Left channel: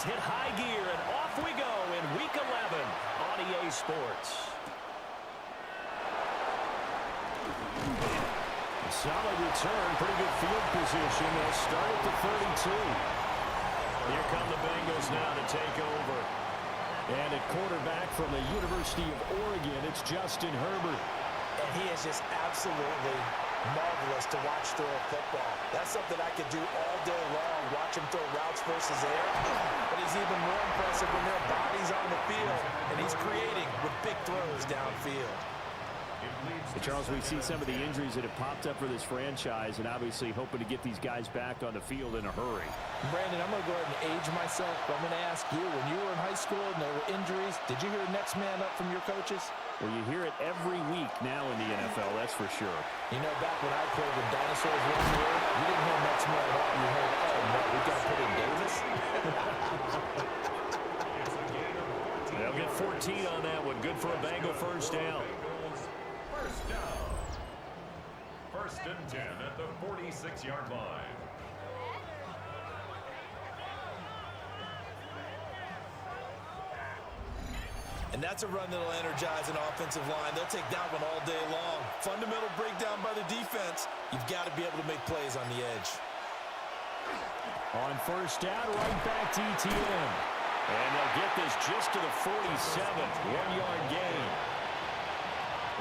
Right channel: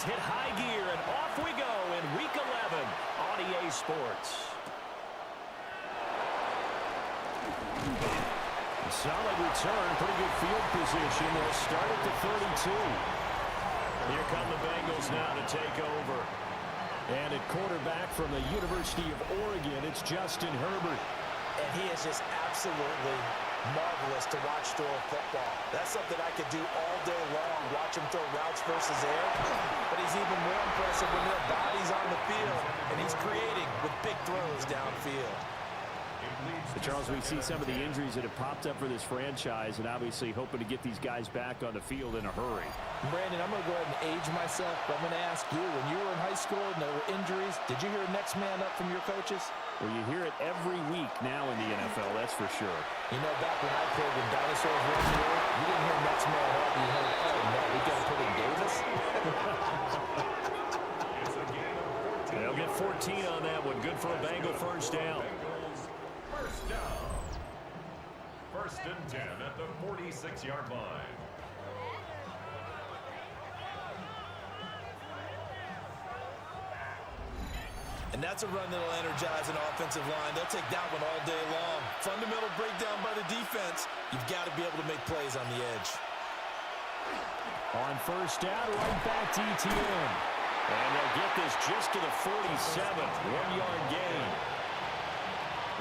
Hit high gear, and off we go in Week 11 on EA Sports. A solid return, pretty good field position. They'll start at the 32. Here come the Bengals now to take over. And at quarterback from the University of Oregon, it's Justin Herbert. And he is just absolutely marvelous to watch throw a football. That's something I could do all day long, watch him throw routes versus air. But he's even more impressive when there are bodies on the field, and he's creating with big throws downfield. Charles, we see some of the injuries that have popped up for this franchise, and obviously hoping to get these guys back on the field in a hurry. Brandon, I'm going to go ahead and age myself, but I'm going to ask you, when you were in high school and there were injuries, did you hear next man up from your coaches? Well, you hear it every week now in the NFL, that's for sure. You know, back when I played with dinosaurs roamed the earth, you didn't hear next man up. You heard, oh, no, we got to put in Davis. They'll get 14 on that one. Good for a Bengal first down. First down. First and 10 at the 46-yard line. And that's a run that'll energize an offensive line. They'll take that one all day long. Fundamental breakdown by the defense. You've got to be able to make plays on the edge. On first down, right back to ETN. And they'll get this just to the 47, one-yard gain.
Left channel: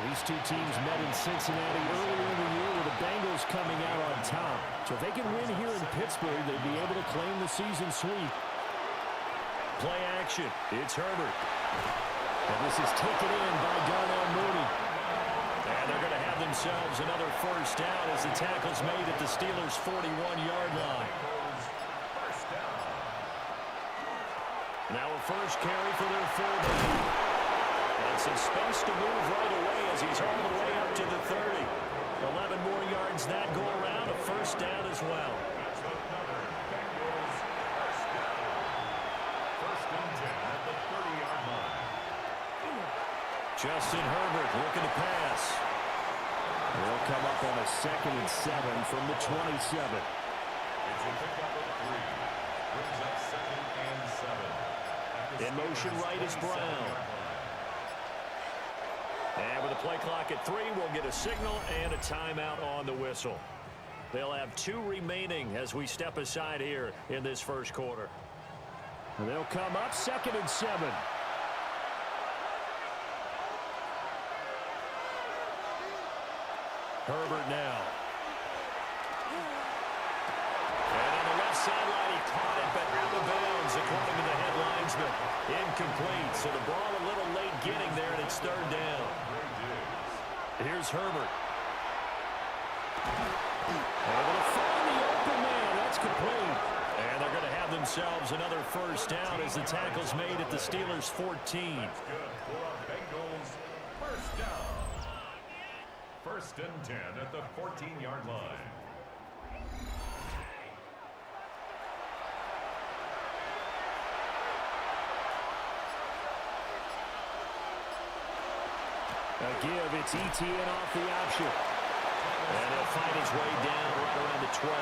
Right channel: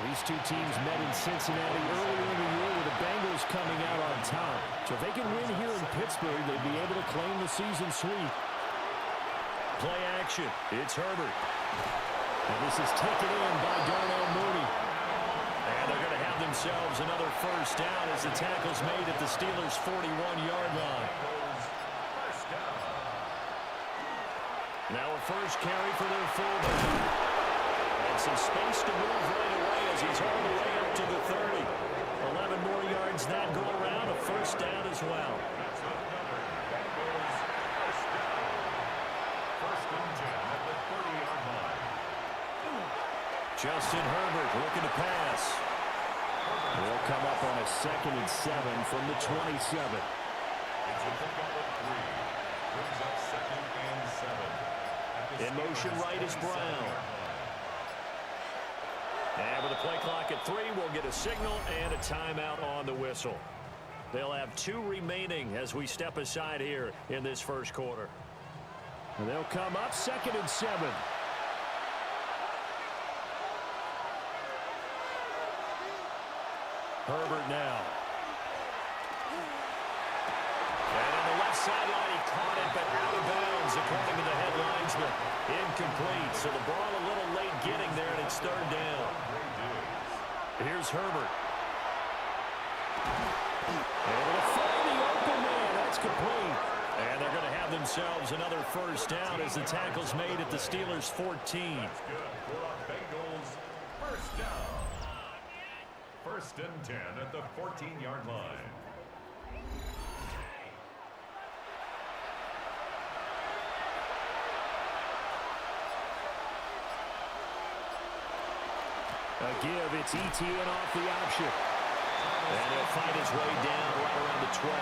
These two teams met in Cincinnati earlier in the year with the Bengals coming out on top. So if they can win here in Pittsburgh, they'd be able to claim the season sweep. Play action. It's Herbert. And this is taken in by Darnell Mooney. And they're going to have themselves another first down as the tackle's made at the Steelers' 41-yard line. Now a first carry for their fullback. And some space to move right away as he's all the way up to the 30. 11 more yards that go around, a first down as well. That's another Bengals first down. First and 10 at the 30-yard line. Justin Herbert looking to pass. They'll come up on a 2nd and 7 from the 27. It's a pickup of 3. Brings up 2nd and 7. In motion right is Brown. And with the play clock at 3, we'll get a signal and a timeout on the whistle. They'll have 2 remaining as we step aside here in this first quarter. And they'll come up 2nd and 7. Herbert now. And on the left sideline, he caught it, but out of bounds, according to the head linesman. Incomplete, so the ball a little late getting there, and it's 3rd down. Here's Herbert. Able to find the open man. That's complete. And they're going to have themselves another first down as the tackle's made at the Steelers' 14. That's good for a Bengals first down. First and 10 at the 14-yard line. A give, it's ETN off the option. And he'll fight his way down right around the 12.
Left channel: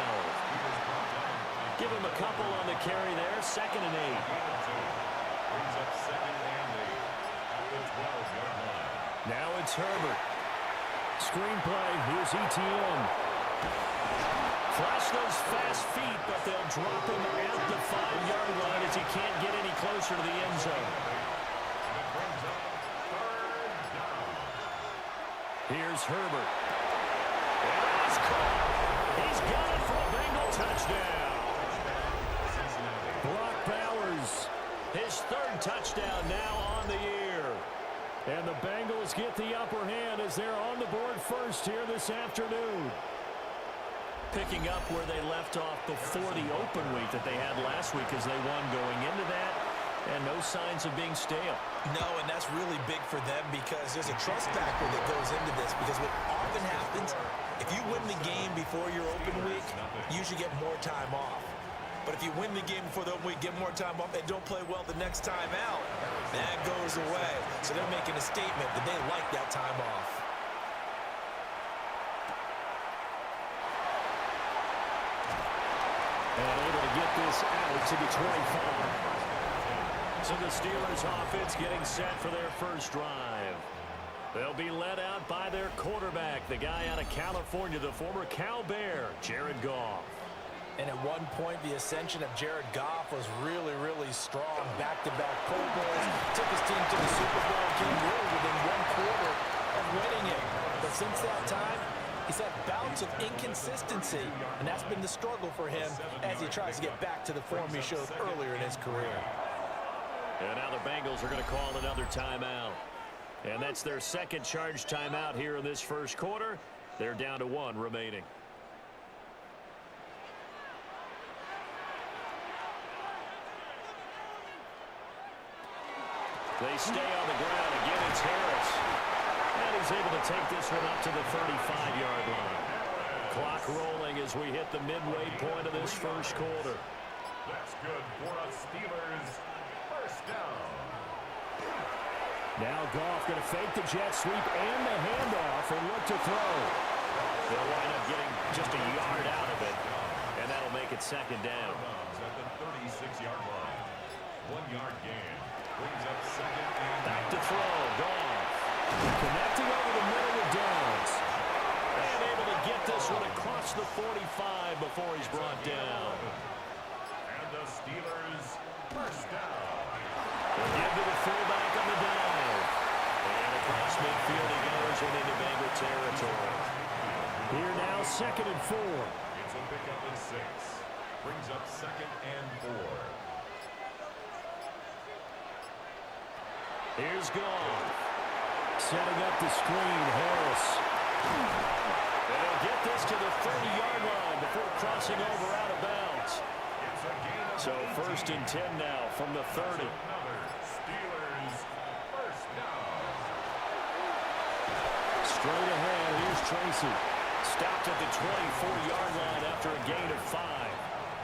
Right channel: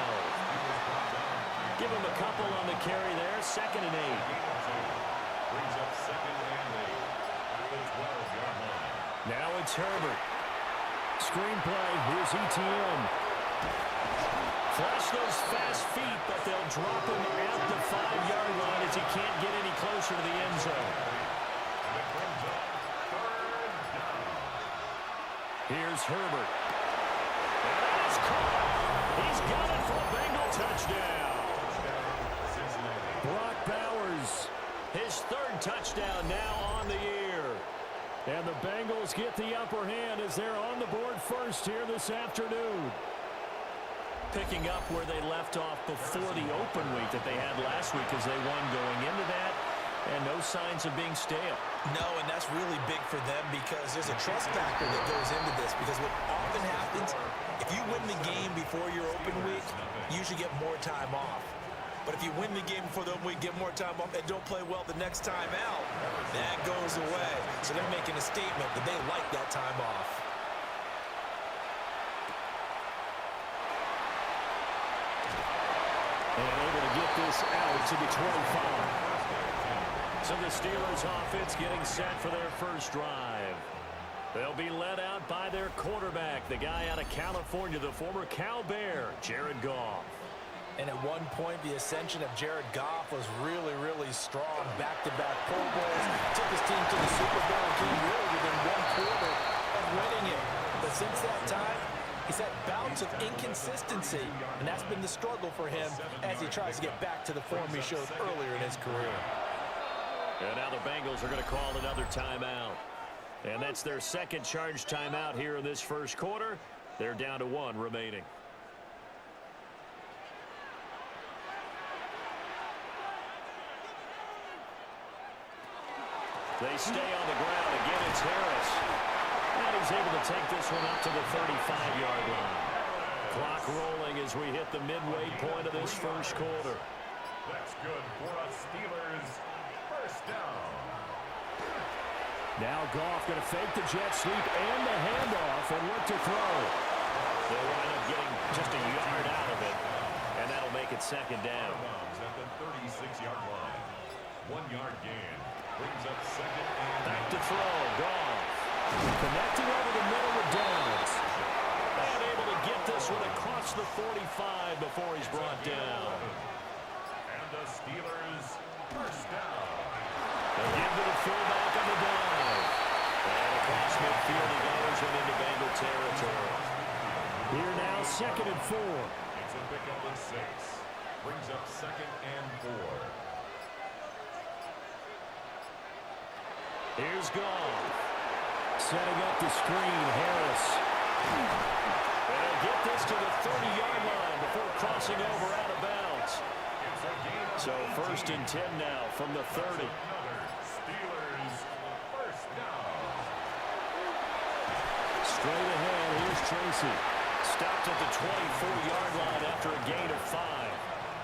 Give him a couple on the carry there. 2nd and 8. Brings up 2nd and 8 at the 12-yard line. Now it's Herbert. Screenplay. Here's ETN. Flash those fast feet, but they'll drop him at the 5-yard line as he can't get any closer to the end zone. And it brings up 3rd down. Here's Herbert. And that is caught. He's got it for a Bengal touchdown. Brock Bowers, his 3rd touchdown now on the year. And the Bengals get the upper hand as they're on the board first here this afternoon. Picking up where they left off before the open week that they had last week as they won going into that. And no signs of being stale. No, and that's really big for them because there's a trust factor that goes into this. Because what often happens, if you win the game before your open week, you should get more time off. But if you win the game before the open week, get more time off, and don't play well the next time out, that goes away. So they're making a statement that they like that time off. And able to get this out to the 25. So the Steelers offense getting set for their first drive. They'll be led out by their quarterback, the guy out of California, the former Cal Bear, Jared Goff. And at one point, the ascension of Jared Goff was really, really strong. Back-to-back Pro Bowls, took his team to the Super Bowl, came really within 1/4 of winning it. But since that time, he's had bouts of inconsistency, and that's been the struggle for him as he tries to get back to the form he showed earlier in his career. And now the Bengals are going to call another timeout. And that's their 2nd charge timeout here in this first quarter. They're down to 1 remaining. They stay on the ground. Again, it's Harris. And he's able to take this one up to the 35-yard line. Clock rolling as we hit the midway point of this first quarter. That's good for a Steelers first down. Now Goff going to fake the jet sweep and the handoff and look to throw. They'll wind up getting just a yard out of it, and that'll make it 2nd down. At the 36-yard line. 1-yard gain. Brings up 2nd and Back to throw. Goff. Connecting over the middle with Downs. And able to get this one across the 45 before he's brought down. And the Steelers first down. They'll give to the fullback on the dive. And across midfield he goes and into Bengal territory. Here now, 2nd and 4. It's a pickup of 6. Brings up 2nd and 4. Here's Goff. Setting up the screen, Harris. And he'll get this to the 30-yard line before crossing over out of bounds. It's a gain of So 1st and 10 now from the 30. Another Steelers first down. Straight ahead, here's Tracy. Stopped at the 24-yard line after a gain of 5.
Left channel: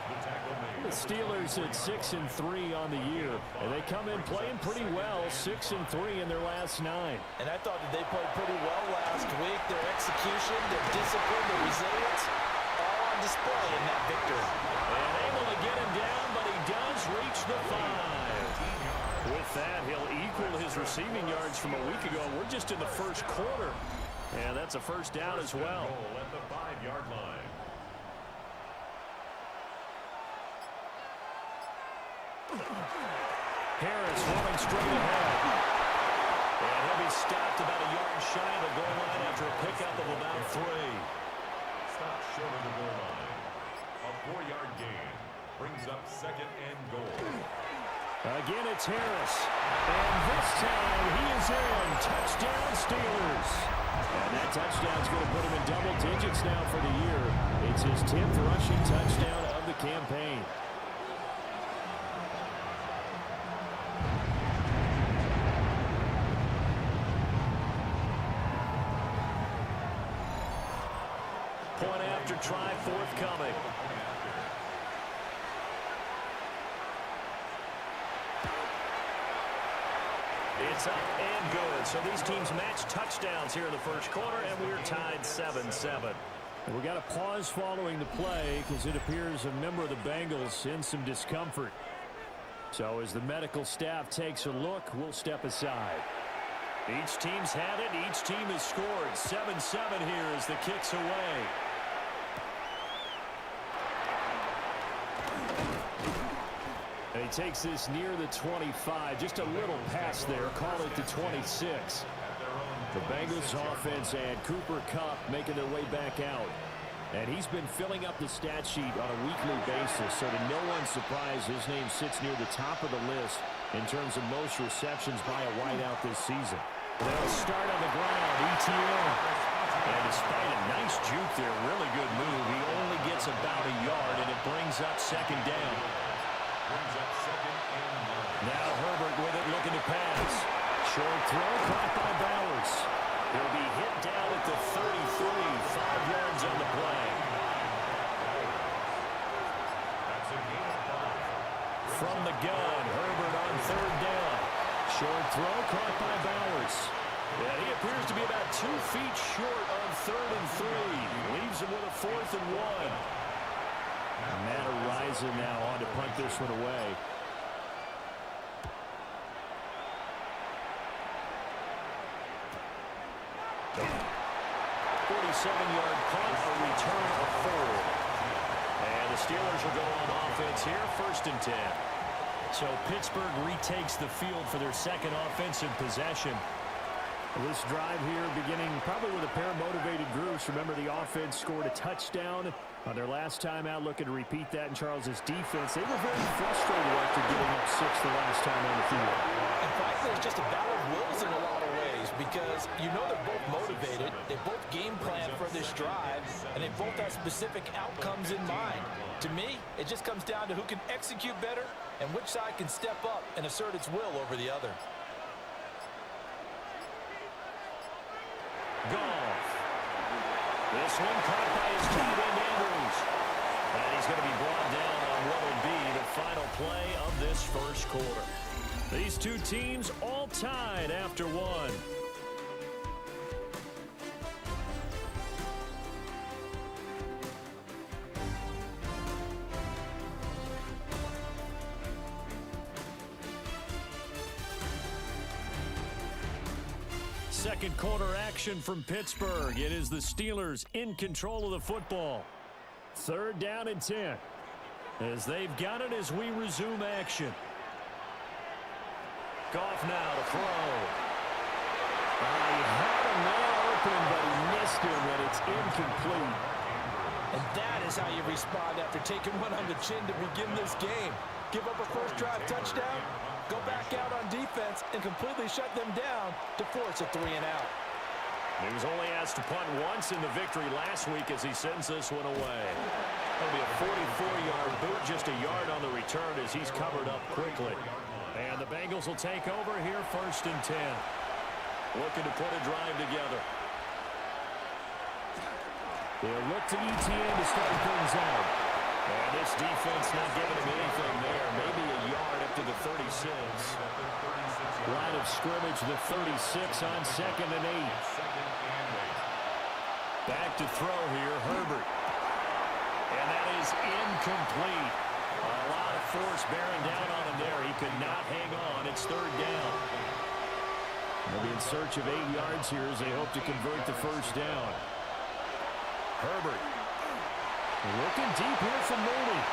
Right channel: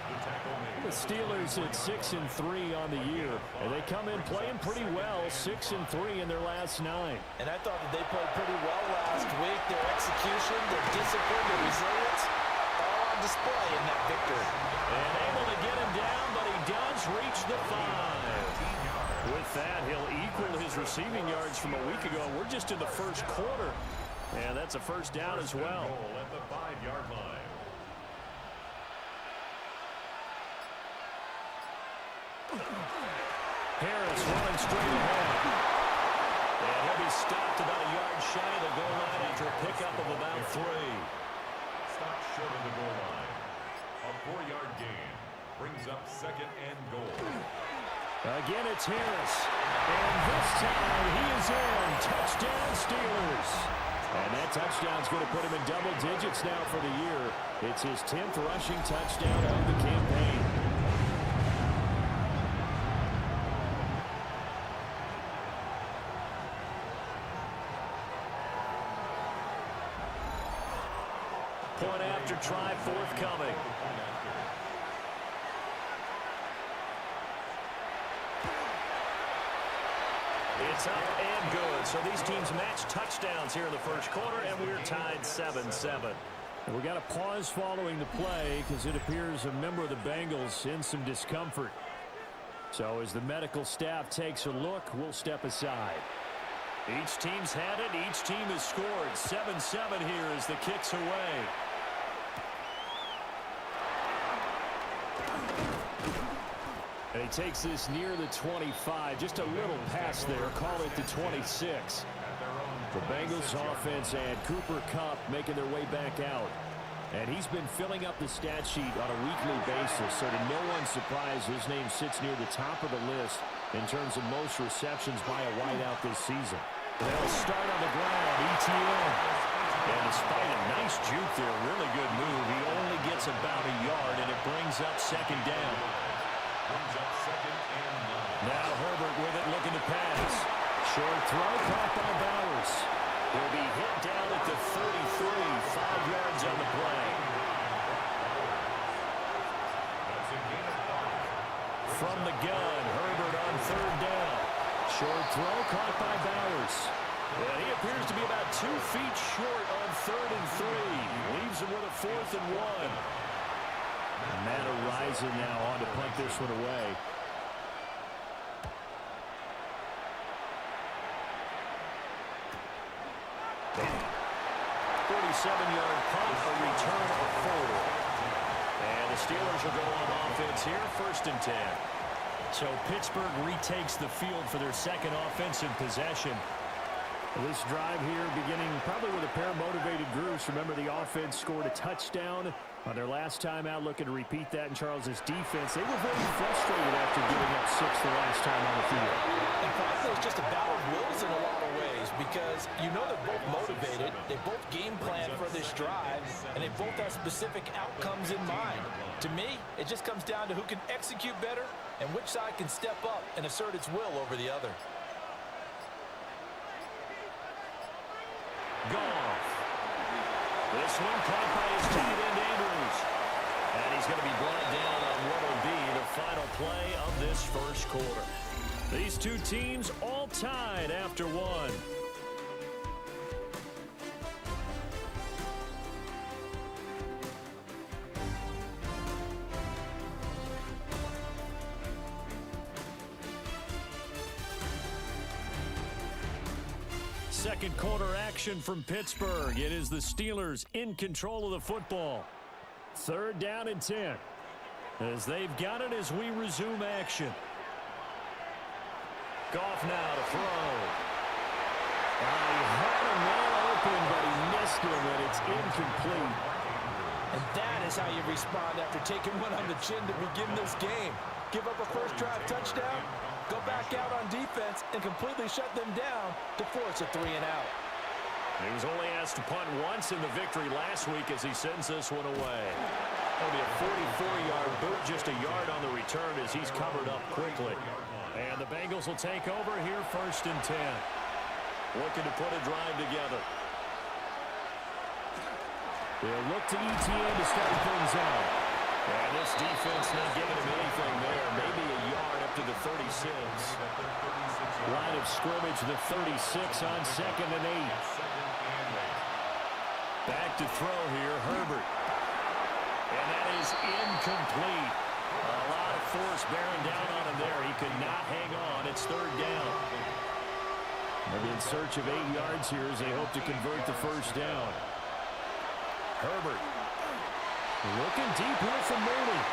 The tackle made. The Steelers at 6-3 on the year, and they come in playing pretty well, 6-3 in their last 9. And I thought that they played pretty well last week. Their execution, their discipline, their resilience, all on display in that victory. And able to get him down, but he does reach the 5. With that, he'll equal his receiving yards from a week ago. We're just in the first quarter, and that's a first down as well. Goal at the 5-yard line. Harris running straight ahead. And he'll be stopped about a yard shy of the goal line after a pickup of about 3. Stop short of the goal line. A 4-yard gain. Brings up 2nd and goal. Again, it's Harris. And this time he is in. Touchdown, Steelers. And that touchdown's going to put him in double digits now for the year. It's his 10th rushing touchdown of the campaign. Point after try forthcoming. It's up and good. So these teams match touchdowns here in the first quarter, and we're tied 7-7. And we got a pause following the play because it appears a member of the Bengals in some discomfort. So as the medical staff takes a look, we'll step aside. Each team's had it. Each team has scored. 7-7 here as the kick's away. And he takes this near the 25. Just a little pass there. Call it the 26. The Bengals offense and Cooper Kupp making their way back out. And he's been filling up the stat sheet on a weekly basis, so to no one's surprise, his name sits near the top of the list in terms of most receptions by a wideout this season. They'll start on the ground, ETN. And despite a nice juke there, really good move, he only gets about a yard, and it brings up second down. Now Herbert with it, looking to pass. Short throw, caught by Bowers. He'll be hit down at the 33, 5 yards on the play. From the gun, Herbert on third down. Short throw, caught by Bowers. And he appears to be about 2 feet short on 3rd and 3. Leaves him with a 4th and 1. Matt Araiza now on to punt this one away. 47-yard punt, a return of 4. And the Steelers will go on offense here, 1st and 10. So Pittsburgh retakes the field for their second offensive possession. This drive here beginning probably with a pair of motivated groups. Remember, the offense scored a touchdown on their last time out, looking to repeat that in Charles's defense. They were very frustrated after giving up 6 the last time on the field. And frankly, it's just a battle of wills in a lot of ways because you know they're both motivated, they both game plan for this drive, and they both have specific outcomes in mind. To me, it just comes down to who can execute better and which side can step up and assert its will over the other. Goff. This one caught by his tight end, Andrews. And he's going to be brought down on what will be the final play of this first quarter. These two teams all tied after one. Second quarter action from Pittsburgh. It is the Steelers in control of the football. 3rd down and 10. As they've got it as we resume action. Goff now to throw. He had a man open, but he missed him, and it's incomplete. And that is how you respond after taking one on the chin to begin this game. Give up a first drive touchdown, go back out on defense, and completely shut them down to force a 3-and-out. He was only asked to punt once in the victory last week as he sends this one away. That'll be a 44-yard boot, just a yard on the return as he's covered up quickly. And the Bengals will take over here, 1st and 10. Looking to put a drive together. They'll look to ETN to start things out. And this defense not giving him anything there. Maybe a yard up to the 36. Line of scrimmage, the 36 on 2nd and 8. Back to throw here, Herbert. And that is incomplete. A lot of force bearing down on him there. He could not hang on. It's 3rd down. They'll be in search of 8 yards here as they hope to convert the first down. Herbert. Looking deep here from Mooney.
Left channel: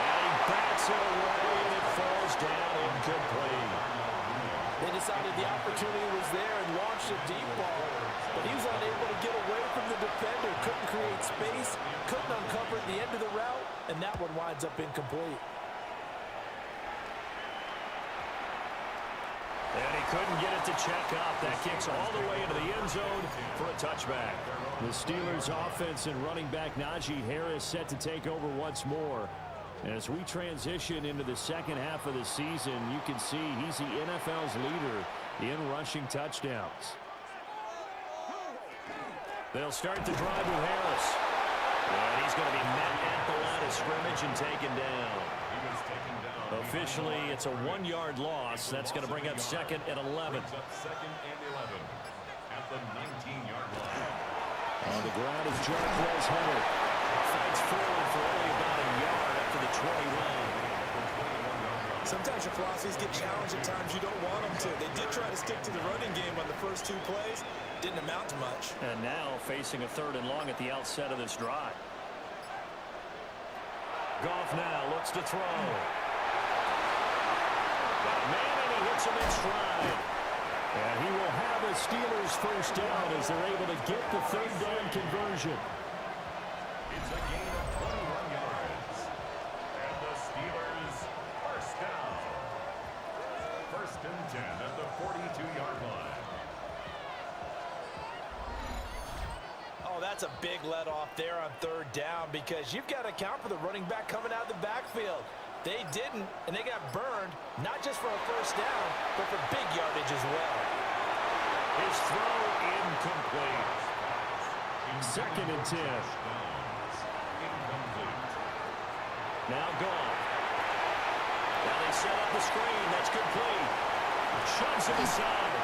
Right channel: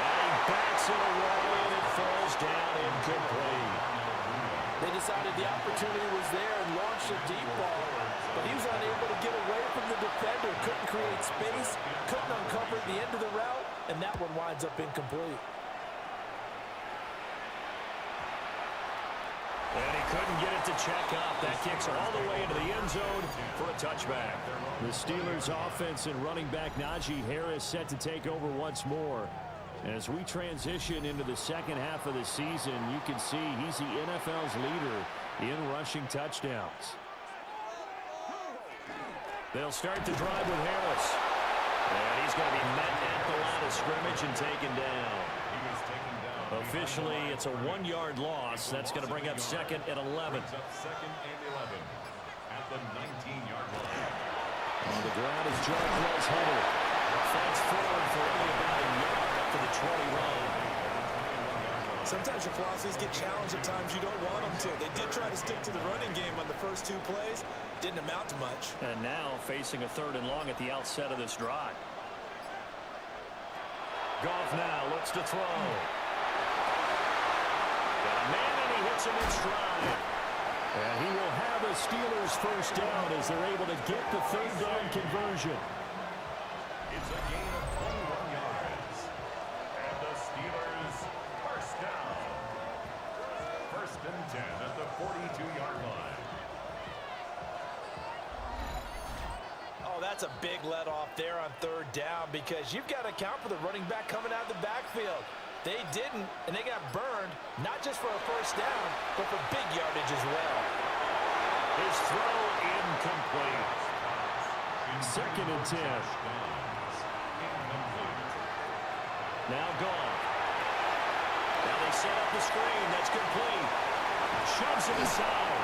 And he backs it away, and it falls down incomplete. They decided the opportunity was there and launched a deep ball, but he was unable to get away from the defender, couldn't create space, couldn't uncover the end of the route, and that one winds up incomplete. And he couldn't get it to check up. That kicks all the way into the end zone for a touchback. The Steelers offense and running back Najee Harris set to take over once more. As we transition into the second half of the season, you can see he's the NFL's leader in rushing touchdowns. They'll start the drive with Harris. And he's going to be met at the line of scrimmage and taken down. Officially, it's a 1-yard loss. That's going to bring up 2nd and 11. Brings up 2nd and 11 at the 19-yard line. On the ground is Jarquez Hunter. Fights forward for only about a yard up to the 21. Sometimes your philosophies get challenged at times you don't want them to. They did try to stick to the running game on the first 2 plays. Didn't amount to much. And now facing a 3rd and long at the outset of this drive. Goff now looks to throw. Got a man, and he hits him in stride. And he will have the Steelers first down as they're able to get the 3rd down conversion. It's a gain of 21 yards. And the Steelers first down. 1st and 10 at the 42-yard line. Oh, that's a big let off there on 3rd down because you've got to account for the running back coming out of the backfield. They didn't, and they got burned, not just for a first down, but for big yardage as well. His throw incomplete. 2nd and 10. Now Goff. Now they set up the screen. That's complete. Shoves him aside.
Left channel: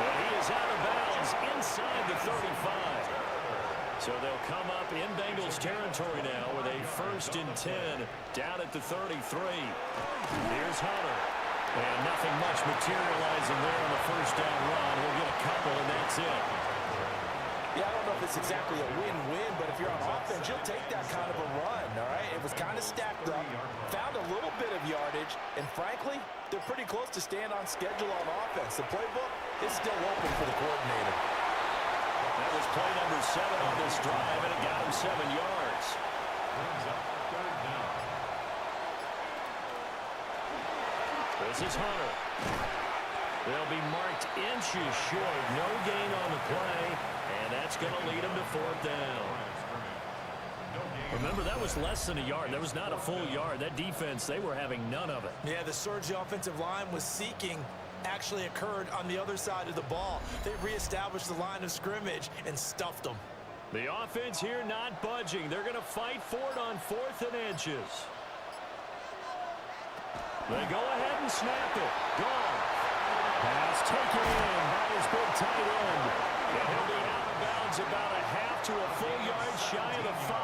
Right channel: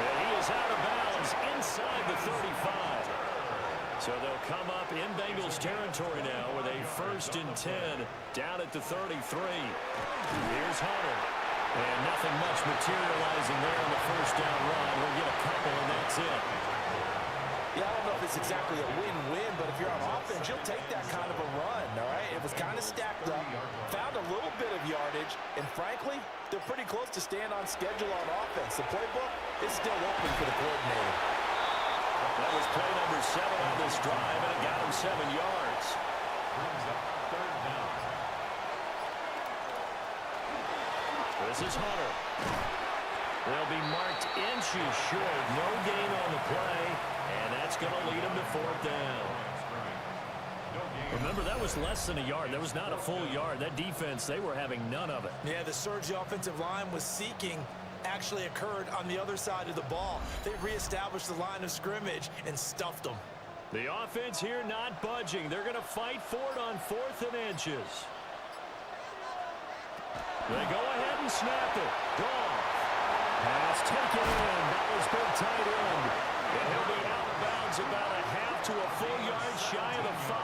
And he is out of bounds inside the 35. So they'll come up in Bengals territory now with a 1st and 10 down at the 33. Here's Hunter. And nothing much materializing there on the 1st down run. He'll get a couple, and that's it. Yeah, I don't know if it's exactly a win-win, but if you're on offense, you'll take that kind of a run, all right? It was kind of stacked up, found a little bit of yardage, and frankly, they're pretty close to staying on schedule on offense. The playbook is still open for the coordinator. That was play number 7 on this drive, and it got him 7 yards. Brings up 3rd down. This is Hunter. They'll be marked inches short. No gain on the play, and that's going to lead them to 4th down. Remember, that was less than a yard. That was not a full yard. That defense, they were having none of it. Yeah, the surge the offensive line was seeking actually occurred on the other side of the ball. They reestablished the line of scrimmage and stuffed them. The offense here not budging. They're going to fight for it on 4th and inches. They go ahead and snap it. Gone. Pass taken in by his big tight end. And he'll be out of bounds about a half to a full yard shy of the 5.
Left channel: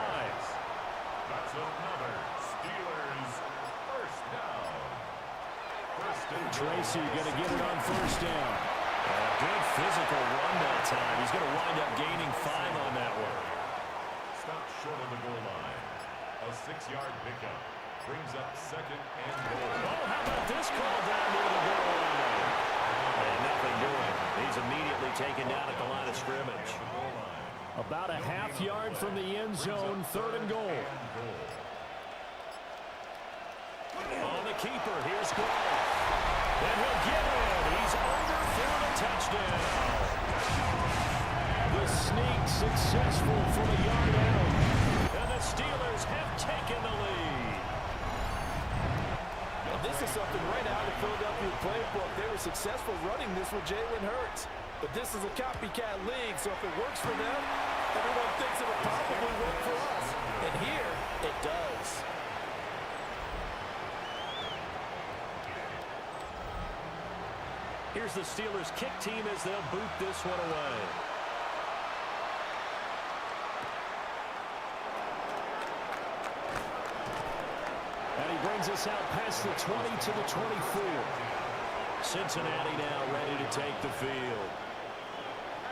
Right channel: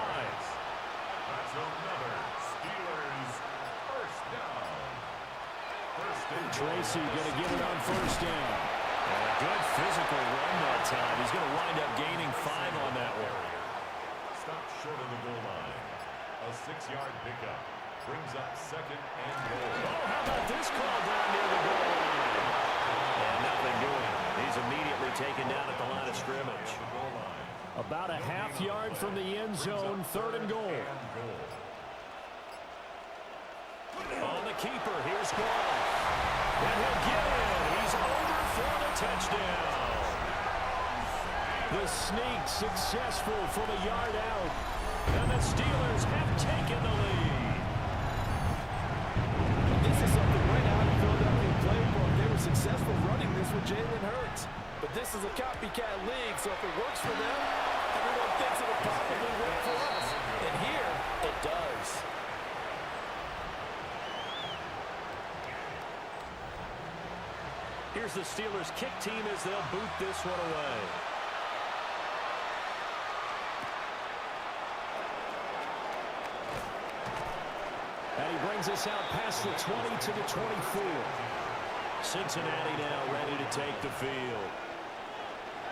That's another Steelers first down. Tracy going to get it on 1st down. And a good physical run that time. He's going to wind up gaining 5 on that one. Stop short of the goal line. A 6-yard pickup brings up 2nd and goal. Oh, how about this call down near the goal line? And nothing doing. He's immediately taken down at the line of scrimmage. About a half yard from the end zone, 3rd and goal. On the keeper, here's Goff. And he'll get in. He's over for the touchdown. The sneak successful from a yard out. And the Steelers have taken the lead. Well, this is something right out in Philadelphia playbook. They were successful running this with Jalen Hurts. But this is a copycat league, so if it works for them, everyone thinks it'll probably work for us. And here, it does. Here's the Steelers kick team as they'll boot this one away. And he brings us out past the 20 to the 24. Cincinnati now ready to take the field.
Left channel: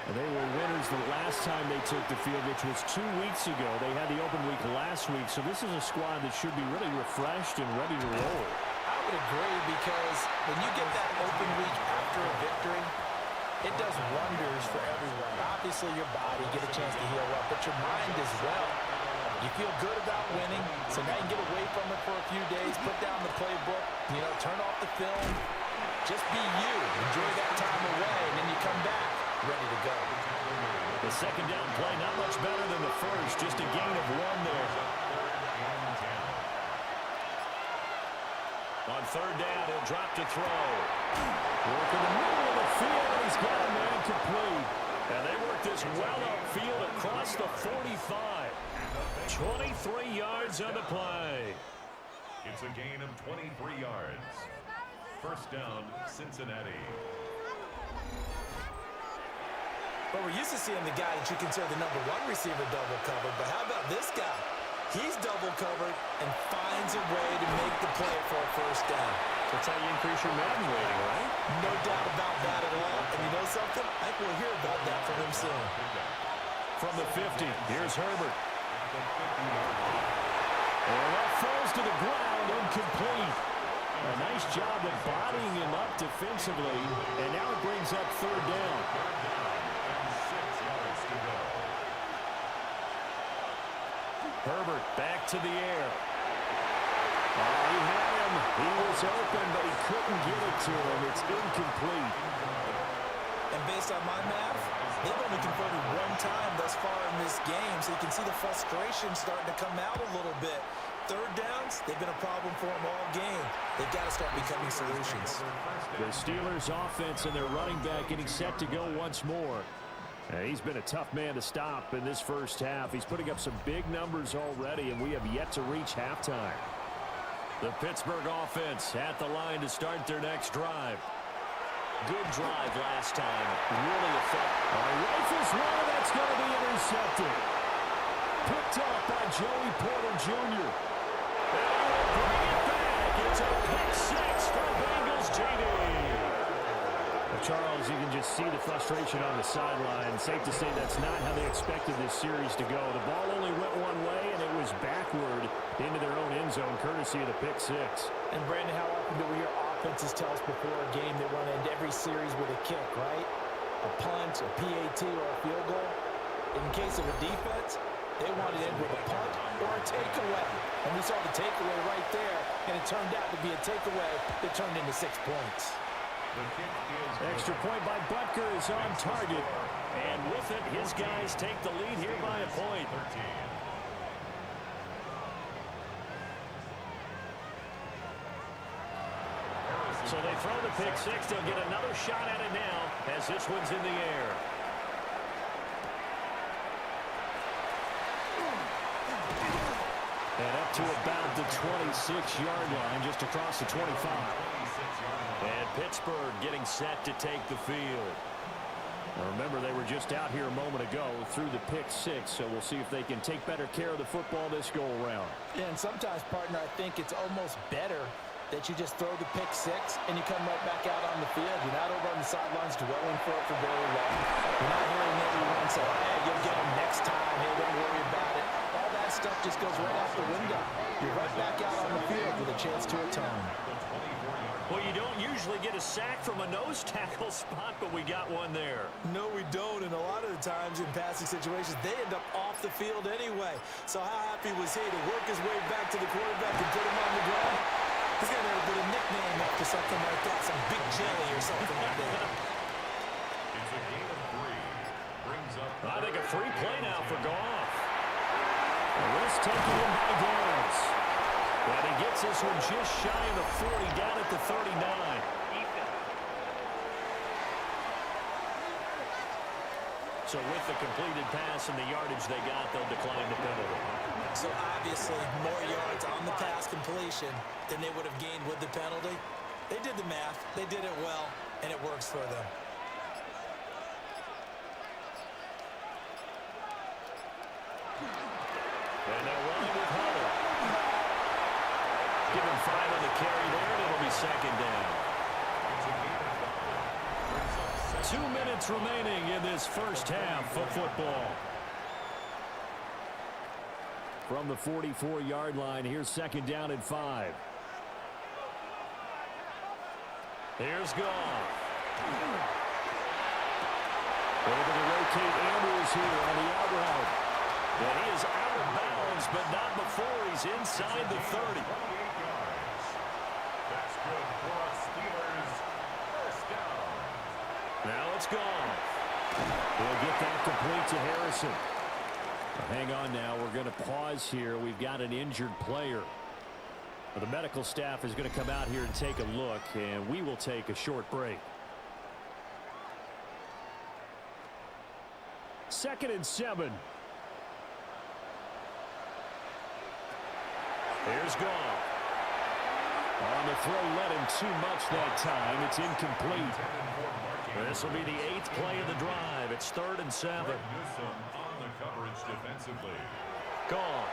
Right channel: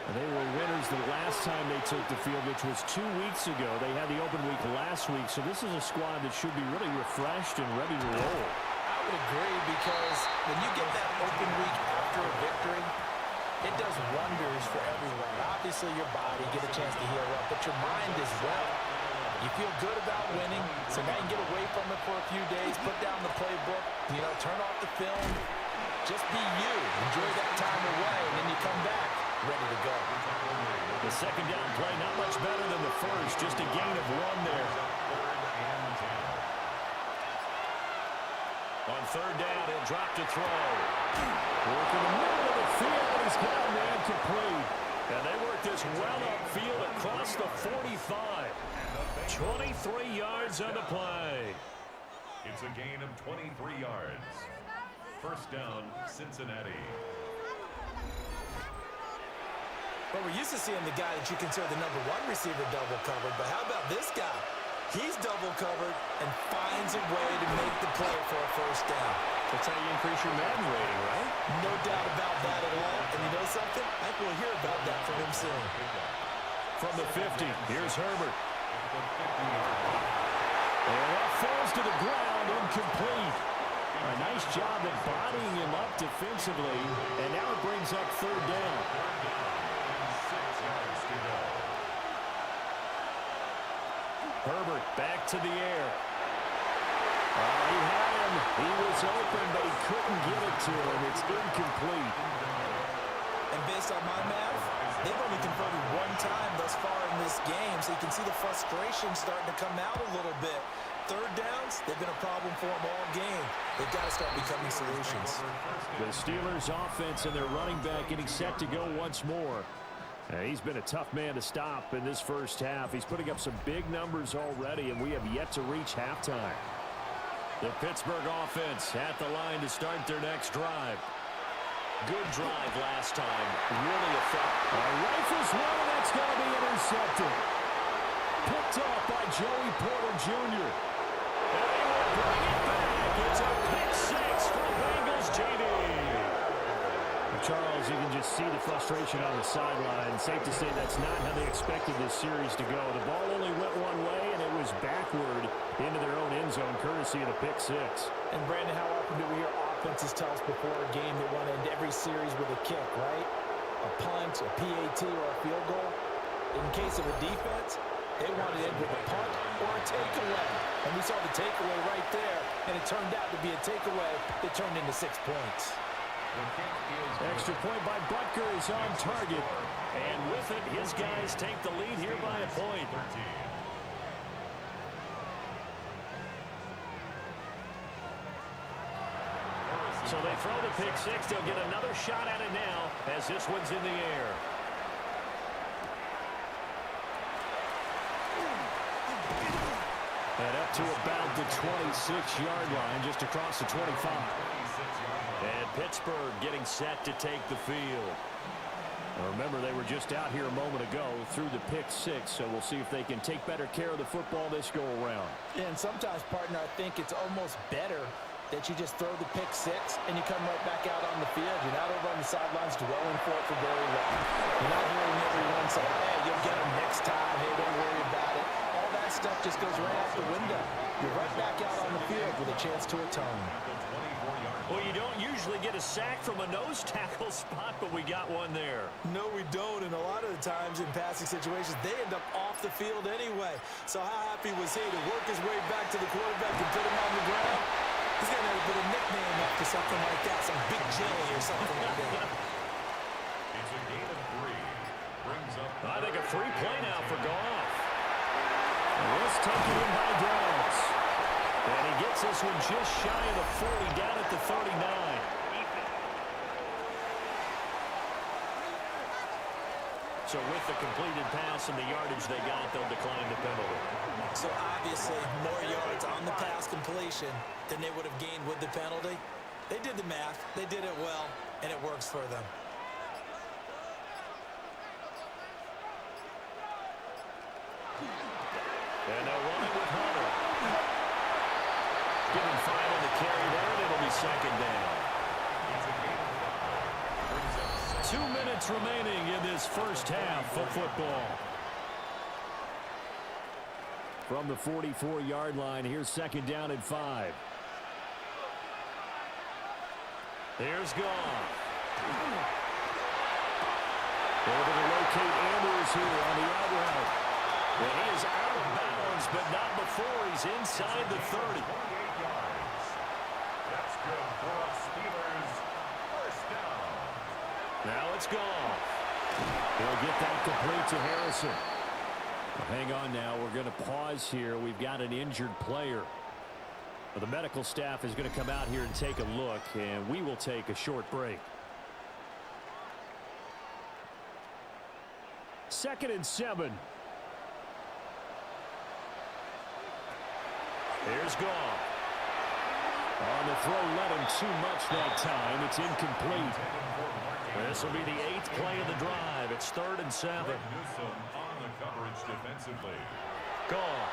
And they were winners the last time they took the field, which was 2 weeks ago. They had the open week last week, so this is a squad that should be really refreshed and ready to roll. I would agree, because when you get that open week after a victory, it does wonders for everyone. Obviously, your body, get a chance to heal up, but your mind as well. You feel good about winning, so now you can get away from it for a few days, put down the playbook, turn off the film, just be you. Enjoy that time away, and then you come back ready to go. The 2nd down play, not much better than the first, just a gain of 1 there. On 3rd down, he'll drop to throw. Work in the middle of the field, and he's got a man complete. And they work this well upfield across the 45. 23 yards on the play. It's a gain of 23 yards. 1st down, Cincinnati. But we're used to seeing the guy that you consider the #1 receiver double covered. But how about this guy? He's double covered and finds a way to make the play for a first down. That's how you increase your Madden rating, right? No doubt about that at all. And you know something? I think we'll hear about that from him soon. From the 50, here's Herbert. And that falls to the ground, incomplete. A nice job of bodying him up defensively, and now it brings up third down. And 6 yards to go. Herbert back to the air. Oh, he had him. He was open, but he couldn't get it to him. It's incomplete. And based on my math, they've only converted one time thus far in this game, so you can see the frustration starting to come out a little bit. Third downs, they've been a problem for them all game. They've got to start becoming solutions. The Steelers' offense and their running back getting set to go once more. He's been a tough man to stop in this first half. He's putting up some big numbers already, and we have yet to reach halftime. The Pittsburgh offense at the line to start their next drive. Good drive last time. Really effective. Rifles one, and that's going to be intercepted. Picked up by Joey Porter Jr. And he will bring it back. It's a pick six from Bengals JD. Charles, you can just see the frustration on the sideline. Safe to say that's not how they expected this series to go. The ball only went one way, and it was backward into their own end zone, courtesy of the pick six. And, Brandon, how often do we hear offenses tell us before a game they want to end every series with a kick, right? A punt, a PAT, or a field goal. In case of a defense, they want to end with a punt or a takeaway. And we saw the takeaway right there, and it turned out to be a takeaway that turned into 6 points. Extra point by Butker is on target. And with it, his guys take the lead here by a point. So they throw the pick six. They'll get another shot at it now as this one's in the air. And up to about the 26-yard line, just across the 25. And Pittsburgh getting set to take the field. Now remember, they were just out here a moment ago through the pick six, so we'll see if they can take better care of the football this go-around. Yeah, and sometimes, partner, I think it's almost better that you just throw the pick six and you come right back out on the field. You're not over on the sidelines dwelling for it for very long. You're not hearing everyone say, hey, you'll get them next time. Hey, don't worry about it. All that stuff just goes right out the window. You're right back out on the field with a chance to atone. Well, you don't usually get a sack from a nose tackle spot, but we got one there. No, we don't, and a lot of the times in passing situations, they end up off the field anyway. So how happy was he to work his way back to the quarterback and put him on the ground? He's going to have to put a nickname after something like that, some Big Jelly or something like that. It's a gain of 3. Brings up. I think a free play now for Goff. And this taken in by Downs. And he gets this one just shy of the 40, down at the 39. So with the completed pass and the yardage they got, they'll decline the penalty. So obviously, more yards on the pass completion than they would have gained with the penalty. They did the math. They did it well, and it works for them. And they're running with Hunter. Give him 5 on the carry there, and it'll be second down. It's a gain of 5. Brings up 2 minutes remaining in this first half of football. From the 44-yard line, here's second down and 5. Here's Goff. Able to locate Andrews here on the out route. And he is out of bounds, but not before he's inside the 30. 28 yards. That's good for a Steelers first down. Now it's Goff. He'll get that complete to Harrison. Hang on now. We're going to pause here. We've got an injured player. The medical staff is going to come out here and take a look, and we will take a short break. 2nd and 7. Here's Goff. On the throw, led him too much that time. It's incomplete. This will be the 8th play of the drive. It's 3rd and 7. On the coverage defensively. Gone.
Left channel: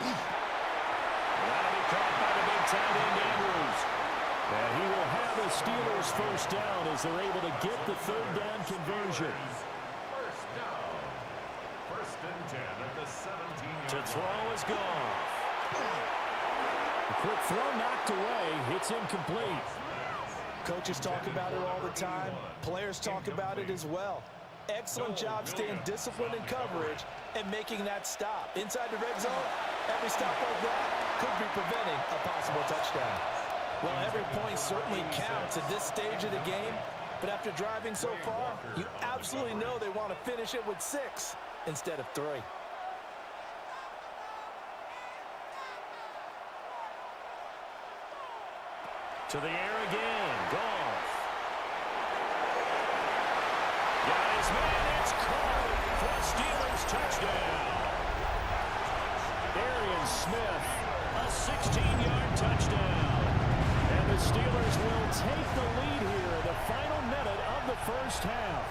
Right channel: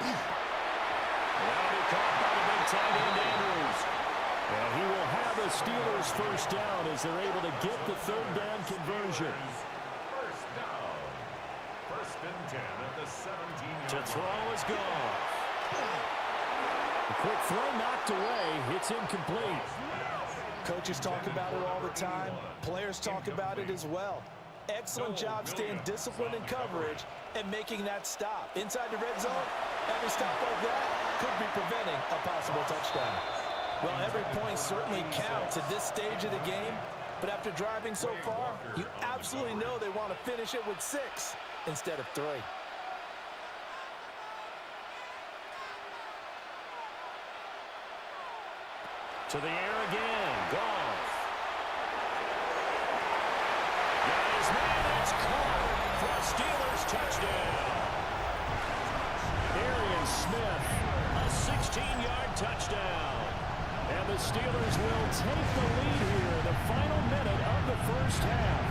That'll be caught by the big tight end, Andrews. And he will have the Steelers first down as they're able to get the 3rd down conversion. First down. 1st and 10 at the 17-yard To throw is gone. A quick throw knocked away. It's incomplete. Coaches talk about it all the time. Players talk about it as well. Excellent job staying disciplined in coverage and making that stop. Inside the red zone, every stop like that could be preventing a possible touchdown. Well, every point certainly counts at this stage of the game. But after driving so far, you absolutely know they want to finish it with 6 instead of 3. To the air again. Goff. Got his man. It's caught for a Steelers touchdown. Arian Smith, a 16-yard touchdown. And the Steelers will take the lead here in the final minute of the first half.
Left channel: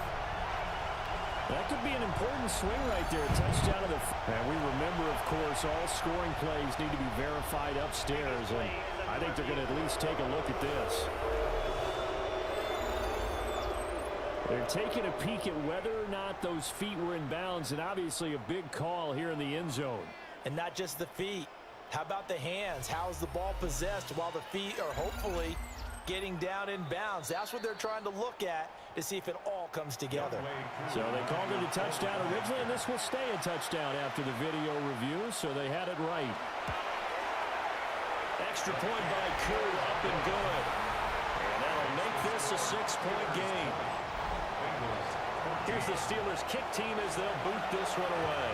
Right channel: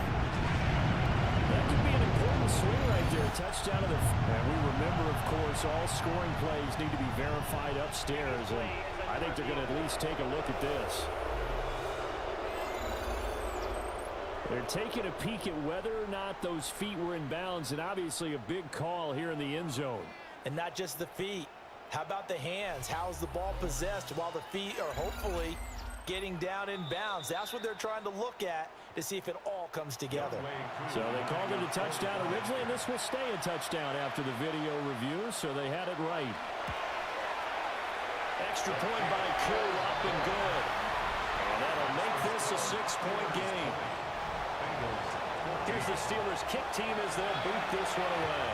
That could be an important swing right there. Touchdown to the... And we remember, of course, all scoring plays need to be verified upstairs. And I think they're going to at least take a look at this. They're taking a peek at whether or not those feet were in bounds. And obviously a big call here in the end zone. And not just the feet. How about the hands? How is the ball possessed while the feet are hopefully getting down in bounds? That's what they're trying to look at to see if it all comes together. So they called it a touchdown originally, and this will stay a touchdown after the video review, so they had it right. Extra point by Koo, up and good. And that'll make this a 6-point game. Here's the Steelers kick team as they'll boot this one away.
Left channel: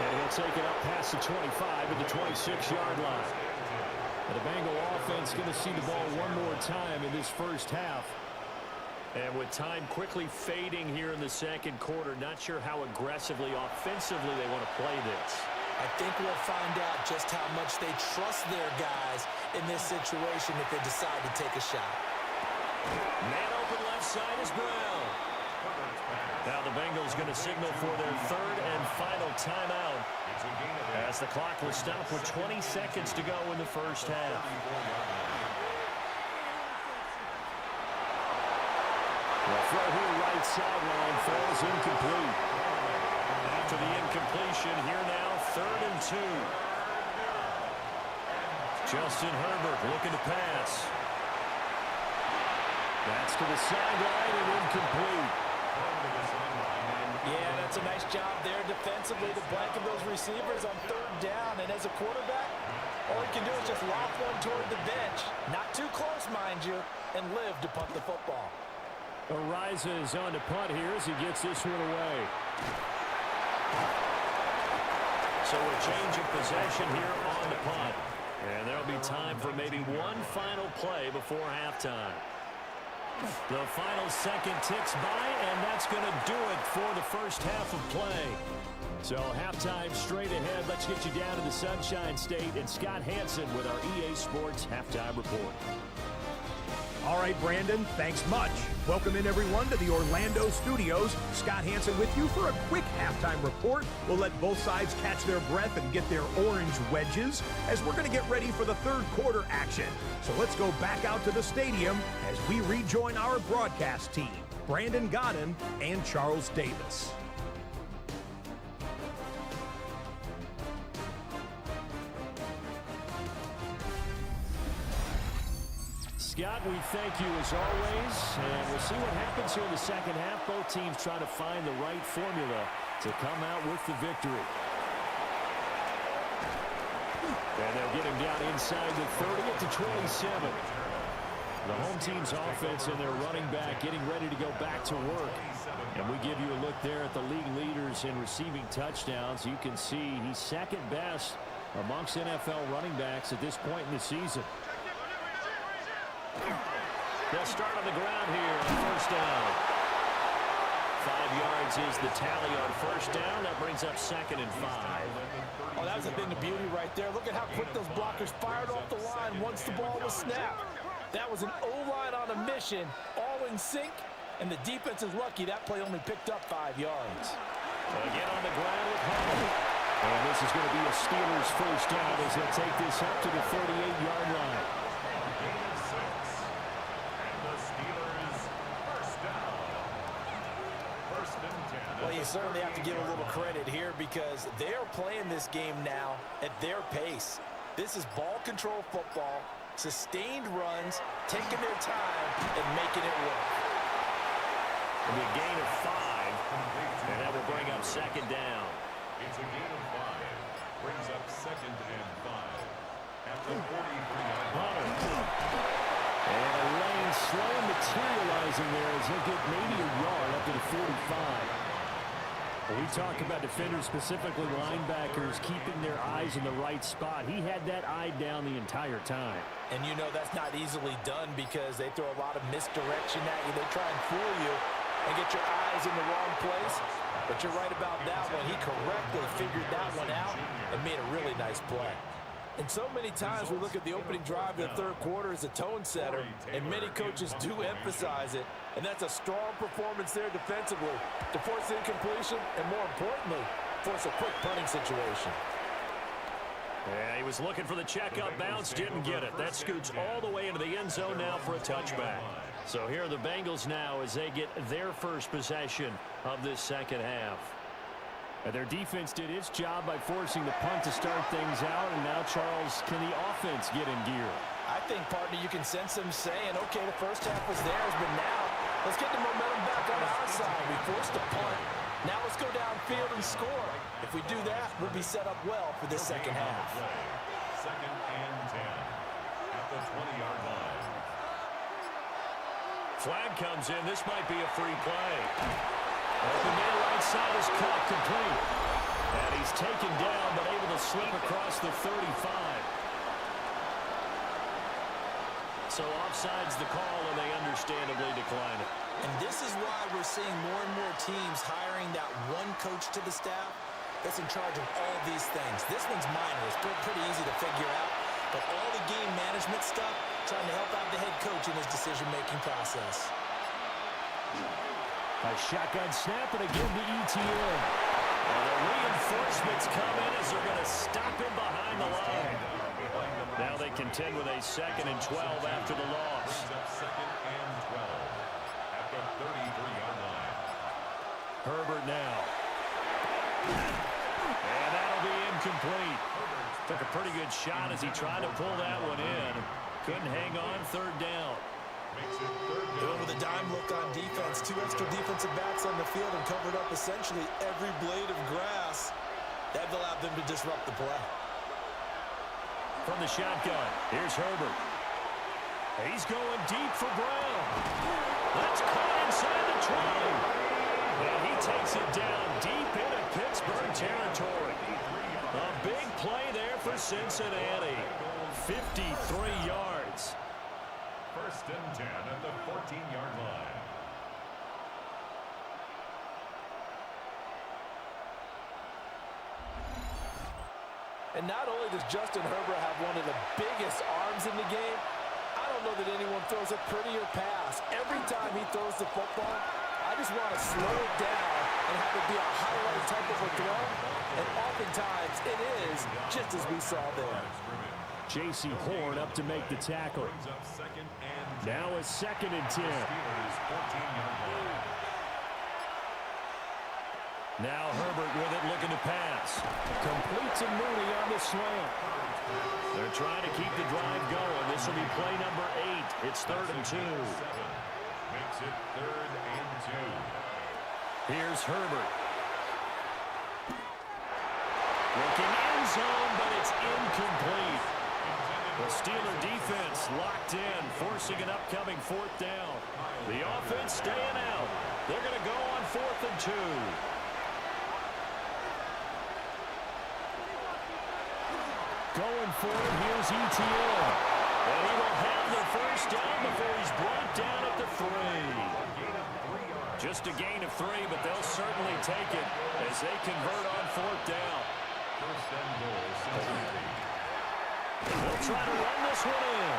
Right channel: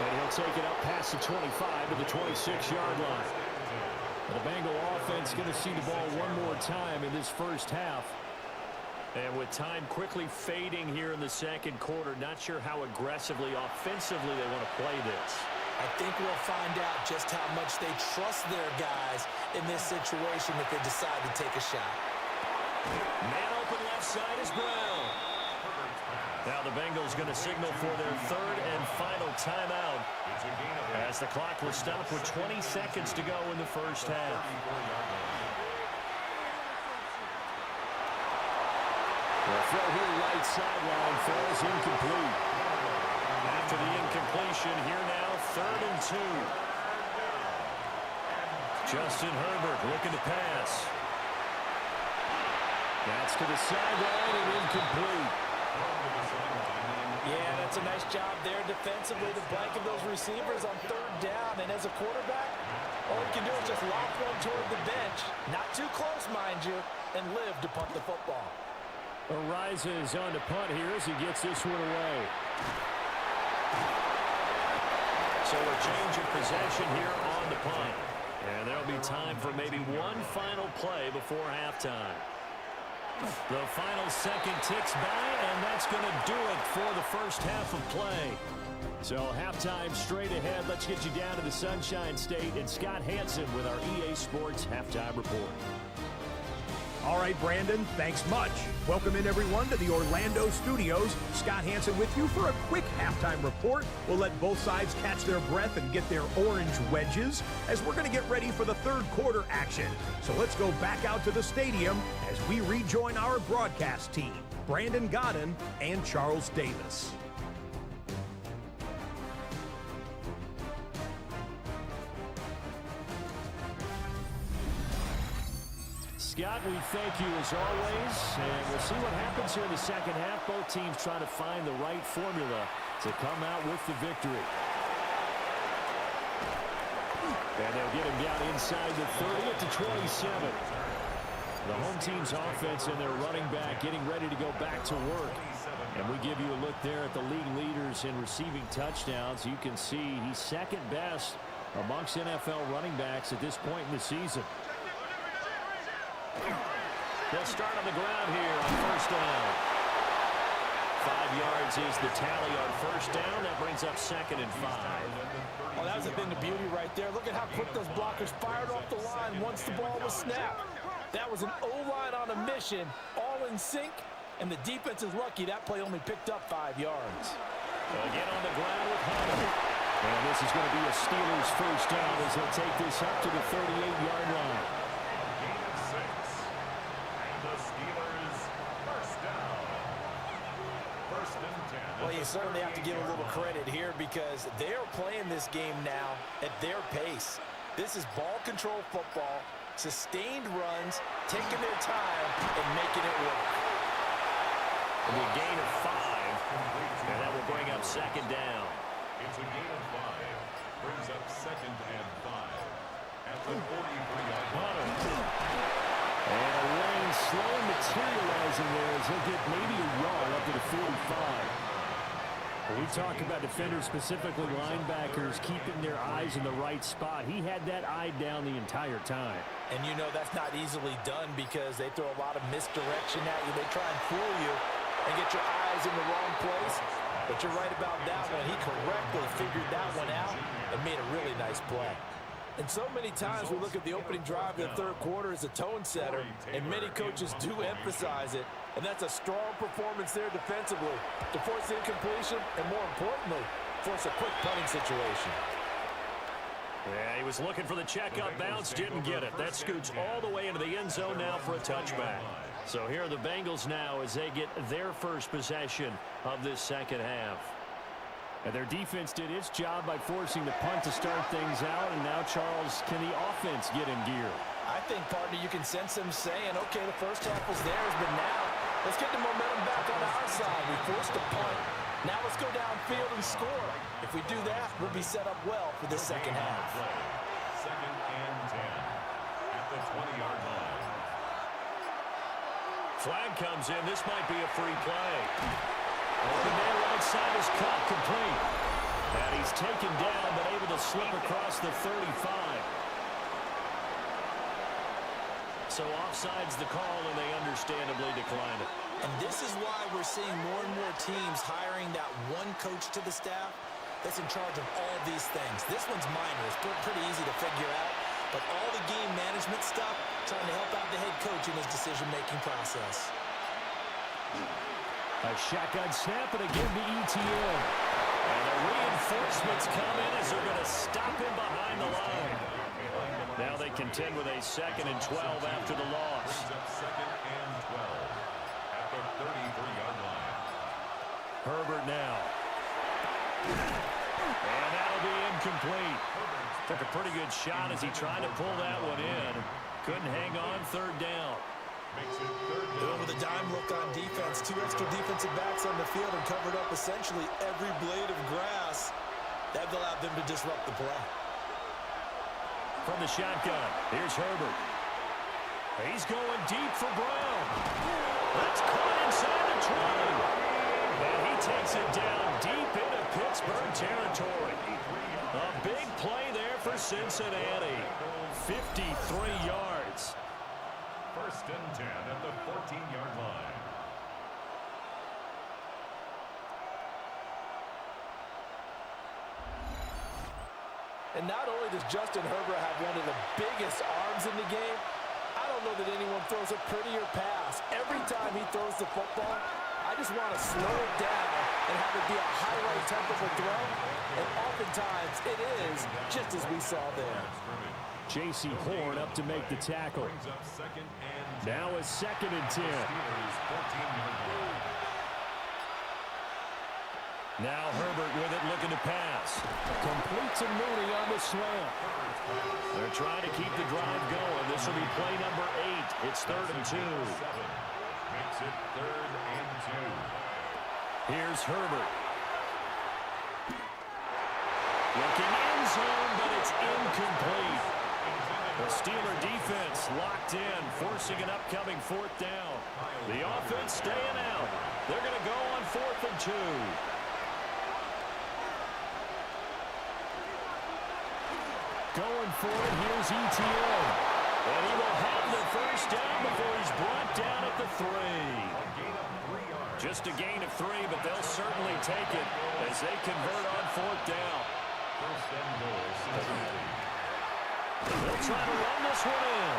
And he'll take it up past the 25 to the 26-yard line. The Bengal offense going to see the ball one more time in this first half. And with time quickly fading here in the second quarter, not sure how aggressively, offensively they want to play this. I think we'll find out just how much they trust their guys in this situation if they decide to take a shot. Man open left side is Brown. Now the Bengals going to signal for their 3rd and final timeout as the clock will stop with 20 seconds to go in the first half. The throw here right sideline falls incomplete. After the incompletion, here now 3rd and 2. Justin Herbert looking to pass. That's to the sideline and incomplete. Yeah, that's a nice job there defensively to blanket those receivers on 3rd down. And as a quarterback, all you can do is just lob one toward the bench. Not too close, mind you, and live to punt the football. Ariza is on to punt here as he gets this one away. So a change of possession here on the punt. And there'll be time for maybe one final play before halftime. The final second ticks by, and that's going to do it for the first half of play. So halftime straight ahead. Let's get you down to the Sunshine State and Scott Hansen with our EA Sports Halftime Report. All right, Brandon, thanks much. Welcome in, everyone, to the Orlando studios. Scott Hansen with you for a quick halftime report. We'll let both sides catch their breath and get their orange wedges as we're going to get ready for the 3rd quarter action. So let's go back out to the stadium as we rejoin our broadcast team, Brandon Godden and Charles Davis. Scott, we thank you as always, and we'll see what happens here in the second half. Both teams trying to find the right formula to come out with the victory. And they'll get him down inside the 30 at the 27. The home team's offense and their running back getting ready to go back to work. And we give you a look there at the league leaders in receiving touchdowns. You can see he's second best amongst NFL running backs at this point in the season. They'll start on the ground here on 1st down. 5 yards is the tally on first down. That brings up 2nd and 5. Oh, that was a thing of beauty right there. Look at how quick those blockers fired off the line once the ball was snapped. That was an O-line on a mission, all in sync, and the defense is lucky that play only picked up 5 yards. Again on the ground with Hunter. And this is going to be a Steelers first down as he'll take this up to the 38-yard line. Gain of 6. And the Steelers first down. 1st and 10. Well, you certainly have to give a little credit here because they're playing this game now at their pace. This is ball control football, sustained runs, taking their time, and making it work. It'll be a gain of 5, and that will bring up 2nd down. It's a gain of 5. Brings up 2nd and 5. At the 43-yard line. And a lane slow and materializing there as he'll get maybe a yard up to the 45. When we talk about defenders, specifically linebackers, keeping their eyes in the right spot. He had that eye down the entire time. And you know that's not easily done because they throw a lot of misdirection at you. They try and fool you and get your eyes in the wrong place. But you're right about that one. He correctly figured that one out and made a really nice play. And so many times we look at the opening drive of the third quarter as a tone setter, and many coaches do emphasize it. And that's a strong performance there defensively to force incompletion and, more importantly, force a quick punting situation. Yeah, he was looking for the check-up bounce, didn't get it. That scoots all the way into the end zone now for a touchback. So here are the Bengals now as they get their first possession of this second half. And their defense did its job by forcing the punt to start things out. And now, Charles, can the offense get in gear? I think, partner, you can sense them saying, okay, the first half was theirs, but now let's get the momentum back on our side. We forced a punt. Now let's go downfield and score. If we do that, we'll be set up well for this second half. 2nd and 10 at the 20-yard line. Flag comes in. This might be a free play. Open man right side is Cup, complete. And he's taken down but able to slip across the 35. So offside's the call, and they understandably decline it. And this is why we're seeing more and more teams hiring that one coach to the staff that's in charge of all these things. This one's minor. It's pretty easy to figure out. But all the game management stuff, trying to help out the head coach in his decision-making process. A shotgun snap, and again to ETN. And the reinforcements come in as they're going to stop him behind the line. Now they contend with a 2nd and 12 after the loss. 2nd and 12 at the 33-yard line. Herbert now. And that'll be incomplete. Took a pretty good shot as he tried to pull that one in. Couldn't hang on, 3rd down. Makes it 3rd down. With a dime look on defense, 2 extra defensive backs on the field and covered up essentially every blade of grass. That allowed them to disrupt the play. From the shotgun, here's Herbert. He's going deep for Brown. That's caught inside the 20. And he takes it down deep into Pittsburgh territory. A big play there for Cincinnati. 53 yards. 1st and 10 at the 14-yard line. And not only does Justin Herbert have one of the biggest arms in the game, I don't know that anyone throws a prettier pass. Every time he throws the football, I just want to slow it down and have it be a highlight type of a throw. And oftentimes it is, just as we saw there. J.C. Horn up to make the tackle. Brings up 2nd and 10. Now it's 2nd and 10. Steelers 14-yard line. Now Herbert with it, looking to pass. Complete to Mooney on the slant. They're trying to keep the drive going. This will be play number 8. It's 3rd and 2. Makes it 3rd and 2. Here's Herbert. Looking end zone, but it's incomplete. The Steeler defense locked in, forcing an upcoming 4th down. The offense staying out. They're going to go on 4th and 2. Going for it, here's ETN. And he will have the first down before he's brought down at the 3. A gain of 3 yards. Just a gain of 3, but they'll certainly take it as they convert on 4th down. First and goal, Cincinnati. They'll try to run this one in.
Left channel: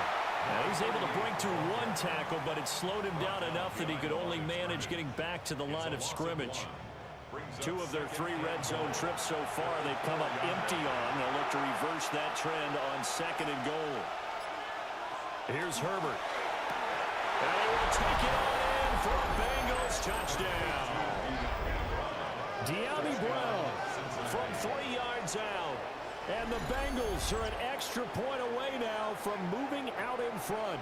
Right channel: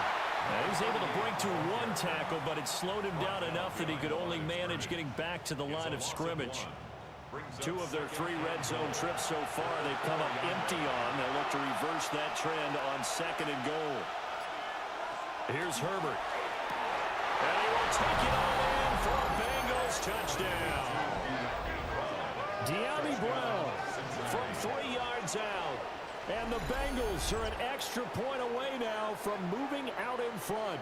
Now he's able to break through 1 tackle, but it slowed him down enough that he could only manage getting back to the line of scrimmage. 2 of their 3 red zone trips so far they've come up empty on. They'll look to reverse that trend on 2nd and goal. Here's Herbert. And he will take it on in for a Bengals touchdown. De'Ami Brown from 3 yards out. And the Bengals are an extra point away now from moving out in front.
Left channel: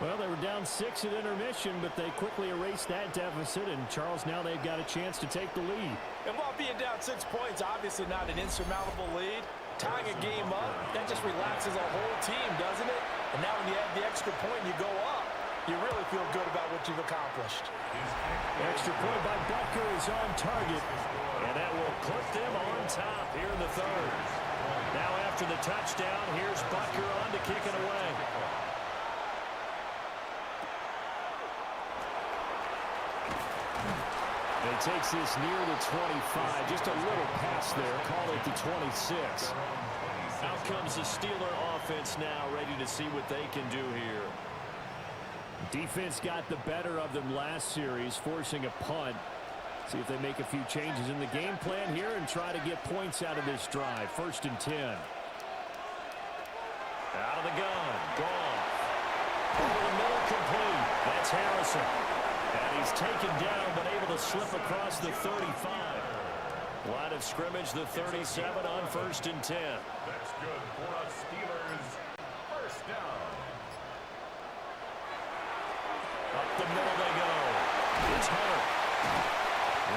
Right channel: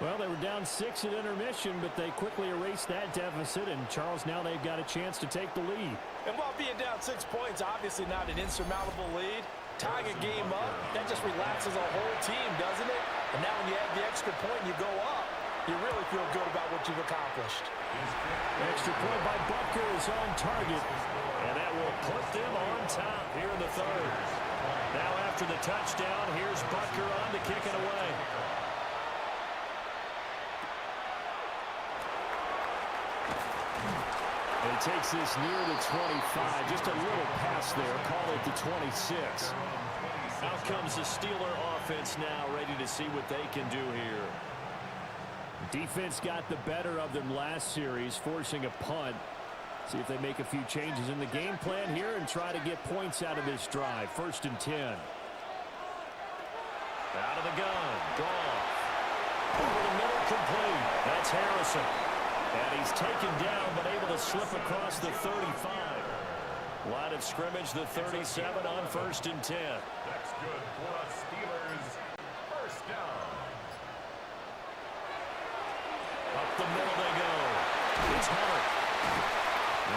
Well, they were down 6 at intermission, but they quickly erased that deficit. And, Charles, now they've got a chance to take the lead. And while being down 6 points, obviously not an insurmountable lead, tying a game up, that just relaxes a whole team, doesn't it? And now when you have the extra point and you go up, you really feel good about what you've accomplished. Extra point by Butker is on target, and that will put them on top here in the 3rd. Now after the touchdown, here's Butker on to kick it away. And he takes this near the 25, just a little pass there, call it the 26. Out comes the Steeler offense now, ready to see what they can do here. Defense got the better of them last series, forcing a punt. See if they make a few changes in the game plan here and try to get points out of this drive. 1st and 10. Out of the gun. Goff. Over the middle, complete. That's Harrison. And he's taken down, but able to slip across the 35. Line of scrimmage, the 37 on 1st and 10. That's good for us Steelers. First down. Up the middle they go. It's Hunter.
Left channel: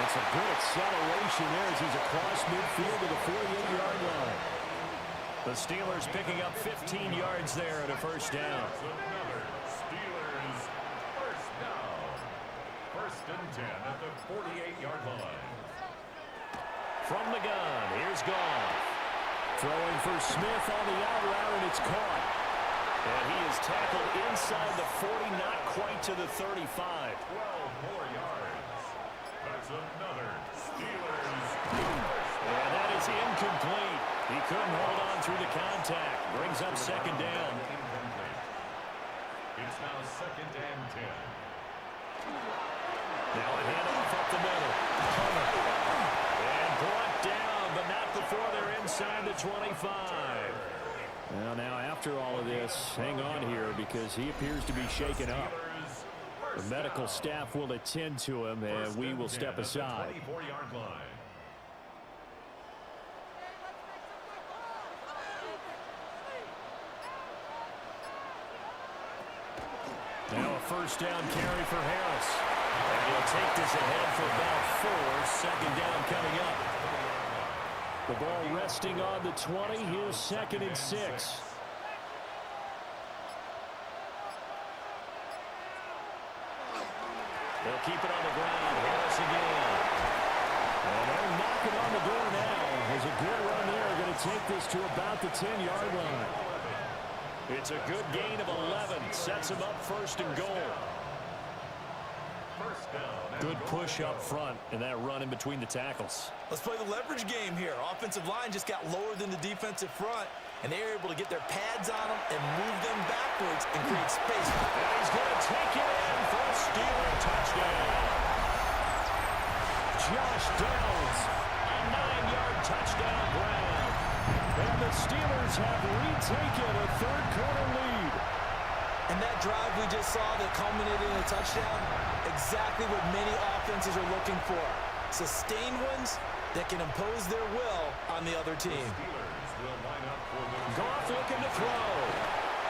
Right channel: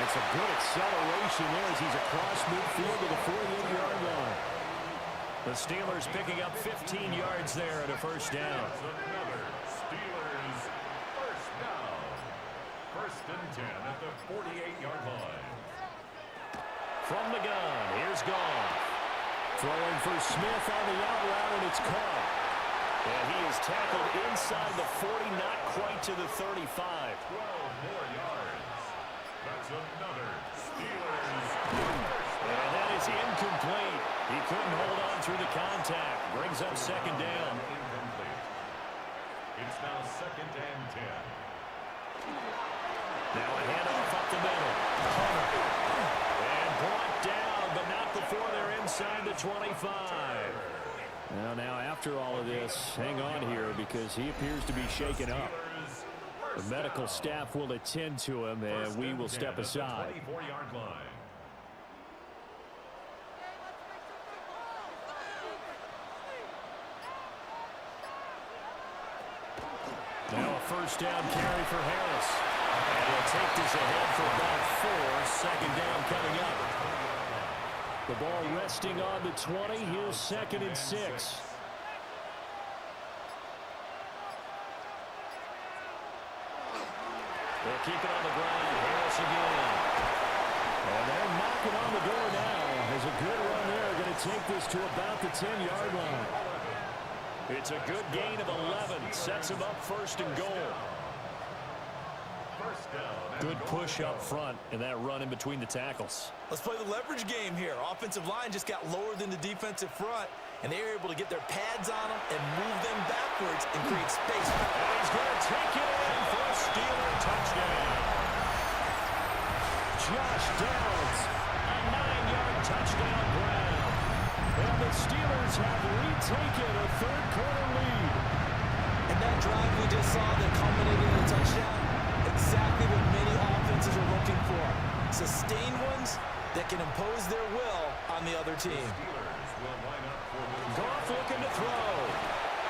That's a good acceleration there as he's across midfield to the 48-yard line. The Steelers picking up 15 yards there at a 1st down. That's another Steelers first down. 1st and 10 at the 48-yard line. From the gun, here's Goff. Throwing for Smith on the out route, and it's caught. And he is tackled inside the 40, not quite to the 35. 12 more yards. That's another Steelers first down. And that is incomplete. He couldn't hold on through the contact. Brings up 2nd down. Incomplete. It's now 2nd and 10. Now a handoff up the middle. Hunter. And brought down, but not before they're inside the 25. Well, now after all of this, hang on here because he appears to be shaken up. The medical staff will attend to him, and we will step aside. 24-yard line. Now a 1st down carry for Harris. And he'll take this ahead for about 4. 2nd down coming up. The ball resting on the 20. Here's 2nd and 6. They'll keep it on the ground. Harris again. And they're knocking on the door now. There's a good run there. Going to take this to about the 10-yard line. It's a good gain of 11. Sets him up 1st and goal. Good push up front and that run in between the tackles. Let's play the leverage game here. Offensive line just got lower than the defensive front, and they were able to get their pads on them and move them backwards and create space. And he's going to take it in for a Steeler touchdown. Josh Downs, a 9-yard touchdown grab. And the Steelers have retaken a 3rd quarter lead. And that drive we just saw that culminated in a touchdown, exactly what many offenses are looking for. Sustained ones that can impose their will on the other team. Goff looking to throw.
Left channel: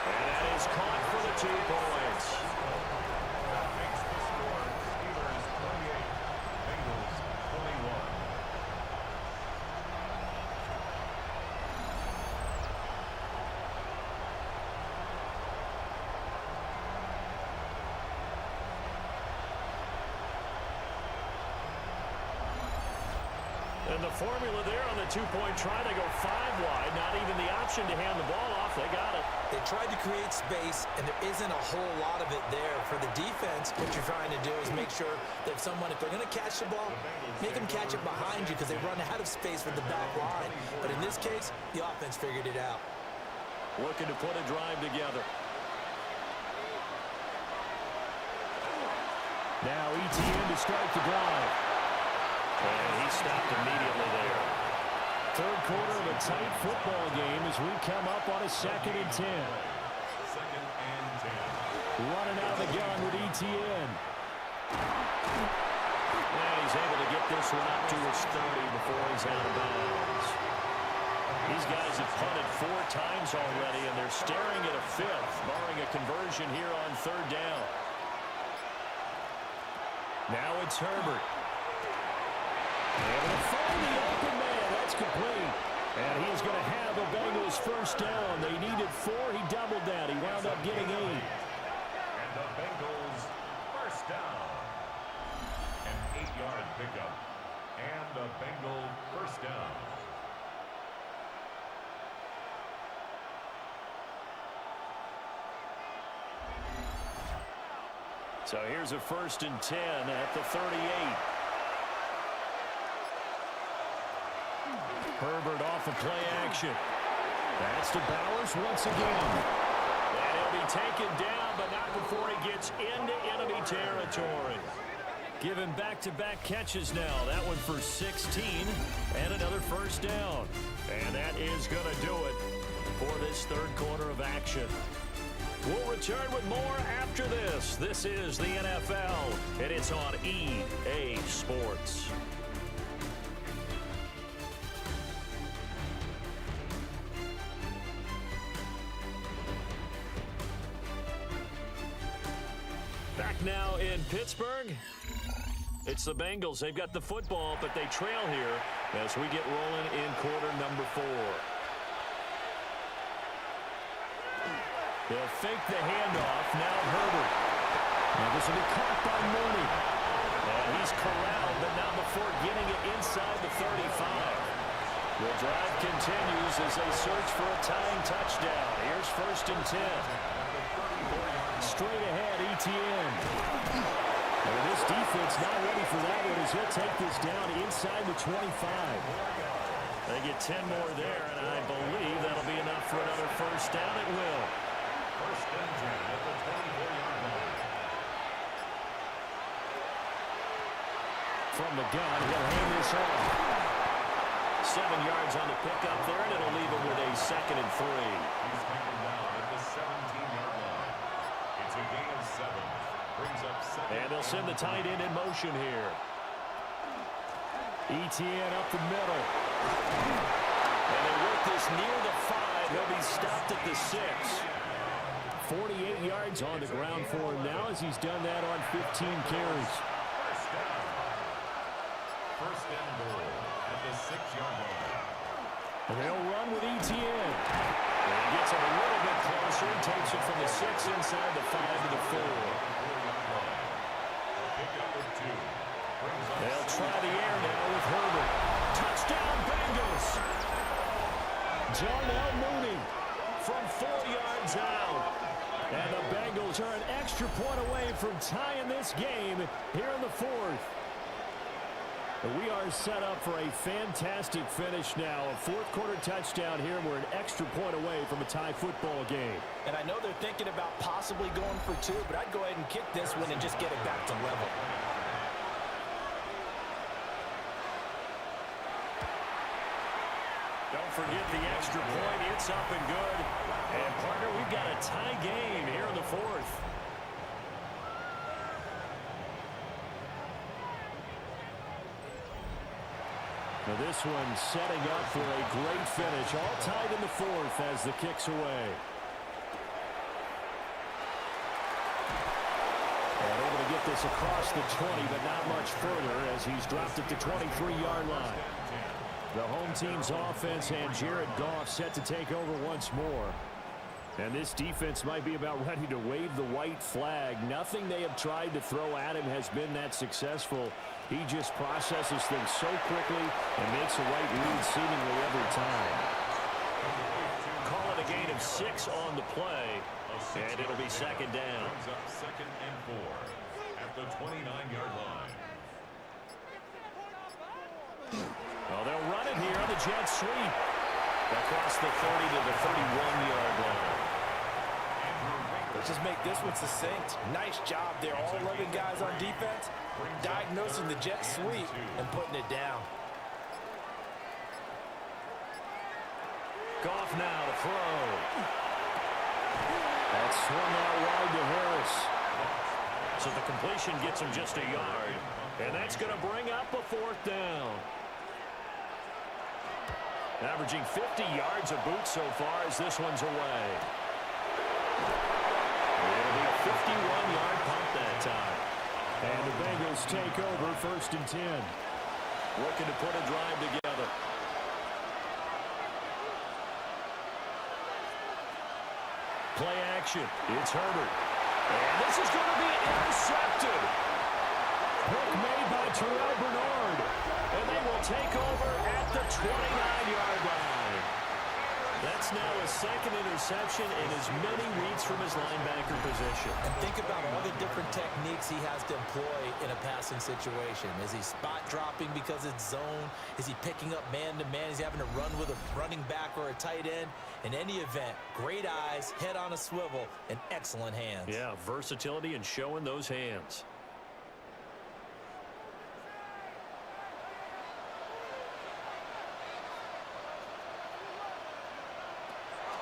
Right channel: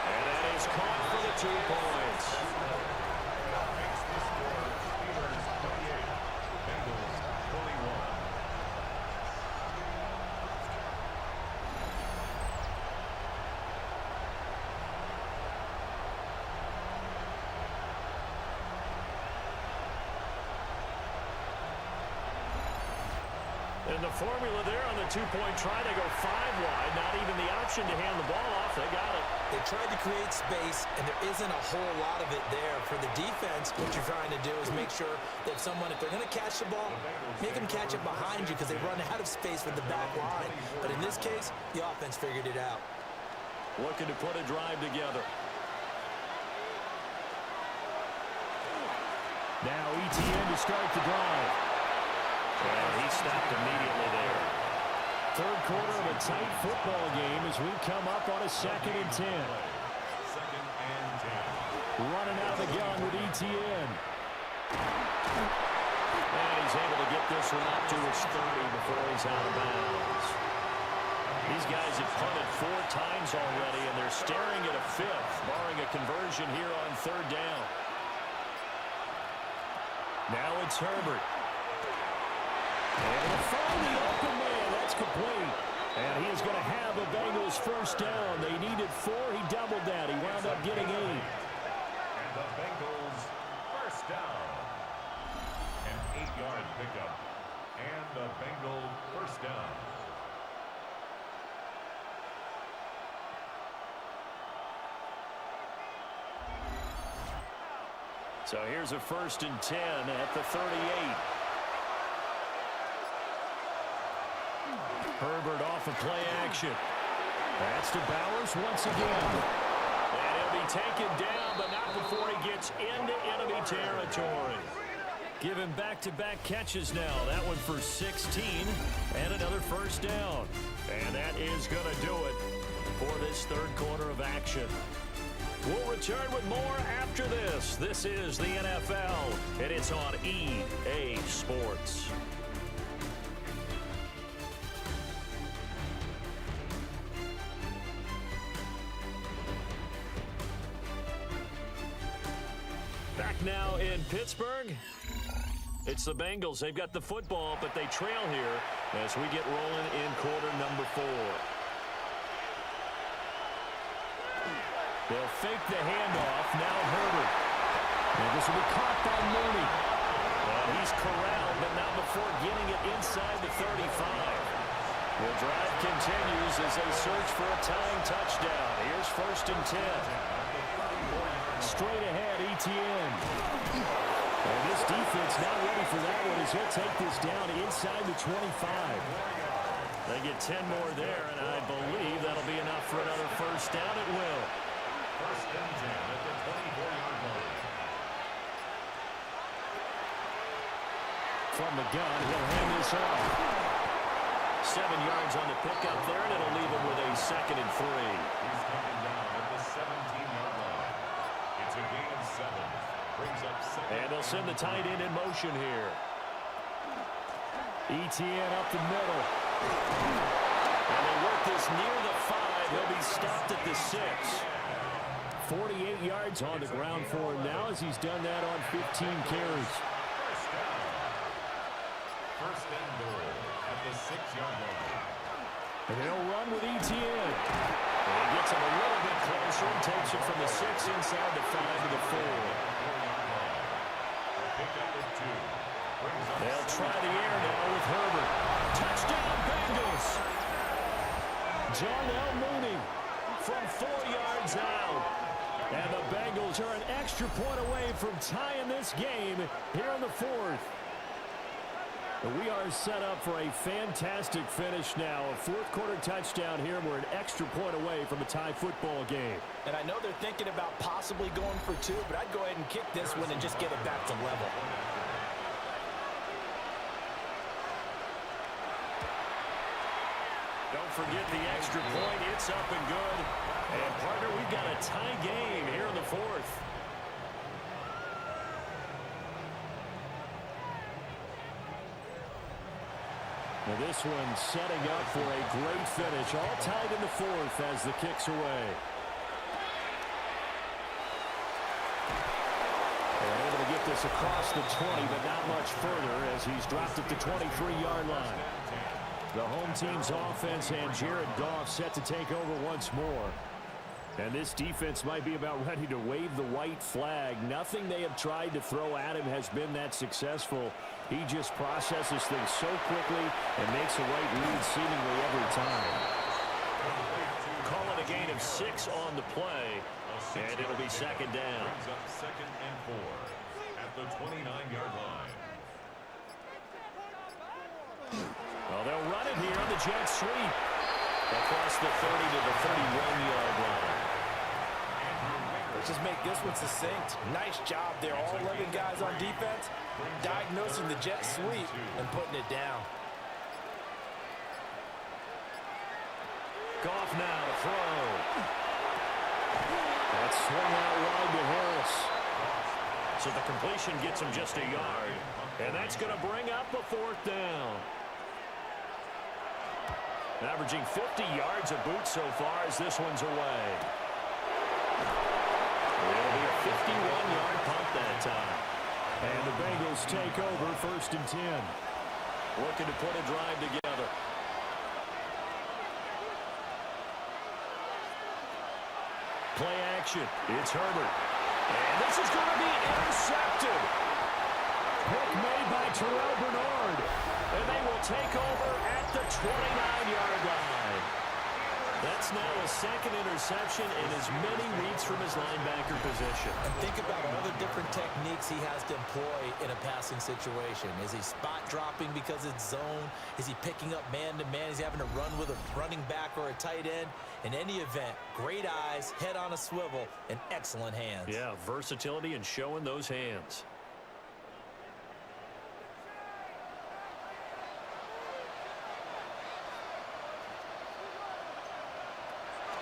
And that is caught for the 2 points. That makes the score Steelers 28, Bengals 21. And the formula there on the two-point try, they go 5 wide. Not even the option to hand the ball off. They got it. They tried to create space, and there isn't a whole lot of it there. For the defense, what you're trying to do is make sure that someone, if they're going to catch the ball, make them catch it behind you because they run out of space with the back line. But in this case, the offense figured it out. Looking to put a drive together. Now ETN to start the drive. And he stopped immediately there. Third quarter of a tight football game as we come up on a 2nd and 10. 2nd and 10. Running out of the gun with ETN. And he's able to get this one up to his 30 before he's out of bounds. These guys have punted 4 times already, and they're staring at a 5th, barring a conversion here on 3rd down. Now it's Herbert. Able to find the open man. That's complete. And he is going to have a Bengals first down. They needed 4. He doubled that. He wound up getting 8. And the Bengals first down. An 8-yard pickup. And the Bengal first down. So here's a 1st and 10 at the 38. Herbert off of play action. That's to Bowers once again. And he'll be taken down, but not before he gets into enemy territory. Given back-to-back catches now. That one for 16 and another first down. And that is going to do it for this 3rd quarter of action. We'll return with more after this. This is the NFL, and it's on EA Sports. Back now in Pittsburgh. It's the Bengals. They've got the football, but they trail here as we get rolling in quarter number 4. They'll fake the handoff. Now Herbert. And this will be caught by Mooney. And he's corralled, but not before getting it inside the 35. The drive continues as they search for a tying touchdown. Here's 1st and 10. Straight ahead, ETN. And this defense not ready for that one as he'll take this down inside the 25. They get 10 more there, and I believe that'll be enough for another first down. It will. 1st and 10 at the 24-yard line. From the gun, he'll hand this off. 7 yards on the pickup there, and it'll leave him with a 2nd and 3. He's taken down at the 17-yard line. It's a gain of 7. Brings up 2nd. And they'll send the tight end in motion here. ETN up the middle. And they work this near the 5. He'll be stopped at the 6. 48 yards on the ground for him now as he's done that on 15 carries. First down. 1st and goal at the 6-yard line. And they'll run with ETN. And he gets him a little bit closer and takes it from the 6 inside the 5 to the 4. 4-yard line. A pickup of 2. Brings up They'll try the air now with Herbert. Touchdown Bengals. Darnell Mooney from 4 yards out. And the Bengals are an extra point away from tying this game here in the 4th. We are set up for a fantastic finish now. A 4th quarter touchdown here, and we're an extra point away from a tie football game. And I know they're thinking about possibly going for 2, but I'd go ahead and kick this one and just get it back to level. Don't forget the extra point. It's up and good. And, partner, we've got a tie game here in the 4th. Now this one setting up for a great finish. All tied in the 4th as the kick's away. And able to get this across the 20, but not much further as he's dropped at the 23-yard line. The home team's offense and Jared Goff set to take over once more. And this defense might be about ready to wave the white flag. Nothing they have tried to throw at him has been that successful. He just processes things so quickly and makes the right read seemingly every time. Call it a gain of 6 on the play, and it'll be second down. Brings up 2nd and 4 at the 29-yard line. Well, they'll run it here on the jet sweep. Across the 30 to the 31-yard line. Let's just make this one succinct. Nice job there. All 11 guys on defense diagnosing the jet sweep and putting it down. Goff now to throw. That's swung out wide to Harris. So the completion gets him just a yard. And that's going to bring up a 4th down. Averaging 50 yards a boot so far as this one's away. It'll be a 51-yard punt that time. And the Bengals take over 1st and 10. Looking to put a drive together. Play action. It's Herbert. And this is going to be intercepted. Pick made by Terrell Bernard. And they will take over at the 29-yard line. That's now a 2nd interception in as many weeks from his linebacker position. And think about all the different techniques he has to employ in a passing situation. Is he spot dropping because it's zone? Is he picking up man-to-man? Is he having to run with a running back or a tight end? In any event, great eyes, head on a swivel, and excellent hands. Yeah, versatility and showing those hands.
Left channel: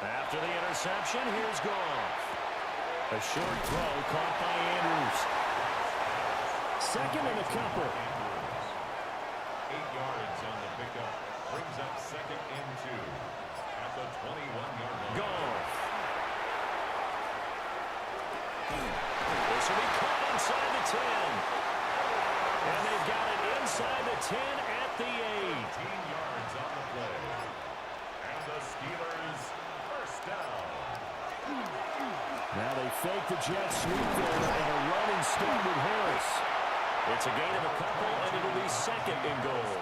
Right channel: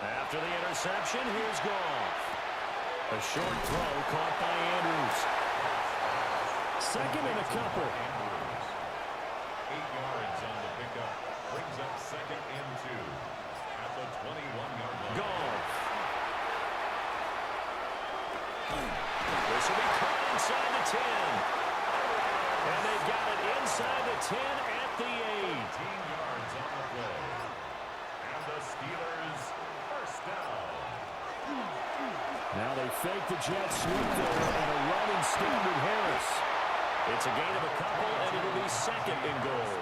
After the interception, here's Goff. A short throw caught by Andrews. 2nd and a couple. 8 yards on the pickup. Brings up 2nd and 2 at the 21-yard line. Goff. This will be caught inside the 10. And they've got it inside the 10 at the 8. 18 yards on the play. And the Steelers first down. Now they fake the jet sweep there and a run instead with Harris. It's a gain of a couple, and it'll be 2nd and goal.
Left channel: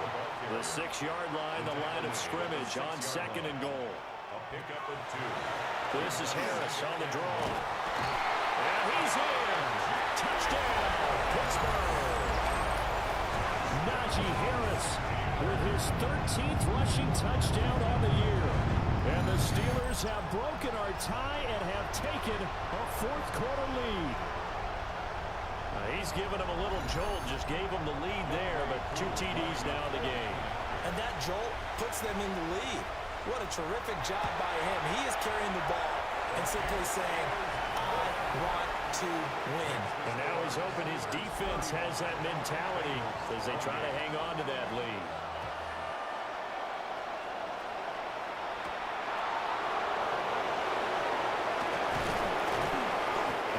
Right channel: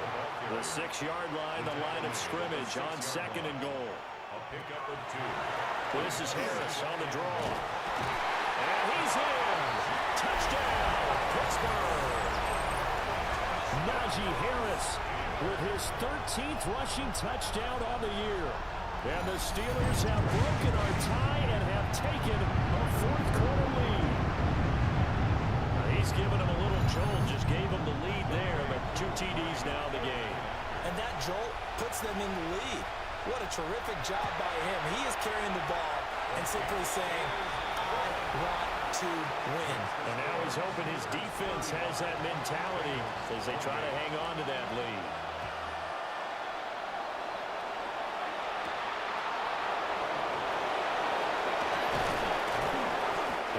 The 6-yard line, the line of scrimmage on 2nd and goal. A pickup of 2. This is Harris on the draw. And he's in. Touchdown, Pittsburgh. Najee Harris with his 13th rushing touchdown on the year. And the Steelers have broken our tie and have taken a 4th quarter lead. He's given them a little jolt, just gave them the lead there, but 2 TDs now in the game. And that jolt puts them in the lead. What a terrific job by him. He is carrying the ball and simply saying, I want to win. And now he's hoping his defense has that mentality as they try to hang on to that lead.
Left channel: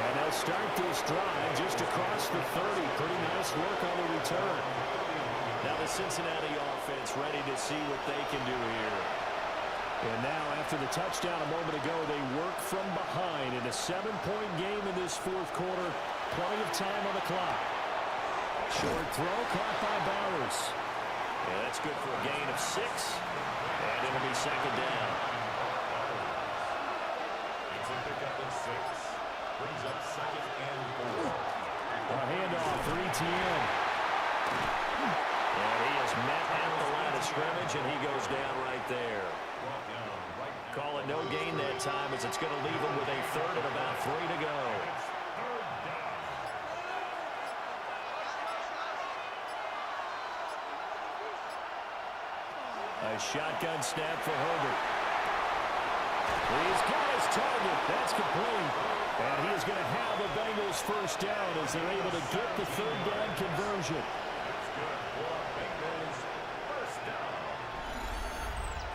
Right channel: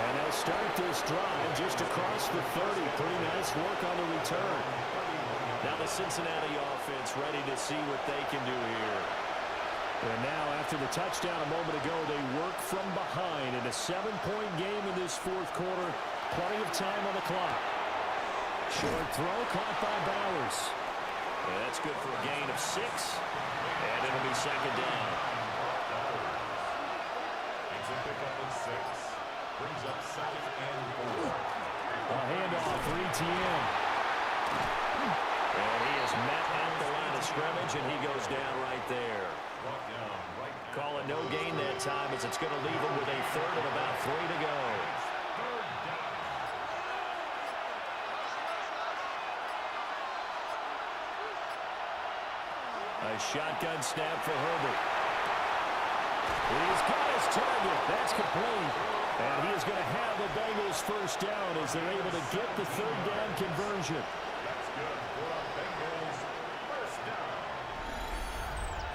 And they'll start this drive just across the 30. Pretty nice work on the return. Now the Cincinnati offense ready to see what they can do here. And now after the touchdown a moment ago, they work from behind in a 7-point game in this 4th quarter. Plenty of time on the clock. Short throw caught by Bowers. Yeah, that's good for a gain of 6. And it'll be 2nd down. It's a pickup of 6. Brings up 2nd and 4. A handoff for Etienne. And he is met at the line of scrimmage, and he goes down right there. Brought down right at Call it no gain that time, as it's going to leave him with a 3rd and about 3 to go. 3rd down. A shotgun snap for Herbert. He's got his target. That's complete. And he is going to have the Bengals first down as they're able to get the 3rd down conversion. That's good for the Bengals. First down.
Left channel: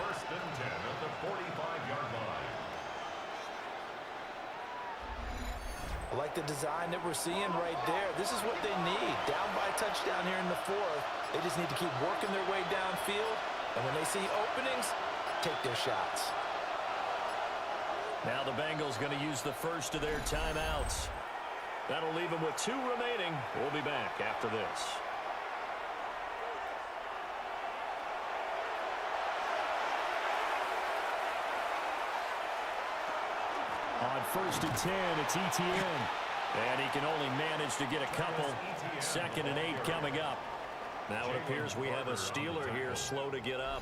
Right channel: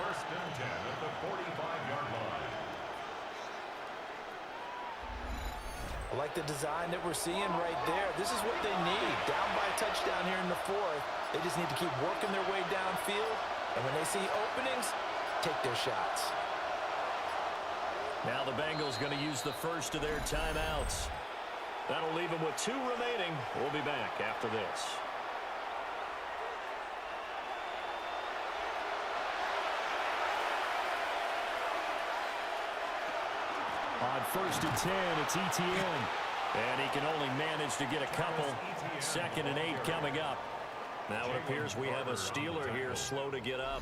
1st and 10 at the 45-yard line. I like the design that we're seeing right there. This is what they need. Down by a touchdown here in the 4th. They just need to keep working their way downfield. And when they see openings, take their shots. Now the Bengals going to use the first of their timeouts. That'll leave them with 2 remaining. We'll be back after this. On 1st and 10, it's Etienne. And he can only manage to get a couple. 2nd and 8 coming up. Now it appears we have a Steeler here slow to get up.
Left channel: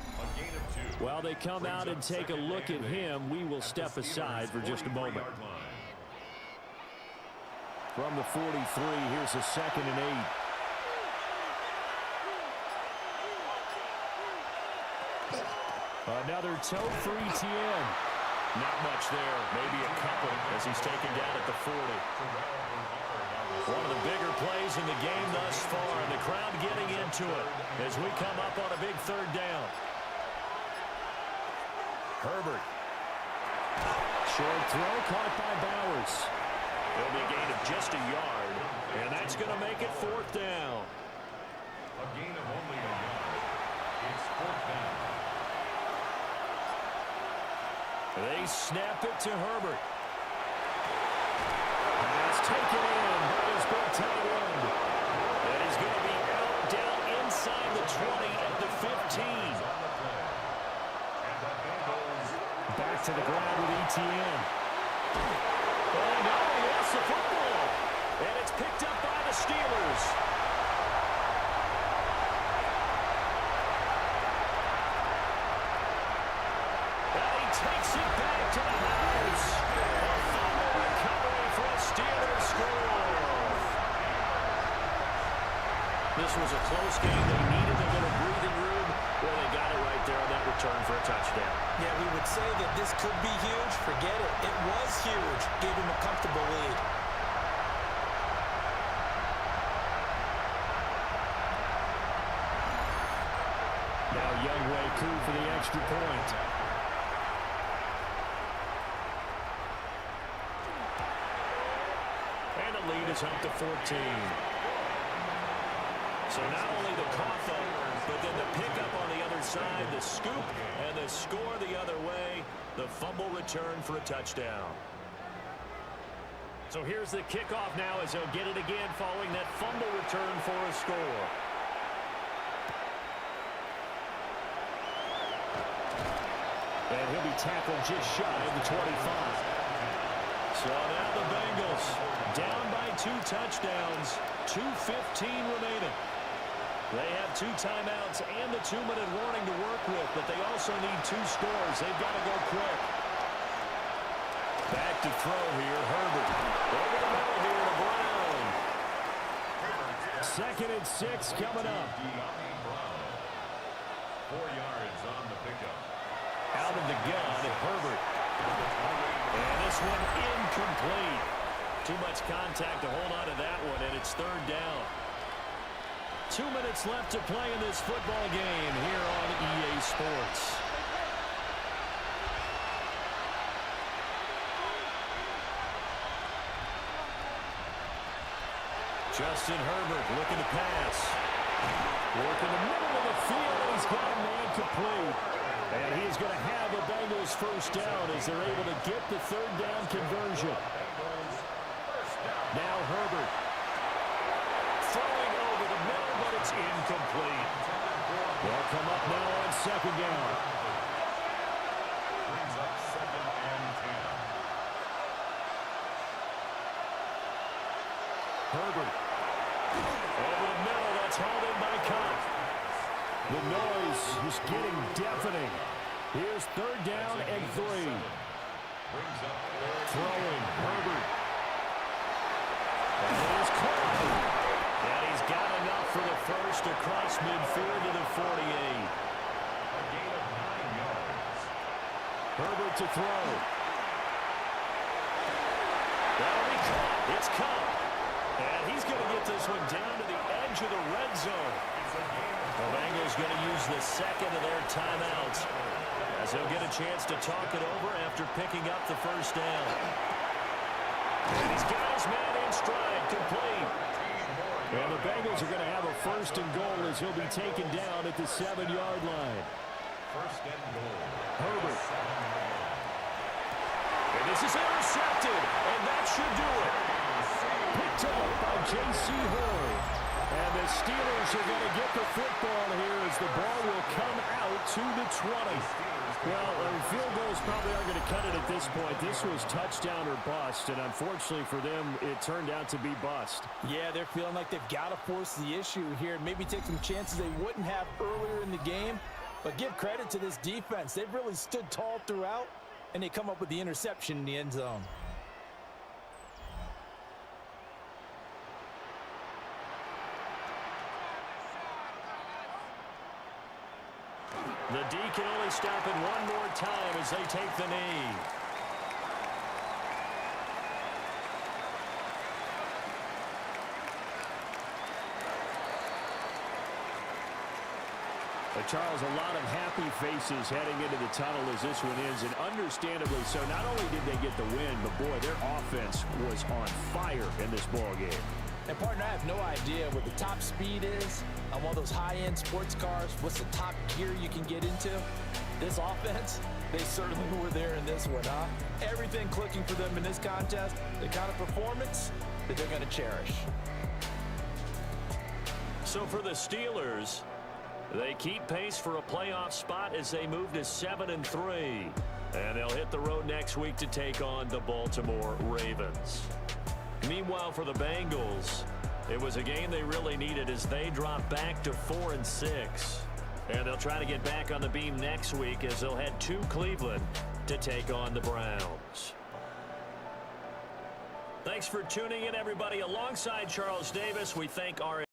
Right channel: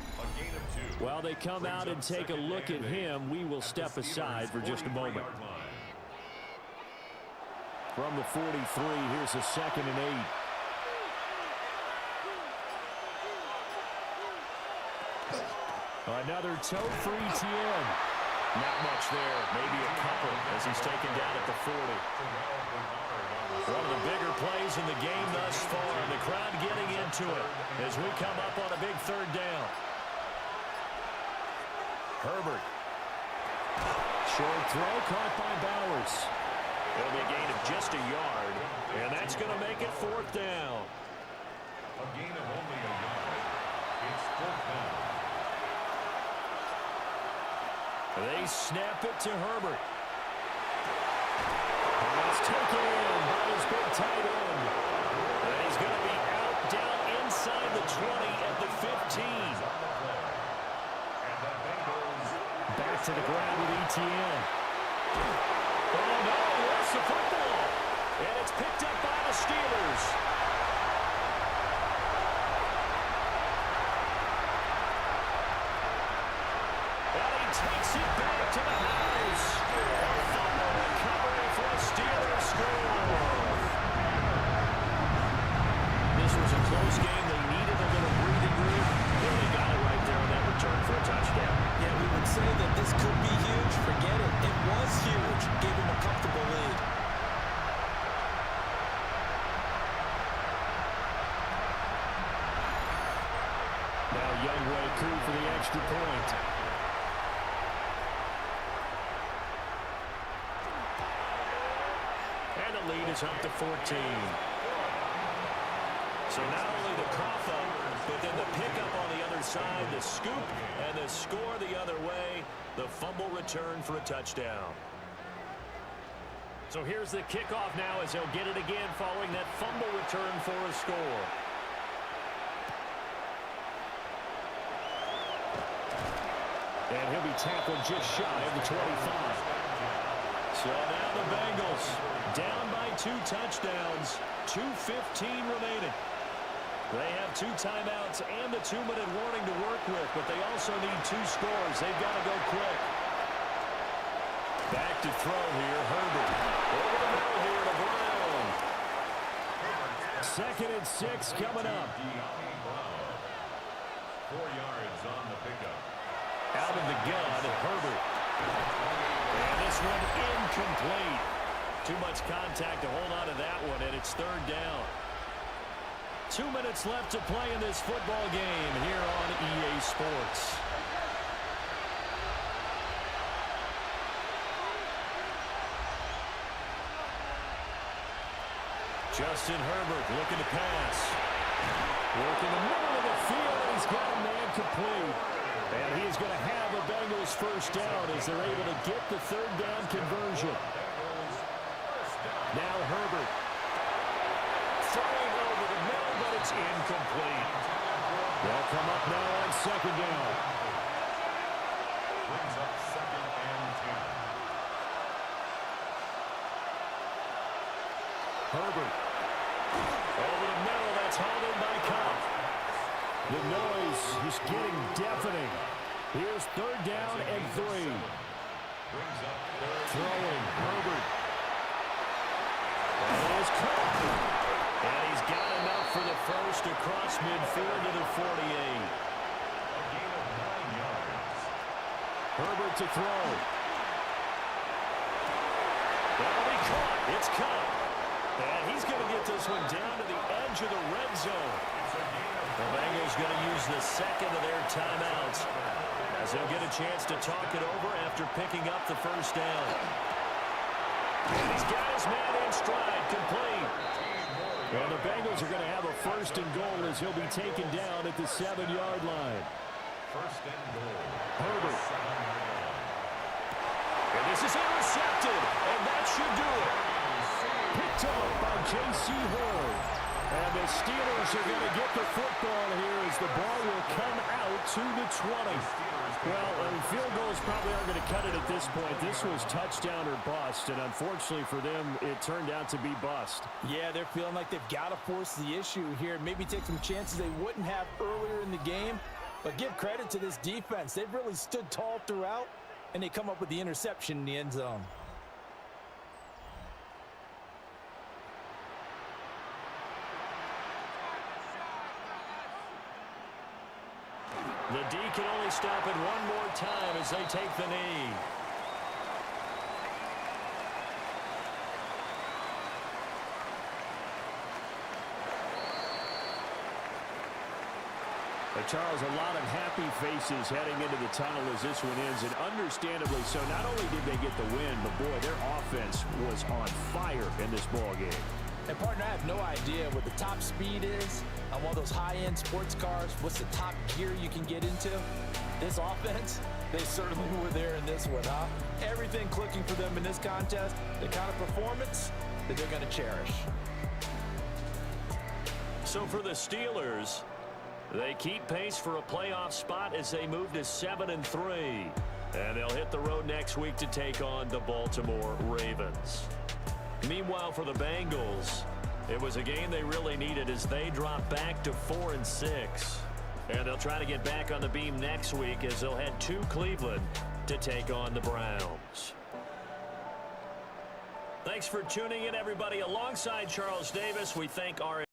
While they come out and take a look at him, we will step aside for just a moment. From the 43, here's a 2nd and 8. Another toe for Etienne. Not much there, maybe a couple as he's taken down at the 40. One of the bigger plays in the game thus far, and the crowd getting into it as we come up on a big 3rd down. Herbert. Short throw caught by Bowers. It'll be a gain of just a yard, and that's going to make it 4th down. A gain of only a yard. It's 4th down. They snap it to Herbert. Pass taken in by his big tight end. And he's going to be out down inside the 20 at the 15. Back to the ground with Etienne. Oh, no, he lost the football. And it's picked up by the Steelers. Takes it back to the house. A fumble recovery for a Steelers score. This was a close game. They needed a little breathing room. Well, they got it right there on that return for a touchdown. Yeah, we would say that this could be huge. Forget it. It was huge. Gave him a comfortable lead. Now Youngway coup for the extra point. And the lead is up to 14. So not only the cough up, but then the pickup on the other side, the scoop, and the score the other way. The fumble return for a touchdown. So here's the kickoff now as he'll get it again following that fumble return for a score. And he'll be tackled just shy of the 25. So now the Bengals down by 2 touchdowns, 2:15 remaining. They have 2 timeouts and the 2-minute warning to work with, but they also need 2 scores. They've got to go quick. Back to throw here, Herbert. Over the middle here to Brown. 2nd and 6 coming up. 4 yards on the pickup. Out of the gun, Herbert. And this one incomplete. Too much contact to hold on to that one, and it's 3rd down. 2 minutes left to play in this football game here on EA Sports. Justin Herbert looking to pass. Working the middle of the field, and he's got a man complete. And he's going to have a Bengals 1st down as they're able to get the 3rd down conversion. Now Herbert. Throwing over the middle, but it's incomplete. They'll come up now on 2nd down. Brings up 2nd and 10. Herbert. Over the middle, that's hauled in by Cup. The noise is getting deafening. Here's 3rd down and 3. Throwing, Herbert. And it is caught. And he's got enough for the first across midfield to the 48. A gain of 9 yards. Herbert to throw. That'll be caught. It's Cup. And he's going to get this one down to the edge of the red zone. The Bengals going to use the 2nd of their timeouts as he'll get a chance to talk it over after picking up the 1st down. And he's got his man in stride, complete. And the Bengals are going to have a 1st and goal as he'll be taken down at the 7-yard line. 1st and goal. Herbert. And this is intercepted, and that should do it. Picked up by J.C. Horn. And the Steelers are going to get the football here as the ball will come out to the 20. Well, field goals probably aren't going to cut it at this point. This was touchdown or bust, and unfortunately for them, it turned out to be bust. Yeah, they're feeling like they've got to force the issue here, maybe take some chances they wouldn't have earlier in the game. But give credit to this defense. They've really stood tall throughout, and they come up with the interception in the end zone. The D can only stop it one more time as they take the knee. But Charles, a lot of happy faces heading into the tunnel as this one ends, and understandably so. Not only did they get the win, but boy, their offense was on fire in this ball game. And partner, I have no idea what the top speed is on one of those high-end sports cars. What's the top gear you can get into? This offense, they certainly were there in this one, huh? Everything clicking for them in this contest, the kind of performance that they're going to cherish. So for the Steelers, they keep pace for a playoff spot as they move to 7-3. And they'll hit the road next week to take on the Baltimore Ravens. Meanwhile, for the Bengals, it was a game they really needed as they drop back to 4-6. And they'll try to get back on the beam next week as they'll head to Cleveland to take on the Browns. Thanks for tuning in, everybody. Alongside Charles Davis, we thank our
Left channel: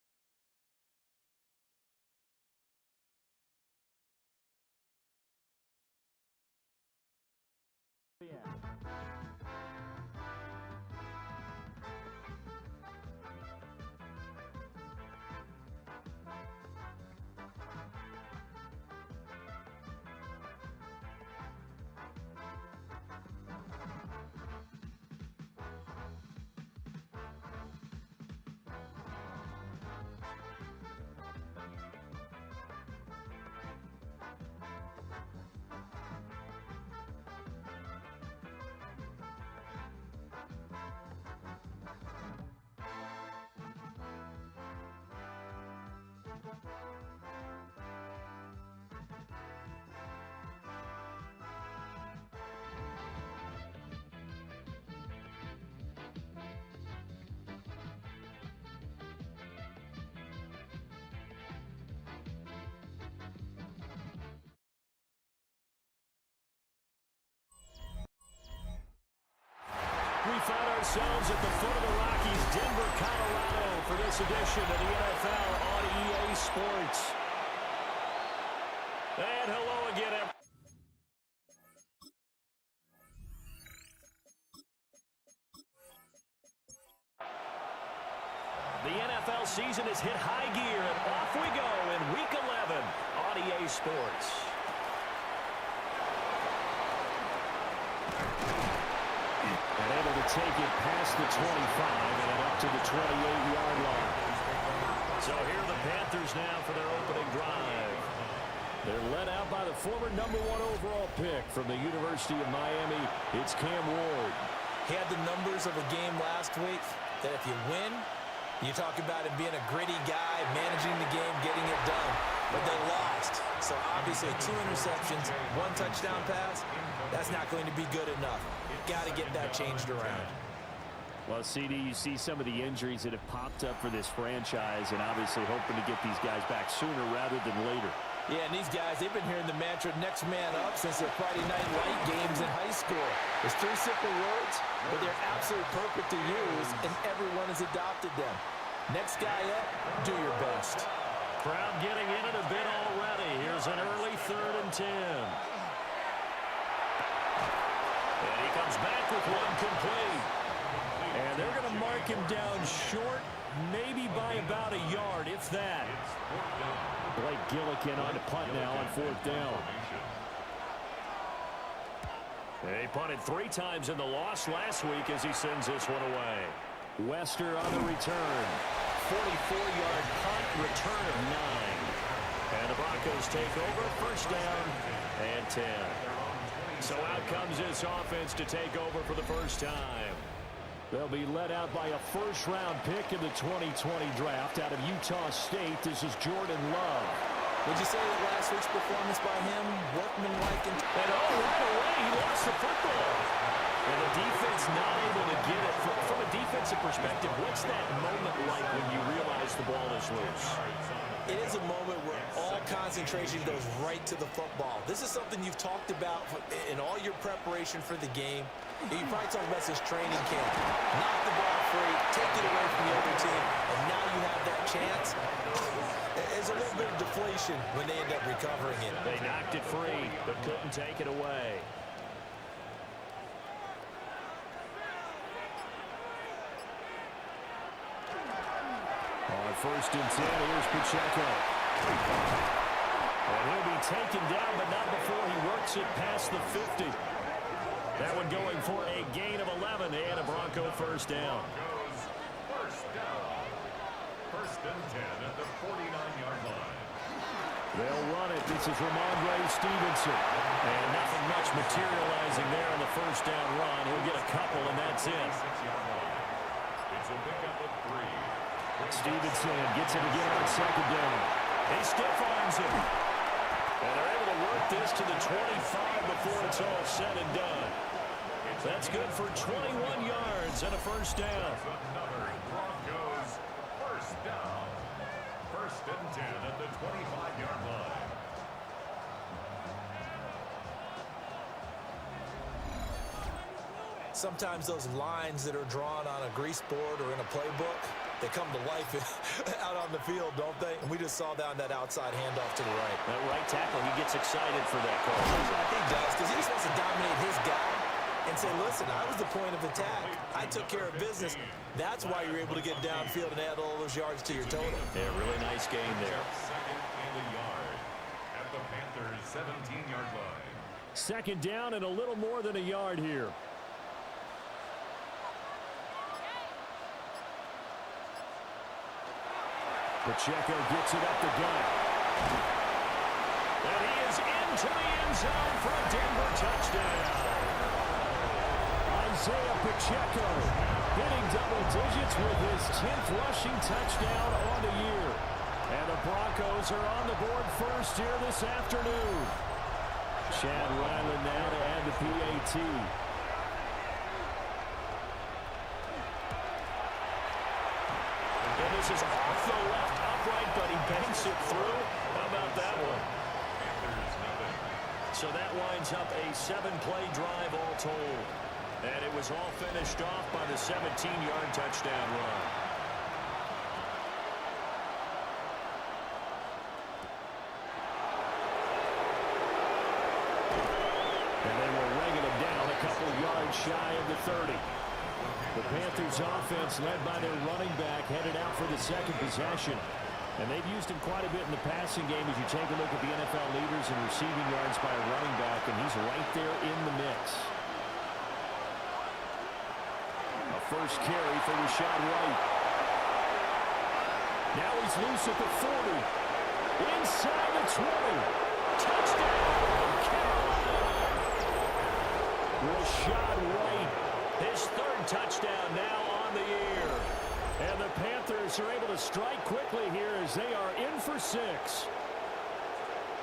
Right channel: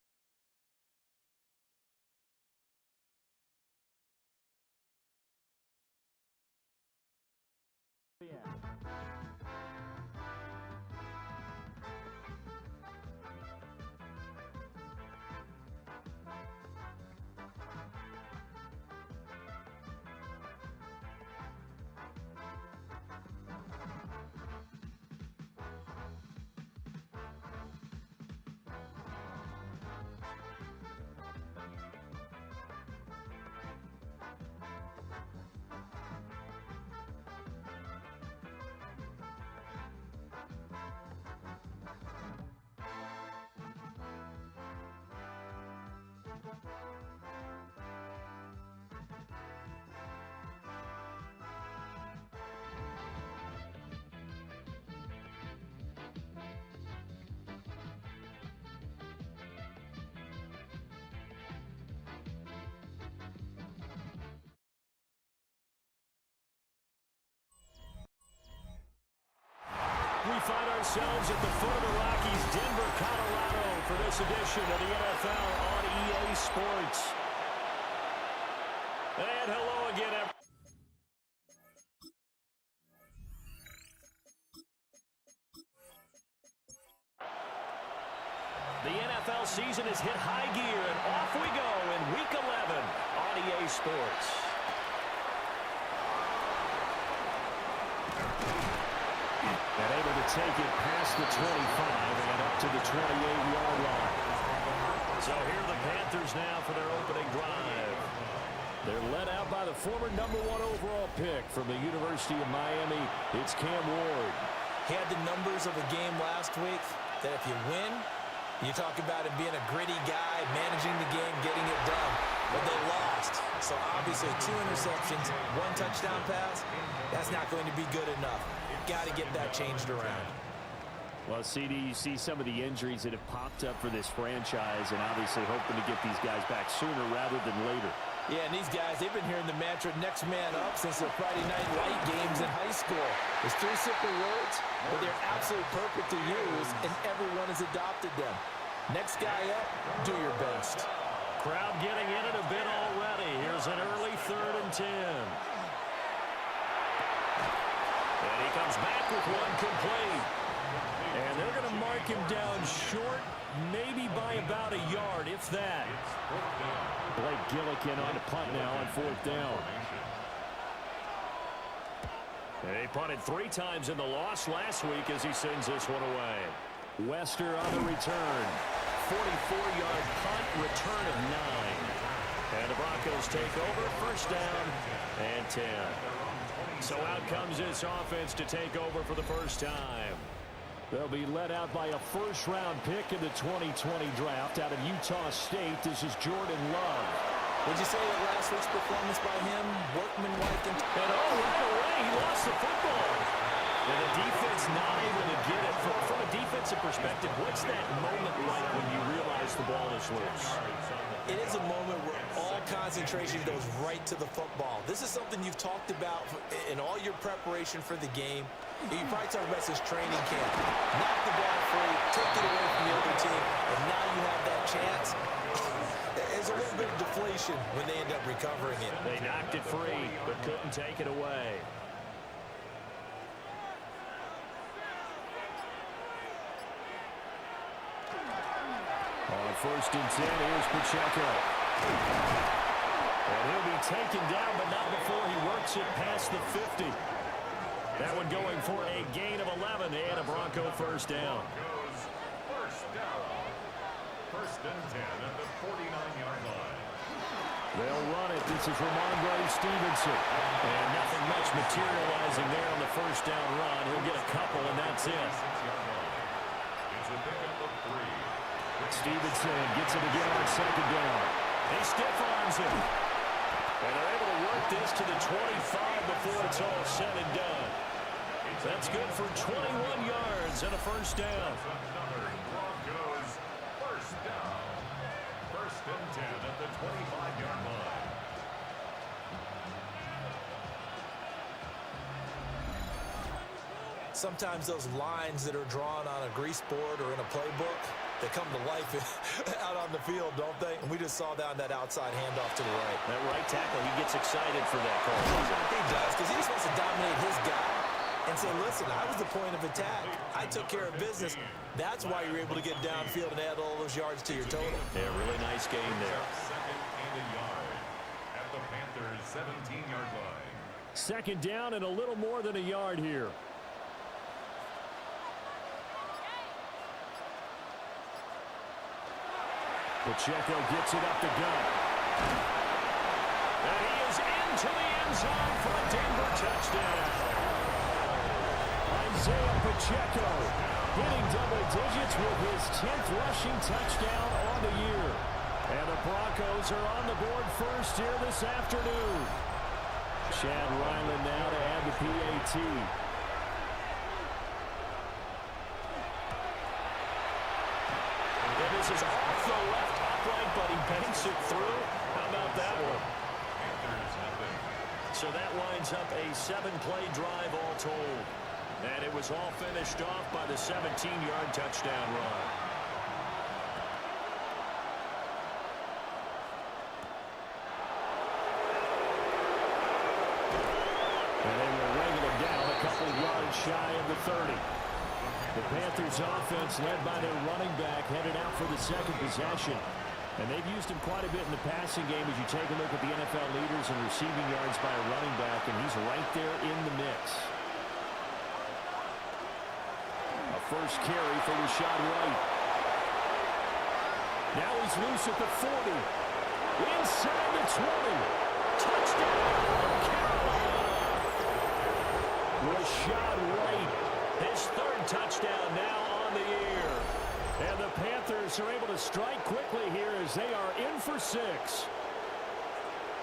We find ourselves at the foot of the Rockies, Denver, Colorado, for this edition of the NFL on EA Sports. And hello again, everyone. The NFL season has hit high gear, and off we go in Week 11 on EA Sports. And able to take it past the 25 and up to the 28-yard line. So here are the Panthers now for their opening drive. They're led out by the former #1 overall pick from the University of Miami. It's Cam Ward. He had the numbers of a game last week that if you win, you talk about him being a gritty guy, managing the game, getting it done. But they lost. So obviously 2 interceptions, 1 touchdown pass, that's not going to be good enough. Got to get that changed around. Well, CD, you see some of the injuries that have popped up for this franchise, and obviously hoping to get these guys back sooner rather than later. Yeah, and these guys, they've been hearing the mantra next man up since their Friday night light games in high school. It's 3 simple words, but they're absolutely perfect to use, and everyone has adopted them. Next guy up, do your best. Crowd getting in it a bit already. Here's an early 3rd and 10. And he comes back with one complete. And they're going to mark him down short, maybe by about a yard, if that. Blake Gillikin on to punt now on 4th down. And he punted 3 times in the loss last week as he sends this one away. Wester on the return. 44-yard punt, return of 9. And the Broncos take over, 1st down and 10. So out comes this offense to take over for the first time. They'll be led out by a 1st-round pick in the 2020 draft out of Utah State. This is Jordan Love. Would you say that last week's performance by him, workmanlike? And right away, he lost the football. And the defense not able to get it. From a defensive perspective, what's that moment like when you realize the ball is loose? It is a moment where all concentration goes right to the football. This is something you've talked about in all your preparation for the game. You probably talked about this training camp. Knock the ball free, take it away from the other team, and now you have that chance. There's a little bit of deflation when they end up recovering it. They knocked it free, but couldn't take it away. On 1st and 10, here's Pacheco. And he'll be taken down, but not before he works it past the 50. That one going for a gain of 11 and a Bronco first down. First down. 1st and 10 at the 49-yard line. They'll run it. This is Ramondre Stevenson. And nothing much materializing there on the first down run. He'll get a couple, and that's it. 6-yard line. It's a pickup of 3. Stevenson gets it again on 2nd down. He stiff arms him. And they're able to work this to the 25 before it's all said and done. That's good for 21 yards and a first down. Another Broncos first down. 1st and 10 at the 25-yard line. Sometimes those lines that are drawn on a grease board or in a playbook, they come to life out on the field, don't they? And we just saw down that outside handoff to the right. That right tackle, he gets excited for that call, doesn't he? He does, because he just wants to dominate his guy and say, listen, I was the point of attack. I took care of business. That's why you're able to get downfield and add all those yards to your total. Yeah, really nice game there. 2nd and a yard at the Panthers' 17-yard line. 2nd down and a little more than a yard here. Pacheco gets it up the gut. And he is into the end zone for a Denver touchdown. Isaiah Pacheco hitting double digits with his 10th rushing touchdown on the year. And the Broncos are on the board first here this afternoon. Chad Ryland now to add the PAT. And this is off the left upright, but he banks it through. How about that one? Panthers nothing. So that winds up a 7-play drive all told. And it was all finished off by the 17-yard touchdown run. And they will wrangle him down a couple yards shy of the 30. The Panthers offense led by their running back headed out for the 2nd possession. And they've used him quite a bit in the passing game as you take a look at the NFL leaders in receiving yards by a running back, and he's right there in the mix. A first carry for Rashad White. Now he's loose at the 40. Inside the 20. Touchdown, Carolina! Rashad White, his 3rd touchdown now on the year. And the Panthers are able to strike quickly here as they are in for 6.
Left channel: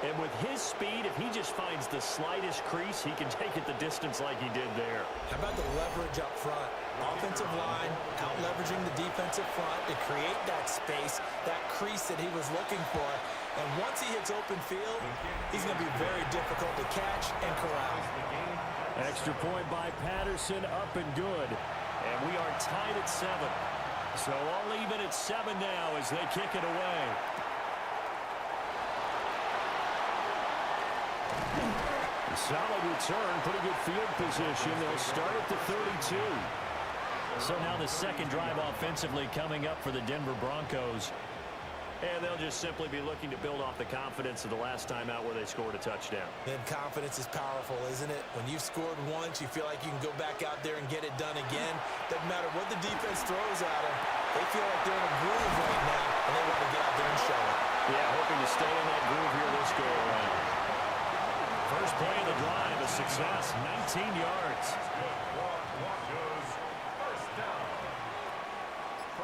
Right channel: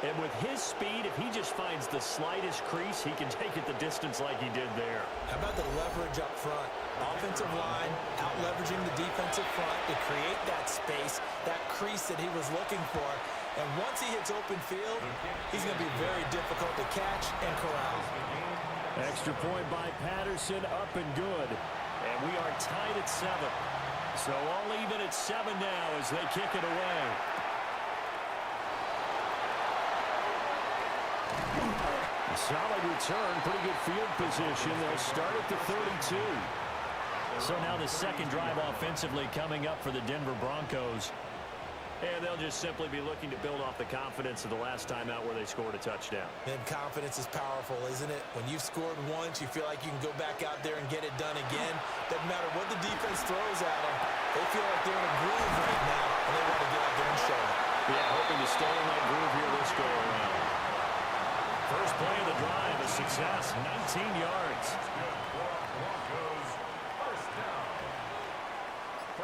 And with his speed, if he just finds the slightest crease, he can take it the distance like he did there. How about the leverage up front? Offensive line out-leveraging the defensive front to create that space, that crease that he was looking for. And once he hits open field, he's going to be very difficult to catch and corral. Extra point by Patterson, up and good. And we are tied at 7. So all even at 7 now as they kick it away. A solid return, pretty good field position. They'll start at the 32. So now the 2nd drive offensively coming up for the Denver Broncos. And they'll just simply be looking to build off the confidence of the last time out where they scored a touchdown. And confidence is powerful, isn't it? When you've scored once, you feel like you can go back out there and get it done again. Doesn't matter what the defense throws at them. They feel like they're in a groove right now, and they want to get out there and show it. Yeah, hoping to stay in that groove here this go-around. First play of the drive, a success, 19 yards. That's good for Broncos. First down.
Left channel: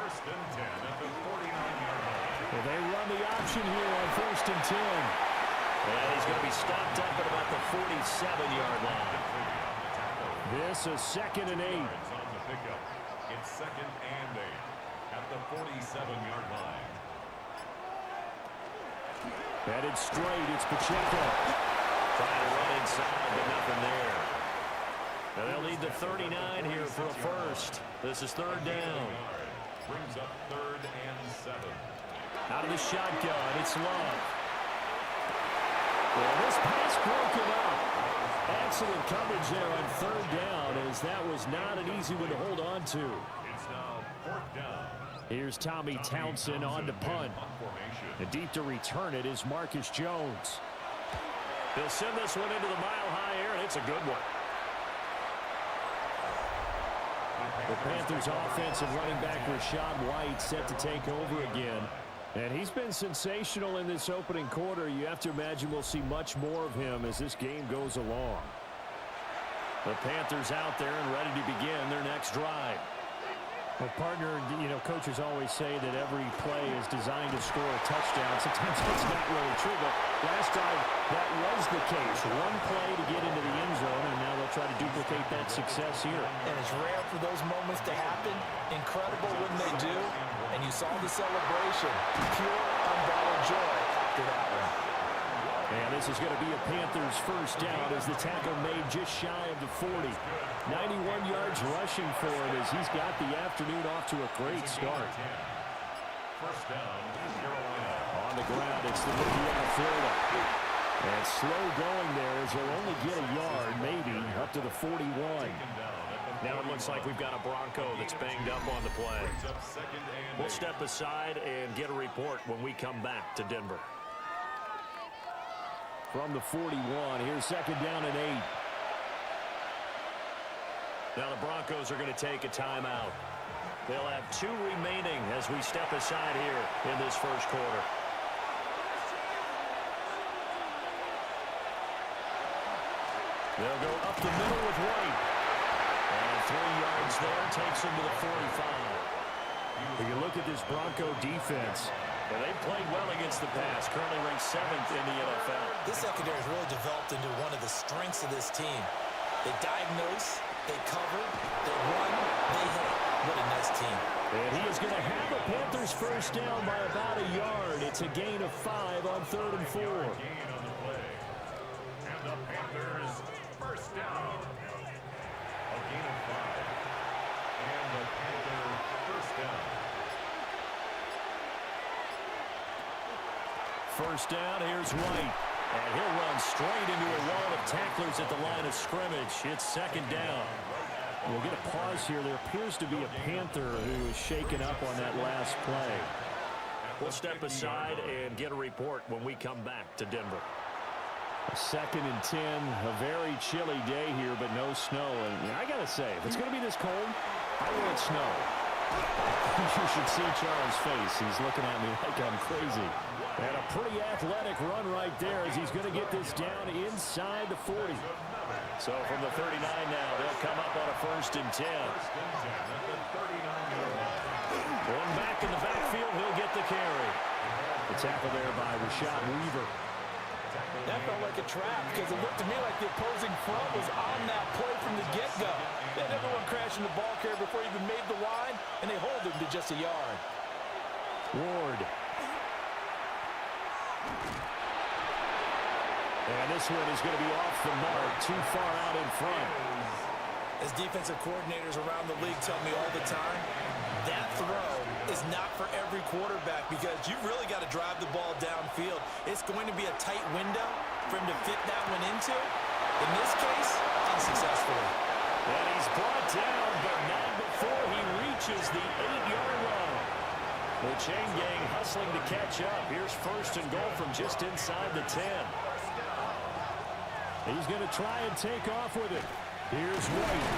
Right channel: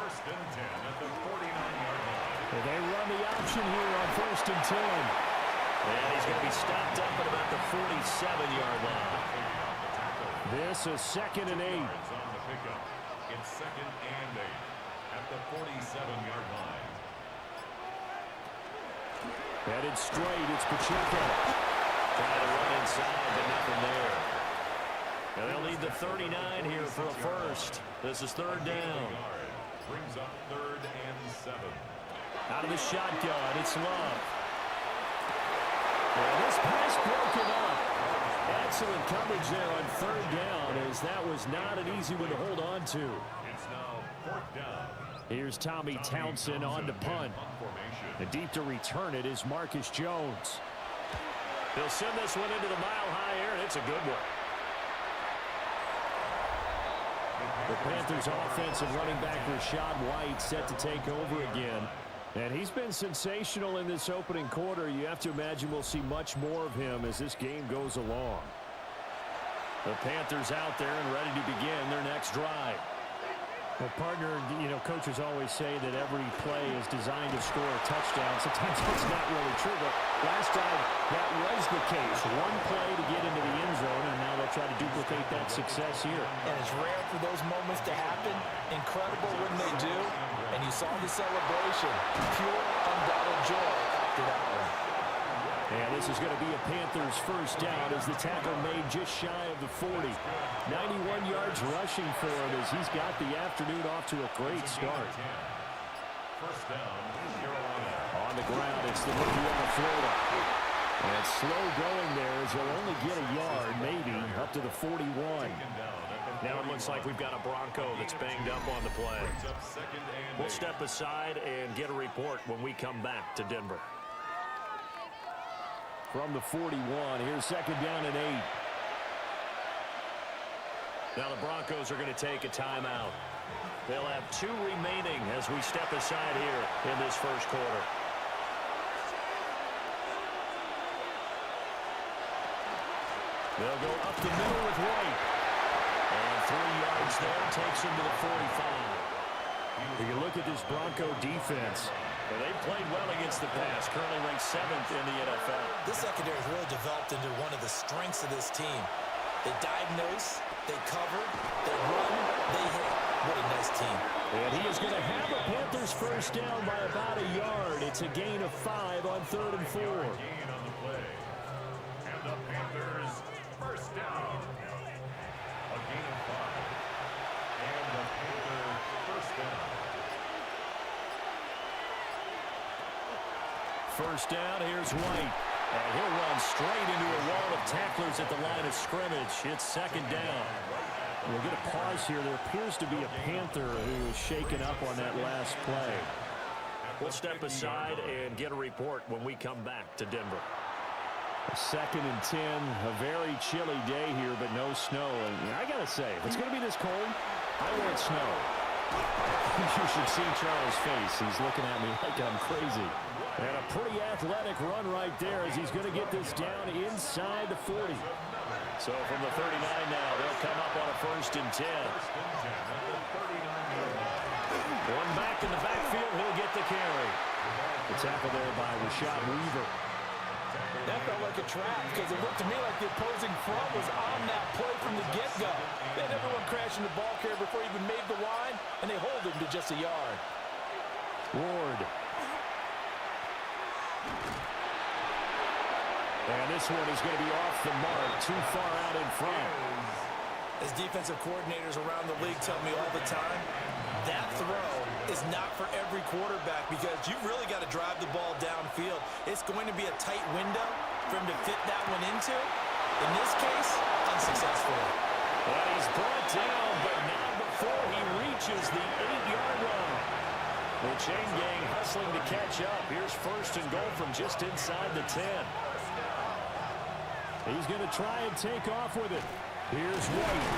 First and 10 at the 49-yard line. They run the option here on 1st and 10. And he's going to be stopped up at about the 47-yard line. This is 2nd and 8. Yards on the pickup. It's 2nd and 8 at the 47-yard line. Headed straight, it's Pacheco. Trying to run inside, but nothing there. Now they'll need the 39 here for a first. This is 3rd down. Brings up 3rd and 7. Out of the shotgun, it's Love. Well, this pass broken up. Excellent coverage there on 3rd down, as that was not an easy one to hold on to. It's now 4th down. Here's Tommy Townsend on to punt. And deep to return it is Marcus Jones. They'll send this one into the mile-high air, and it's a good one. The Panthers' offensive running back Rachaad White set to take over again. And he's been sensational in this opening quarter. You have to imagine we'll see much more of him as this game goes along. The Panthers out there and ready to begin their next drive. Well, partner, you know, coaches always say that every play is designed to score a touchdown. Sometimes that's not really true, but last drive, that was the case. One play to get into the end zone, and now they'll try to duplicate that success here. And it's rare for those moments to happen. Incredible when they do. And you saw the celebration. Pure, unbridled joy after that one. And this is going to be a Panthers first down as the tackle made just shy of the 40. 91 yards rushing for him as he's got the afternoon off to a great start. First down, Carolina. On the ground, it's the rookie out of Florida. And slow going there as he'll only get a yard, maybe, up to the 41. Now it looks like we've got a Bronco that's banged up on the play. We'll step aside and get a report when we come back to Denver. From the 41, here's 2nd down and 8. Now the Broncos are going to take a timeout. They'll have 2 remaining as we step aside here in this first quarter. They'll go up the middle with White. And 3 yards there takes him to the 45. If you look at this Bronco defense, and they've played well against the pass, currently ranked 7th in the NFL. This secondary has really developed into one of the strengths of this team. They diagnose, they cover, they run, they hit. What a nice team. And he is going to have a Panthers first down by about a yard. It's a gain of 5 on 3rd and 4. Gain on the play. And the Panthers first down. A gain of 5. And the Panther first down. First down, here's White. And he'll run straight into a wall of tacklers at the line of scrimmage. It's 2nd down. We'll get a pause here. There appears to be a Panther who is shaken up on that last play. We'll step aside and get a report when we come back to Denver. 2nd and 10, a very chilly day here, but no snow. And I got to say, if it's going to be this cold, I want snow. You should see Charles' face. He's looking at me like I'm crazy. And a pretty athletic run right there as he's going to get this down inside the 40. So from the 39 now, they'll come up on a 1st and 10. One back in the backfield, he'll get the carry. The tackle there by Rashad Weaver. That felt like a trap because it looked to me like the opposing front was on that play from the get-go. They had everyone crashing the ball carrier before he even made the line, and they hold him to just a yard. Ward. And this one is going to be off the mark, too far out in front. As defensive coordinators around the league tell me all the time, that throw is not for every quarterback because you've really got to drive the ball downfield. It's going to be a tight window for him to fit that one into. In this case, unsuccessfully. And he's brought down, but not before he reaches the 8-yard line. The chain gang hustling to catch up. Here's 1st and goal from just inside the 10. He's going to try and take off with it. Here's White.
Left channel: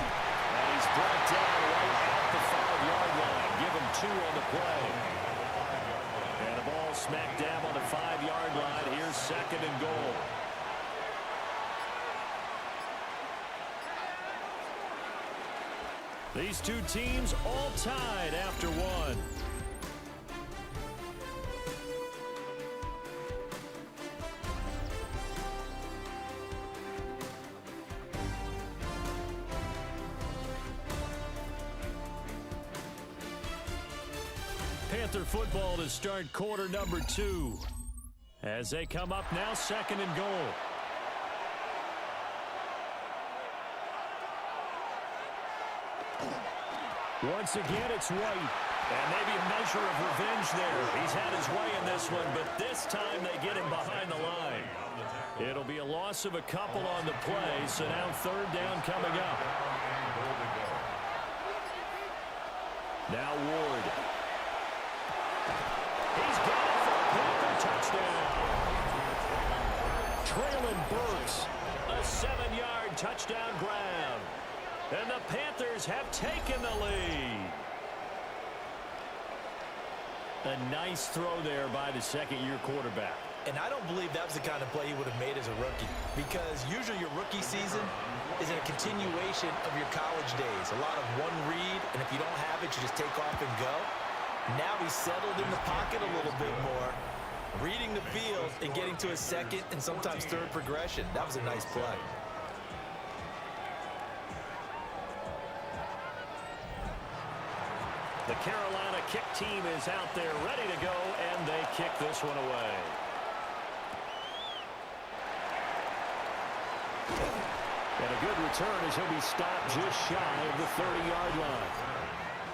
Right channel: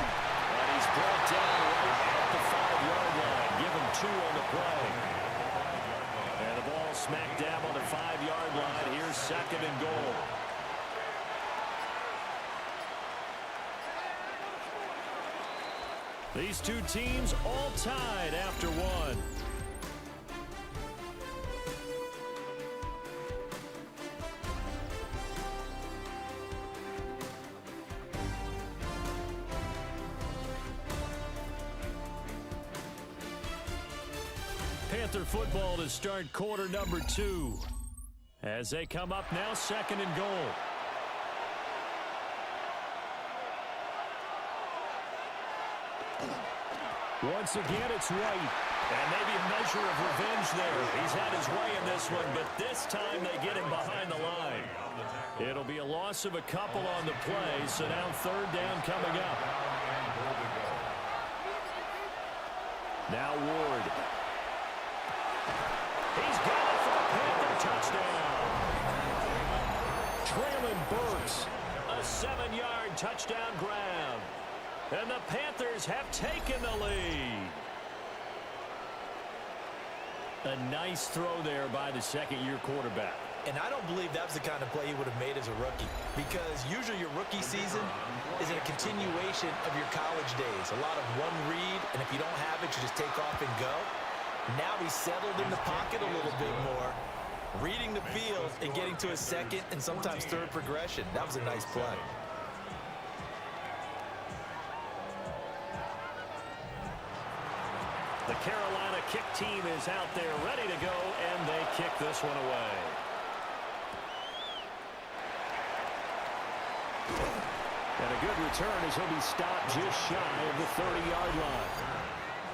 And he's brought down right at the 5-yard line. Give him 2 on the play. And the ball smack dab on the 5-yard line. Here's 2nd and goal. These two teams all tied after one. Panther football to start quarter number 2. As they come up now, 2nd and goal. Once again, it's White. And maybe a measure of revenge there. He's had his way in this one, but this time they get him behind the line. It'll be a loss of a couple on the play, so now 3rd down coming up. Now Ward. He's got it for a Panther touchdown. Traylon Burks, a 7-yard touchdown grab. And the Panthers have taken the lead. A nice throw there by the 2nd-year quarterback. And I don't believe that was the kind of play he would have made as a rookie, because usually your rookie season is a continuation of your college days. A lot of one read, and if you don't have it, you just take off and go. Now he's settled in the pocket a little bit more, reading the field and getting to his 2nd and sometimes 3rd progression. That was a nice play. The Carolina kick team is out there ready to go, and they kick this one away. And a good return as he'll be stopped just shy of the 30-yard line.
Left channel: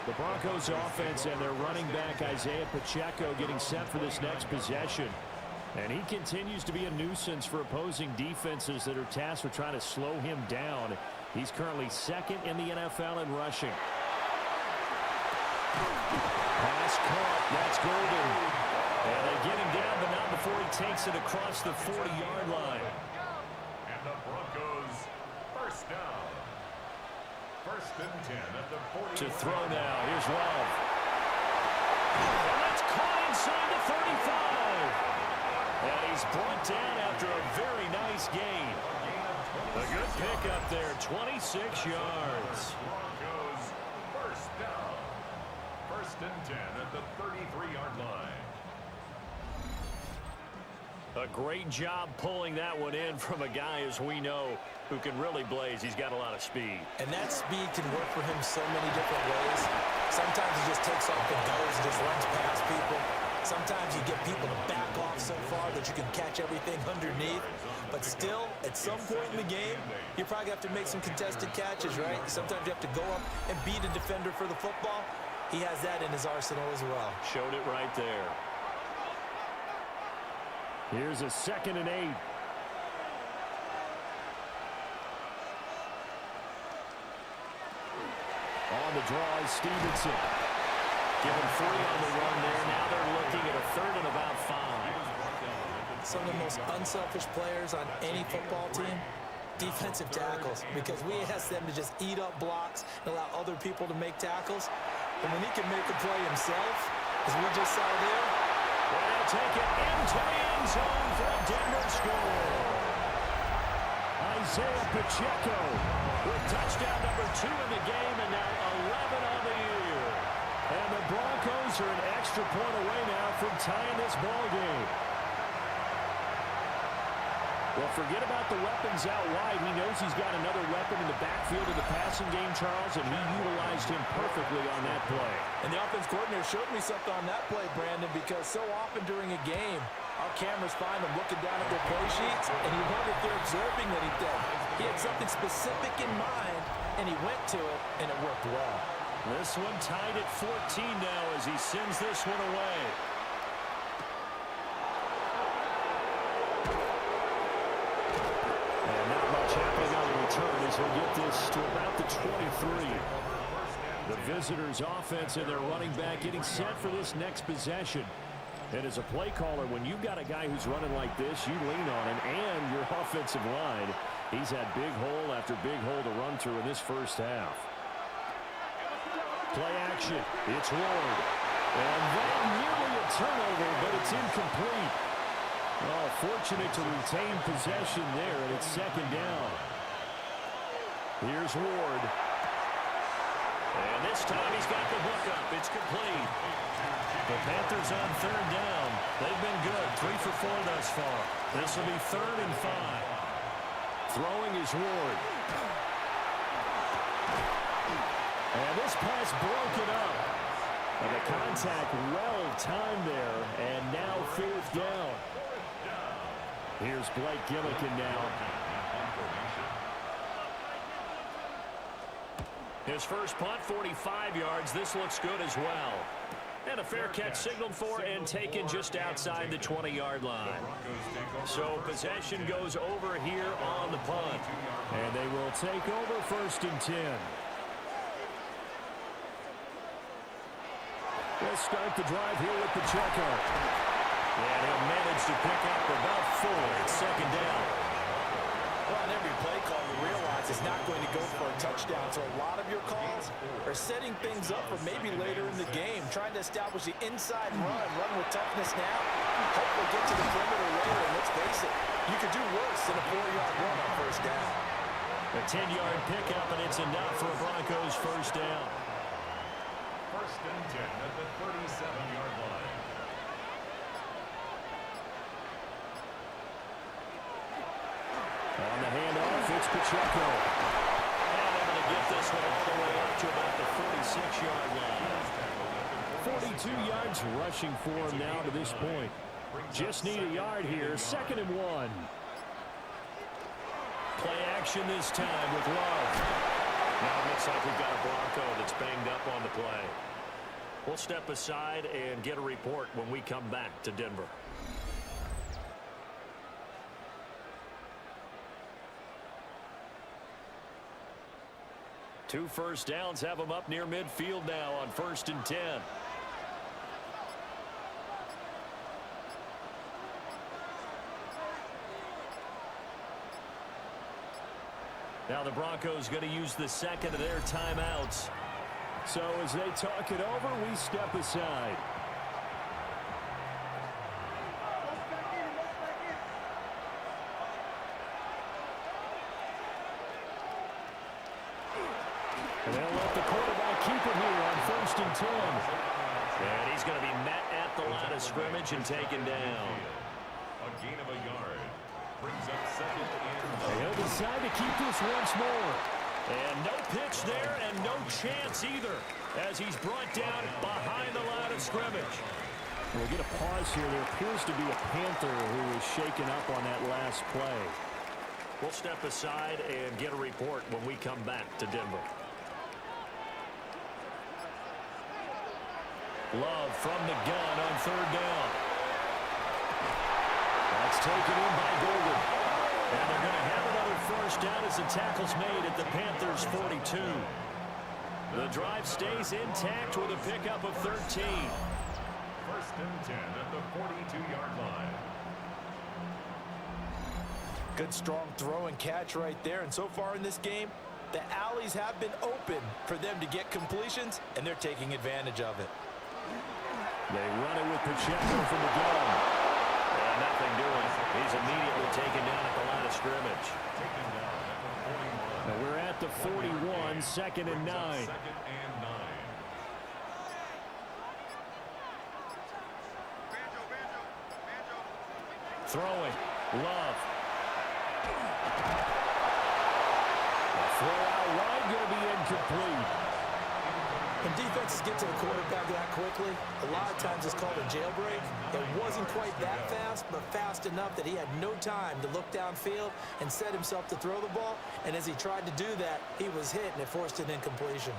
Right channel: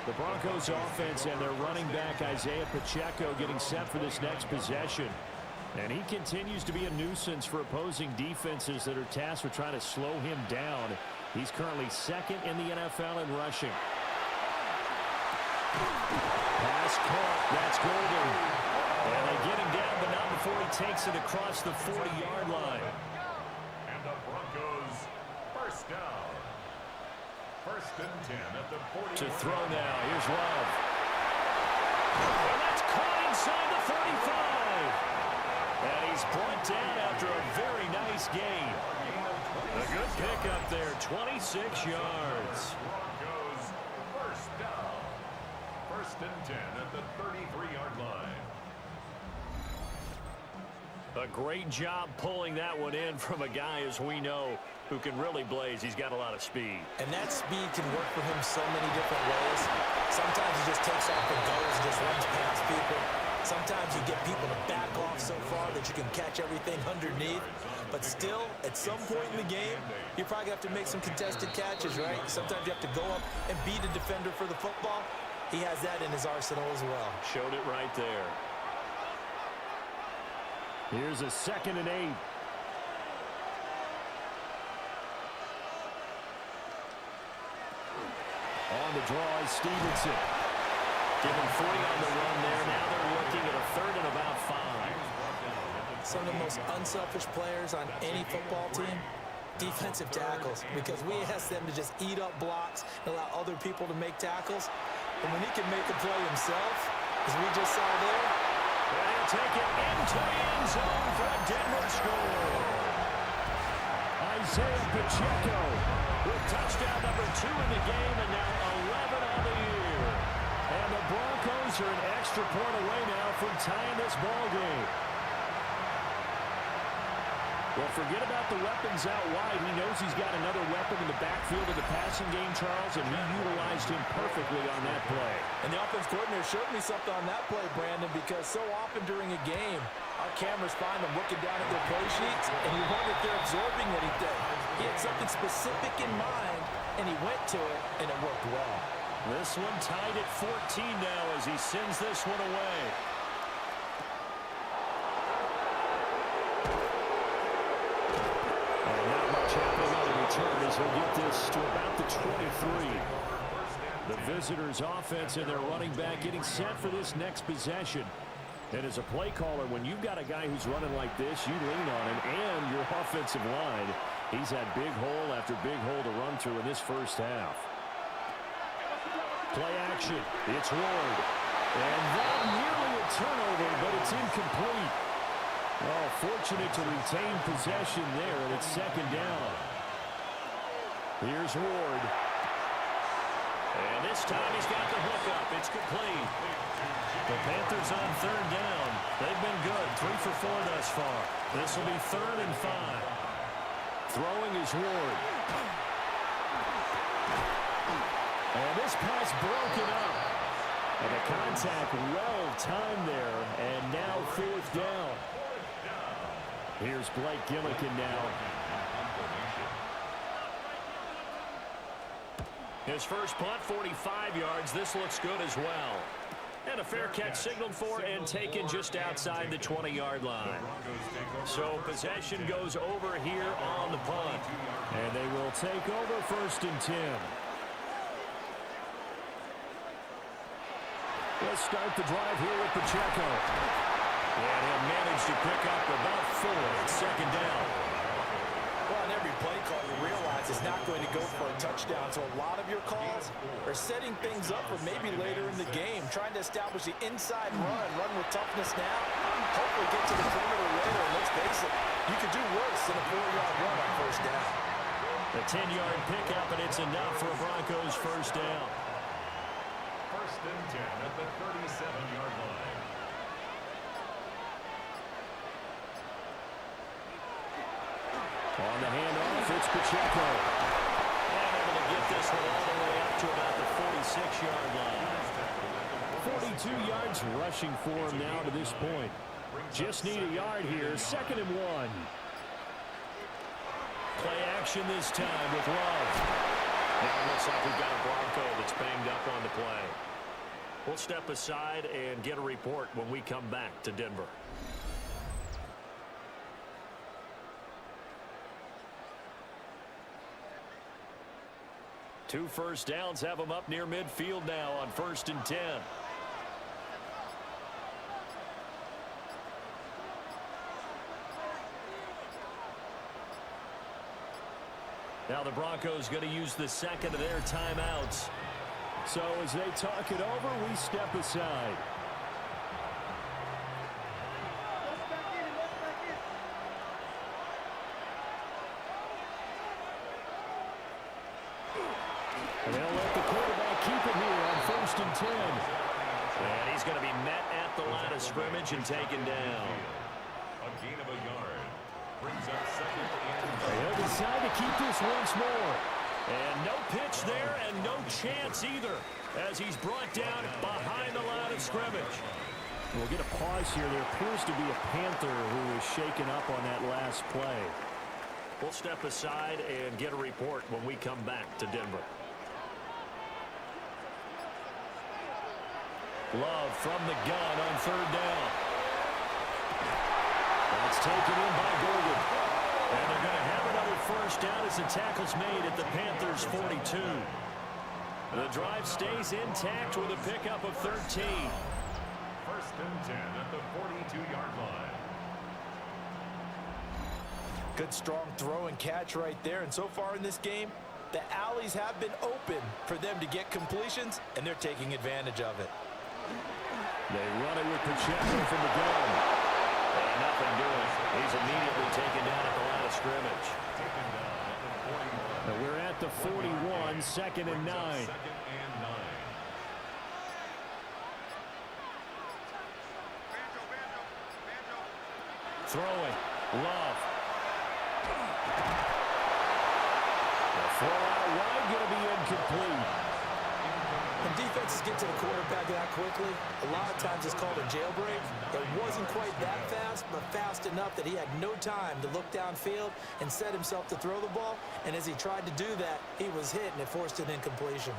The Broncos offense and their running back Isaiah Pacheco getting set for this next possession. And he continues to be a nuisance for opposing defenses that are tasked with trying to slow him down. He's currently 2nd in the NFL in rushing. Pass caught. That's Golden. And they get him down, but not before he takes it across the 40-yard line. And the Broncos, 1st down. 1st and 10 at the 40. To throw now. Here's Love. And that's caught inside the 35. And he's brought down after a very nice gain. A good pickup there, 26 yards. Broncos, 1st down. 1st and 10 at the 33-yard line. A great job pulling that one in from a guy, as we know, who can really blaze. He's got a lot of speed. And that speed can work for him so many different ways. Sometimes he just takes off and goes and just runs past people. Sometimes you get people to back off so far that you can catch everything underneath. But still, at some point in the game, you probably have to make some contested catches, right? Sometimes you have to go up and beat a defender for the football. He has that in his arsenal as well. Showed it right there. Here's a 2nd and 8. On the draw is Stevenson. Give him 3 on the run there. Now they're looking at a 3rd and about 5. Some of the most unselfish players on any football team, defensive tackles, because we ask them to just eat up blocks and allow other people to make tackles. And when he can make a play himself, as we just saw there, and he'll take it into the end zone for a Denver score. Isaiah Pacheco with touchdown number 2 in the game, and now 11 on the year. And the Broncos are an extra point away now from tying this ball game. Well, forget about the weapons out wide. He knows he's got another weapon in the backfield of the passing game, Charles, and he utilized him perfectly on that play. And the offense coordinator showed me something on that play, Brandon, because so often during a game, our cameras find them looking down at their play sheets, and you wonder if they're absorbing anything. He had something specific in mind, and he went to it, and it worked well. This one tied at 14 now as he sends this one away. And not much happening on the return as he'll get this to about the 23. The visitors' offense and their running back getting set for this next possession. And as a play caller, when you've got a guy who's running like this, you lean on him and your offensive line. He's had big hole after big hole to run through in this first half. Play action. It's Ward. And that nearly a turnover, but it's incomplete. Oh, fortunate to retain possession there, and it's 2nd down. Here's Ward. And this time he's got the hookup. It's complete. The Panthers on third down. They've been good. 3 for 4 thus far. This will be 3rd and 5. Throwing is Ward. And this pass broken up. And the contact well timed there. And now 4th down. Here's Blake Gillikin now. His first punt, 45 yards. This looks good as well. And a fair catch signaled for and taken just outside the 20-yard line. So possession goes over here on the punt. And they will take over 1st and 10. Let's start the drive here with Pacheco. And he'll manage to pick up about 4. It's 2nd down. Well, on every play call, you realize it's not going to go for a touchdown. So a lot of your calls are setting things up for maybe later in the game, trying to establish the inside run with toughness now, hopefully get to the perimeter later. And let's face it, you could do worse than a 4-yard run on 1st down. A 10-yard pickup, and it's enough for a Broncos 1st down. 1st and 10 at the 37-yard line. On the handoff, it's Pacheco. And able to get this one all the way up to about the 46-yard line. 42 yards rushing for him now to this point. Just need a yard here. 2nd and 1. Play action this time with Love. Now it looks like we've got a Bronco that's banged up on the play. We'll step aside and get a report when we come back to Denver. Two 1st downs have them up near midfield now on 1st and 10. Now the Broncos going to use the 2nd of their timeouts. So as they talk it over, we step aside. And they'll let the quarterback keep it here on 1st and 10. And he's going to be met at the line of scrimmage and taken down. A gain of a yard. Brings up 2nd and He'll decide to keep this once more. And no pitch there and no chance either as he's brought down behind the line of scrimmage. We'll get a pause here. There appears to be a Panther who is shaken up on that last play. We'll step aside and get a report when we come back to Denver. Love from the gun on 3rd down. That's taken in by Golden. And they're going to have another 1st down as the tackle's made at the Panthers' 42. The drive stays intact with a pickup of 13. 1st and 10 at the 42-yard line. Good strong throw and catch right there. And so far in this game, the alleys have been open for them to get completions, and they're taking advantage of it. They run it with Pacheco from the gun. And nothing doing. He's immediately taken down at the line of scrimmage. Taken down at the 41. Now we're at the 41, 2nd and 9. 2nd and 9. Throwing. Love. The throw out wide going to be incomplete. When defenses get to the quarterback that quickly, a lot of times it's called a jailbreak. It wasn't quite that fast, but fast enough that he had no time to look downfield and set himself to throw the ball. And as he tried to do that, he was hit, and it forced an incompletion.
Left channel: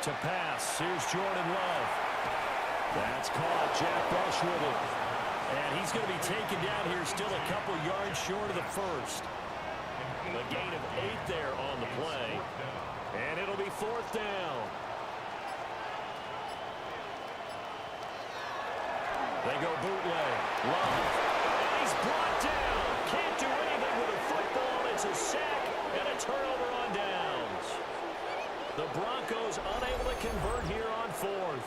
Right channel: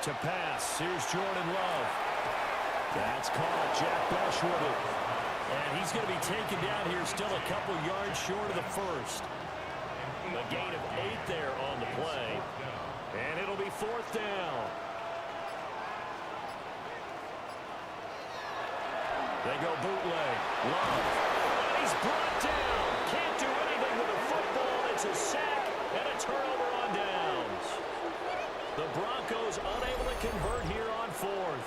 To pass, here's Jordan Love. That's caught. Jack Besh with it. And he's going to be taken down here, still a couple yards short of the 1st. A gain of 8 there on the play. And it'll be 4th down. They go bootleg. Love. And he's brought down. Can't do anything with the football. It's a sack and a turnover on downs. The Broncos unable to convert here on 4th.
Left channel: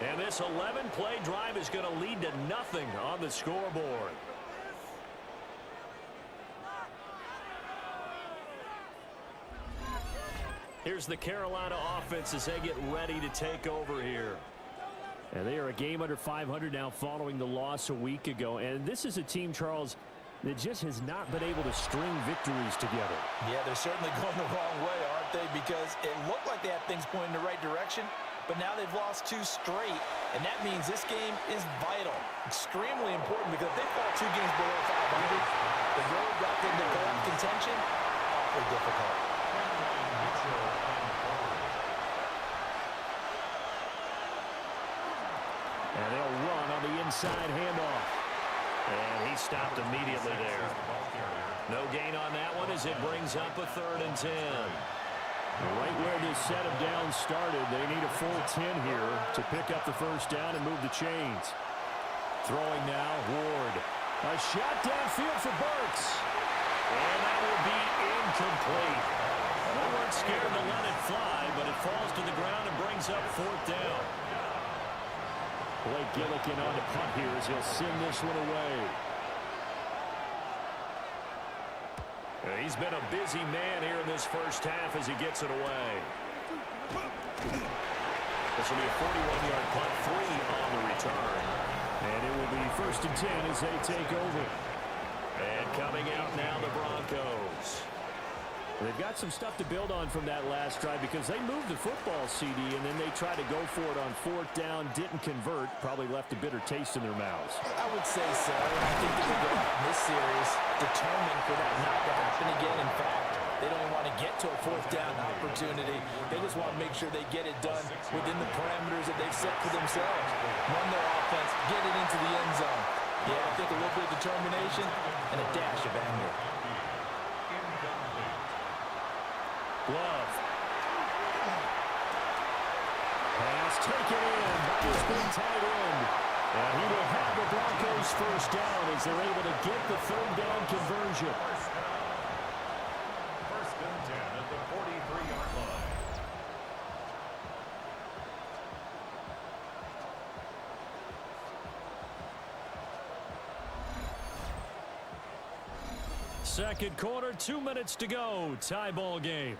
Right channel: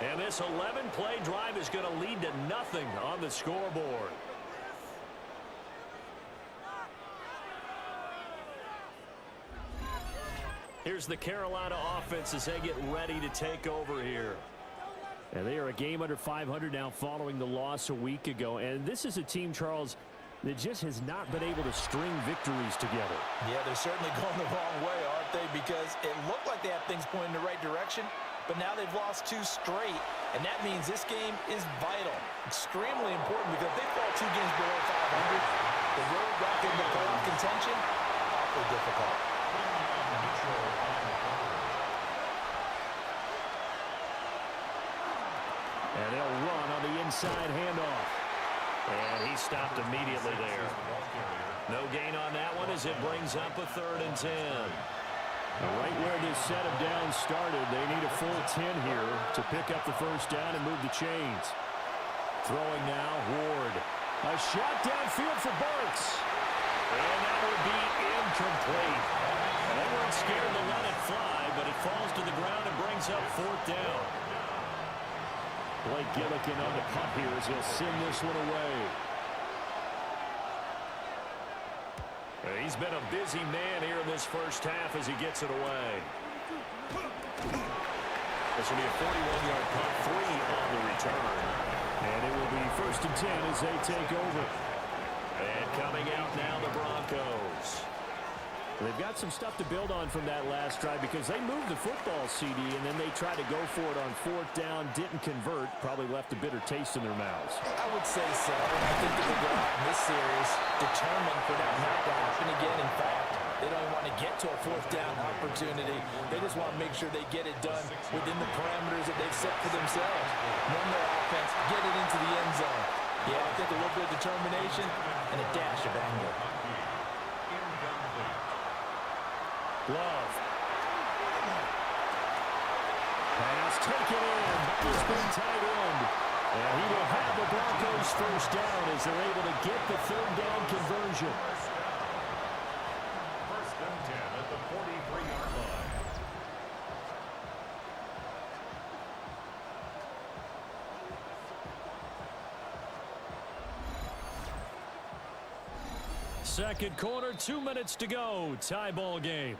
And this 11-play drive is going to lead to nothing on the scoreboard. Here's the Carolina offense as they get ready to take over here. And they are a game under 500 now following the loss a week ago. And this is a team, Charles, that just has not been able to string victories together. Yeah, they're certainly going the wrong way, aren't they? Because it looked like they had things pointing in the right direction, but now they've lost 2 straight, and that means this game is vital, extremely important, because if they fall 2 games below 500, the road back into playoff contention, awfully difficult. And they'll run on the inside handoff. And he stopped immediately there. No gain on that one as it brings up a 3rd and 10. Right where this set of downs started, they need a full 10 here to pick up the first down and move the chains. Throwing now, Ward. A shot downfield for Burks. And that will be incomplete. They weren't scared to let it fly, but it falls to the ground and brings up 4th down. Blake Gillikin on the punt here as he'll send this one away. He's been a busy man here in this first half as he gets it away. This will be a 41-yard punt, 3 on the return. And it will be 1st and 10 as they take over. And coming out now, the Broncos. They've got some stuff to build on from that last drive because they moved the football, CD, and then they tried to go for it on 4th down, didn't convert, probably left a bitter taste in their mouths. I would say so, and I think that they go out in this series determined for that not to happen again. In fact, they don't even want to get to a 4th down opportunity. They just want to make sure they get it done within the parameters that they've set for themselves. Run their offense, get it into the end zone. Yeah, I think a little bit of determination and a dash of anger. Love. Pass taken in by his big tight end. And he will have the Broncos first down as they're able to get the 3rd down conversion. First and 10 at the 43-yard line. Second quarter, 2 minutes to go. Tie ball game.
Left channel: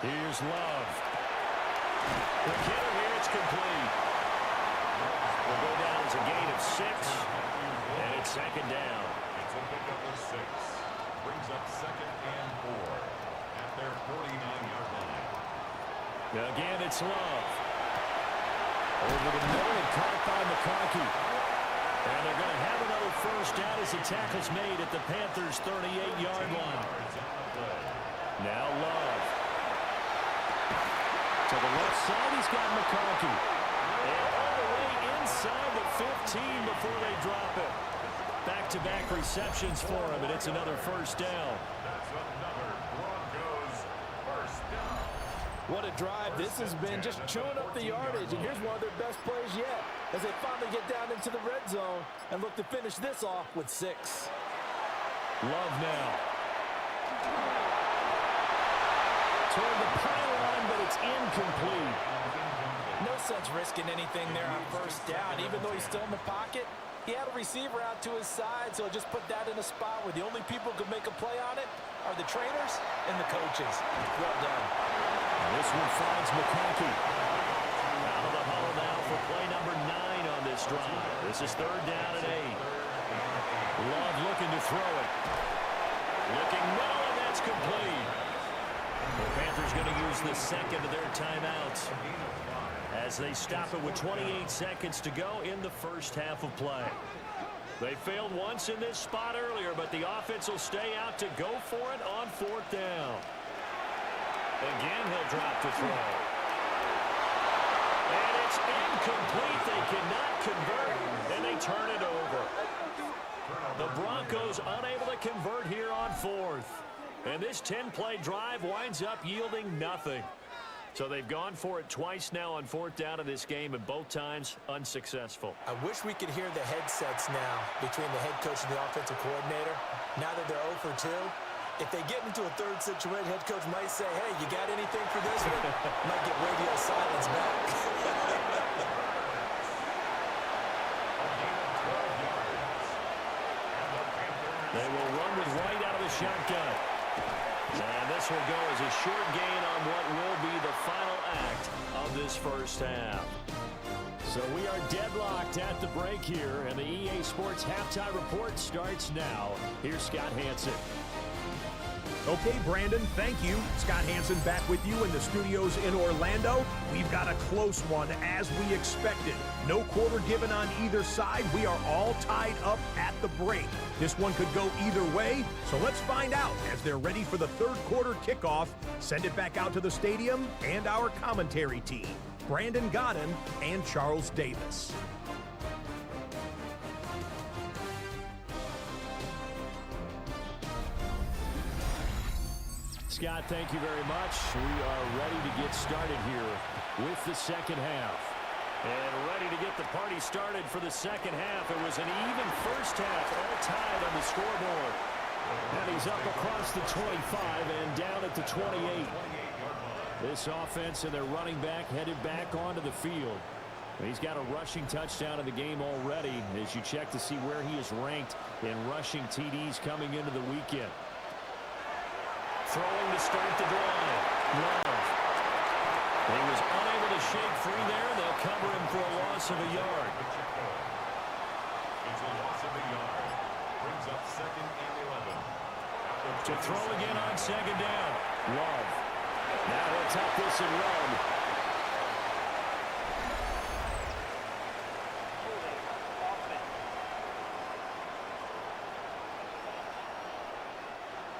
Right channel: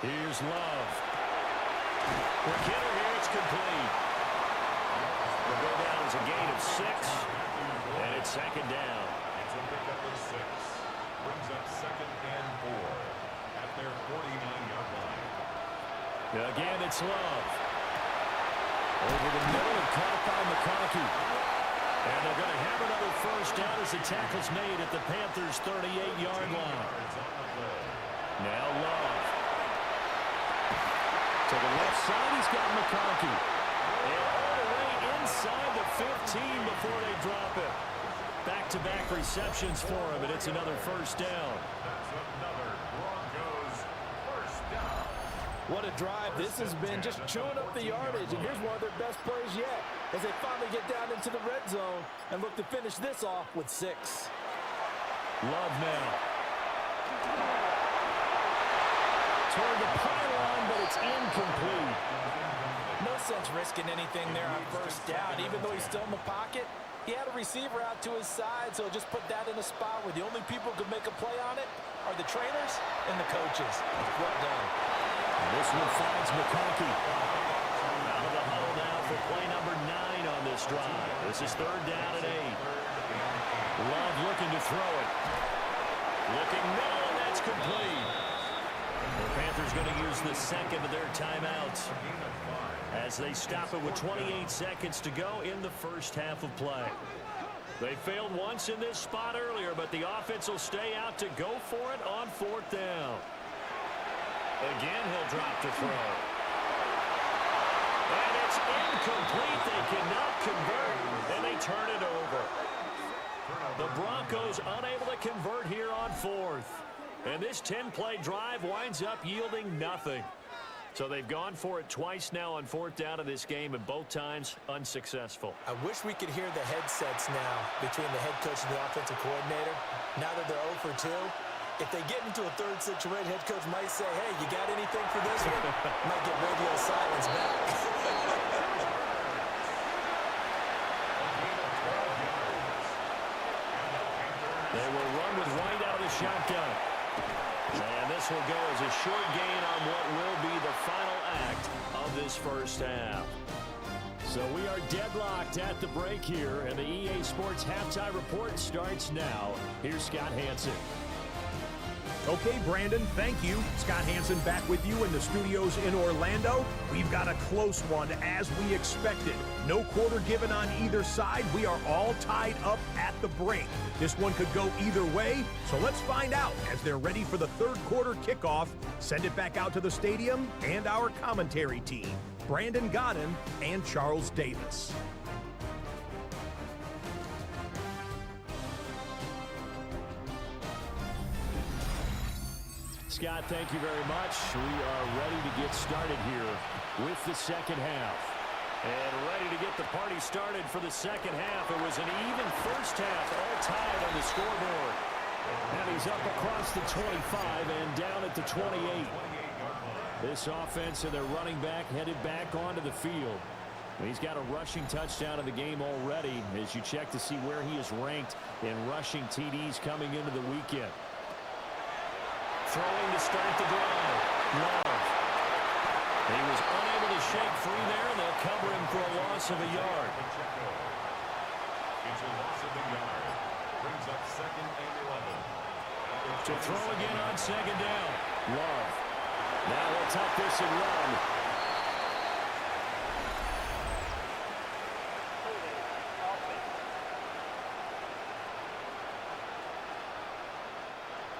Here's Love. The hitter here, it's complete. Will go down as a gain of 6, and it's 2nd down. It's a pickup of 6. Brings up 2nd and 4 at their 49-yard line. Again, it's Love. Over the middle and caught by McConkey. And they're going to have another first down as the tackle's made at the Panthers' 38-yard line. Now Love. To the left side, he's got McConkey. And all the way inside the 15 before they drop it. Back-to-back receptions for him, and it's another first down. That's another Broncos first down. What a drive this has been, just chewing up the yardage. And here's one of their best plays yet as they finally get down into the red zone and look to finish this off with 6. Love now. Toward the pylon, but it's incomplete. No sense risking anything there on first down. Even though he's still in the pocket, he had a receiver out to his side, so just put that in a spot where the only people who could make a play on it are the trainers and the coaches. Well done. And this one finds McConkey. Out of the huddle now for play number 9 on this drive. This is 3rd down and 8. Love looking to throw it. Looking middle, and that's complete. The Panthers going to use the 2nd of their timeouts as they stop it with 28 seconds to go in the first half of play. They failed once in this spot earlier, but the offense will stay out to go for it on 4th down. Again, he'll drop to throw. And it's incomplete. They cannot convert, and they turn it over. The Broncos unable to convert here on 4th. And this 10-play drive winds up yielding nothing. So they've gone for it twice now on 4th down in this game, and both times unsuccessful. I wish we could hear the headsets now between the head coach and the offensive coordinator. Now that they're 0 for 2, if they get into a 3rd situation, head coach might say, hey, you got anything for this one? Might get radio silence back. They will run with White out of the shotgun. And this will go as a short gain on what will be the final act of this first half. So we are deadlocked at the break here, and the EA Sports Halftime Report starts now. Here's Scott Hanson. Okay, Brandon, thank you. Scott Hanson back with you in the studios in Orlando. We've got a close one, as we expected. No quarter given on either side. We are all tied up at the break. This one could go either way, so let's find out as they're ready for the third quarter kickoff. Send it back out to the stadium and our commentary team, Brandon Godden and Charles Davis. Scott, thank you very much. We are ready to get started here with the second half. And ready to get the party started for the second half. It was an even first half, all tied on the scoreboard. And he's up across the 25 and down at the 28. This offense and their running back headed back onto the field. He's got a rushing touchdown in the game already as you check to see where he is ranked in rushing TDs coming into the weekend. Throwing to start the drive. Love. He was unable to shake free there. They'll cover him for a loss of a yard. It's a loss of a yard. Brings up 2nd and 11. To throw again on second down. Love. Now he'll tuck this and run.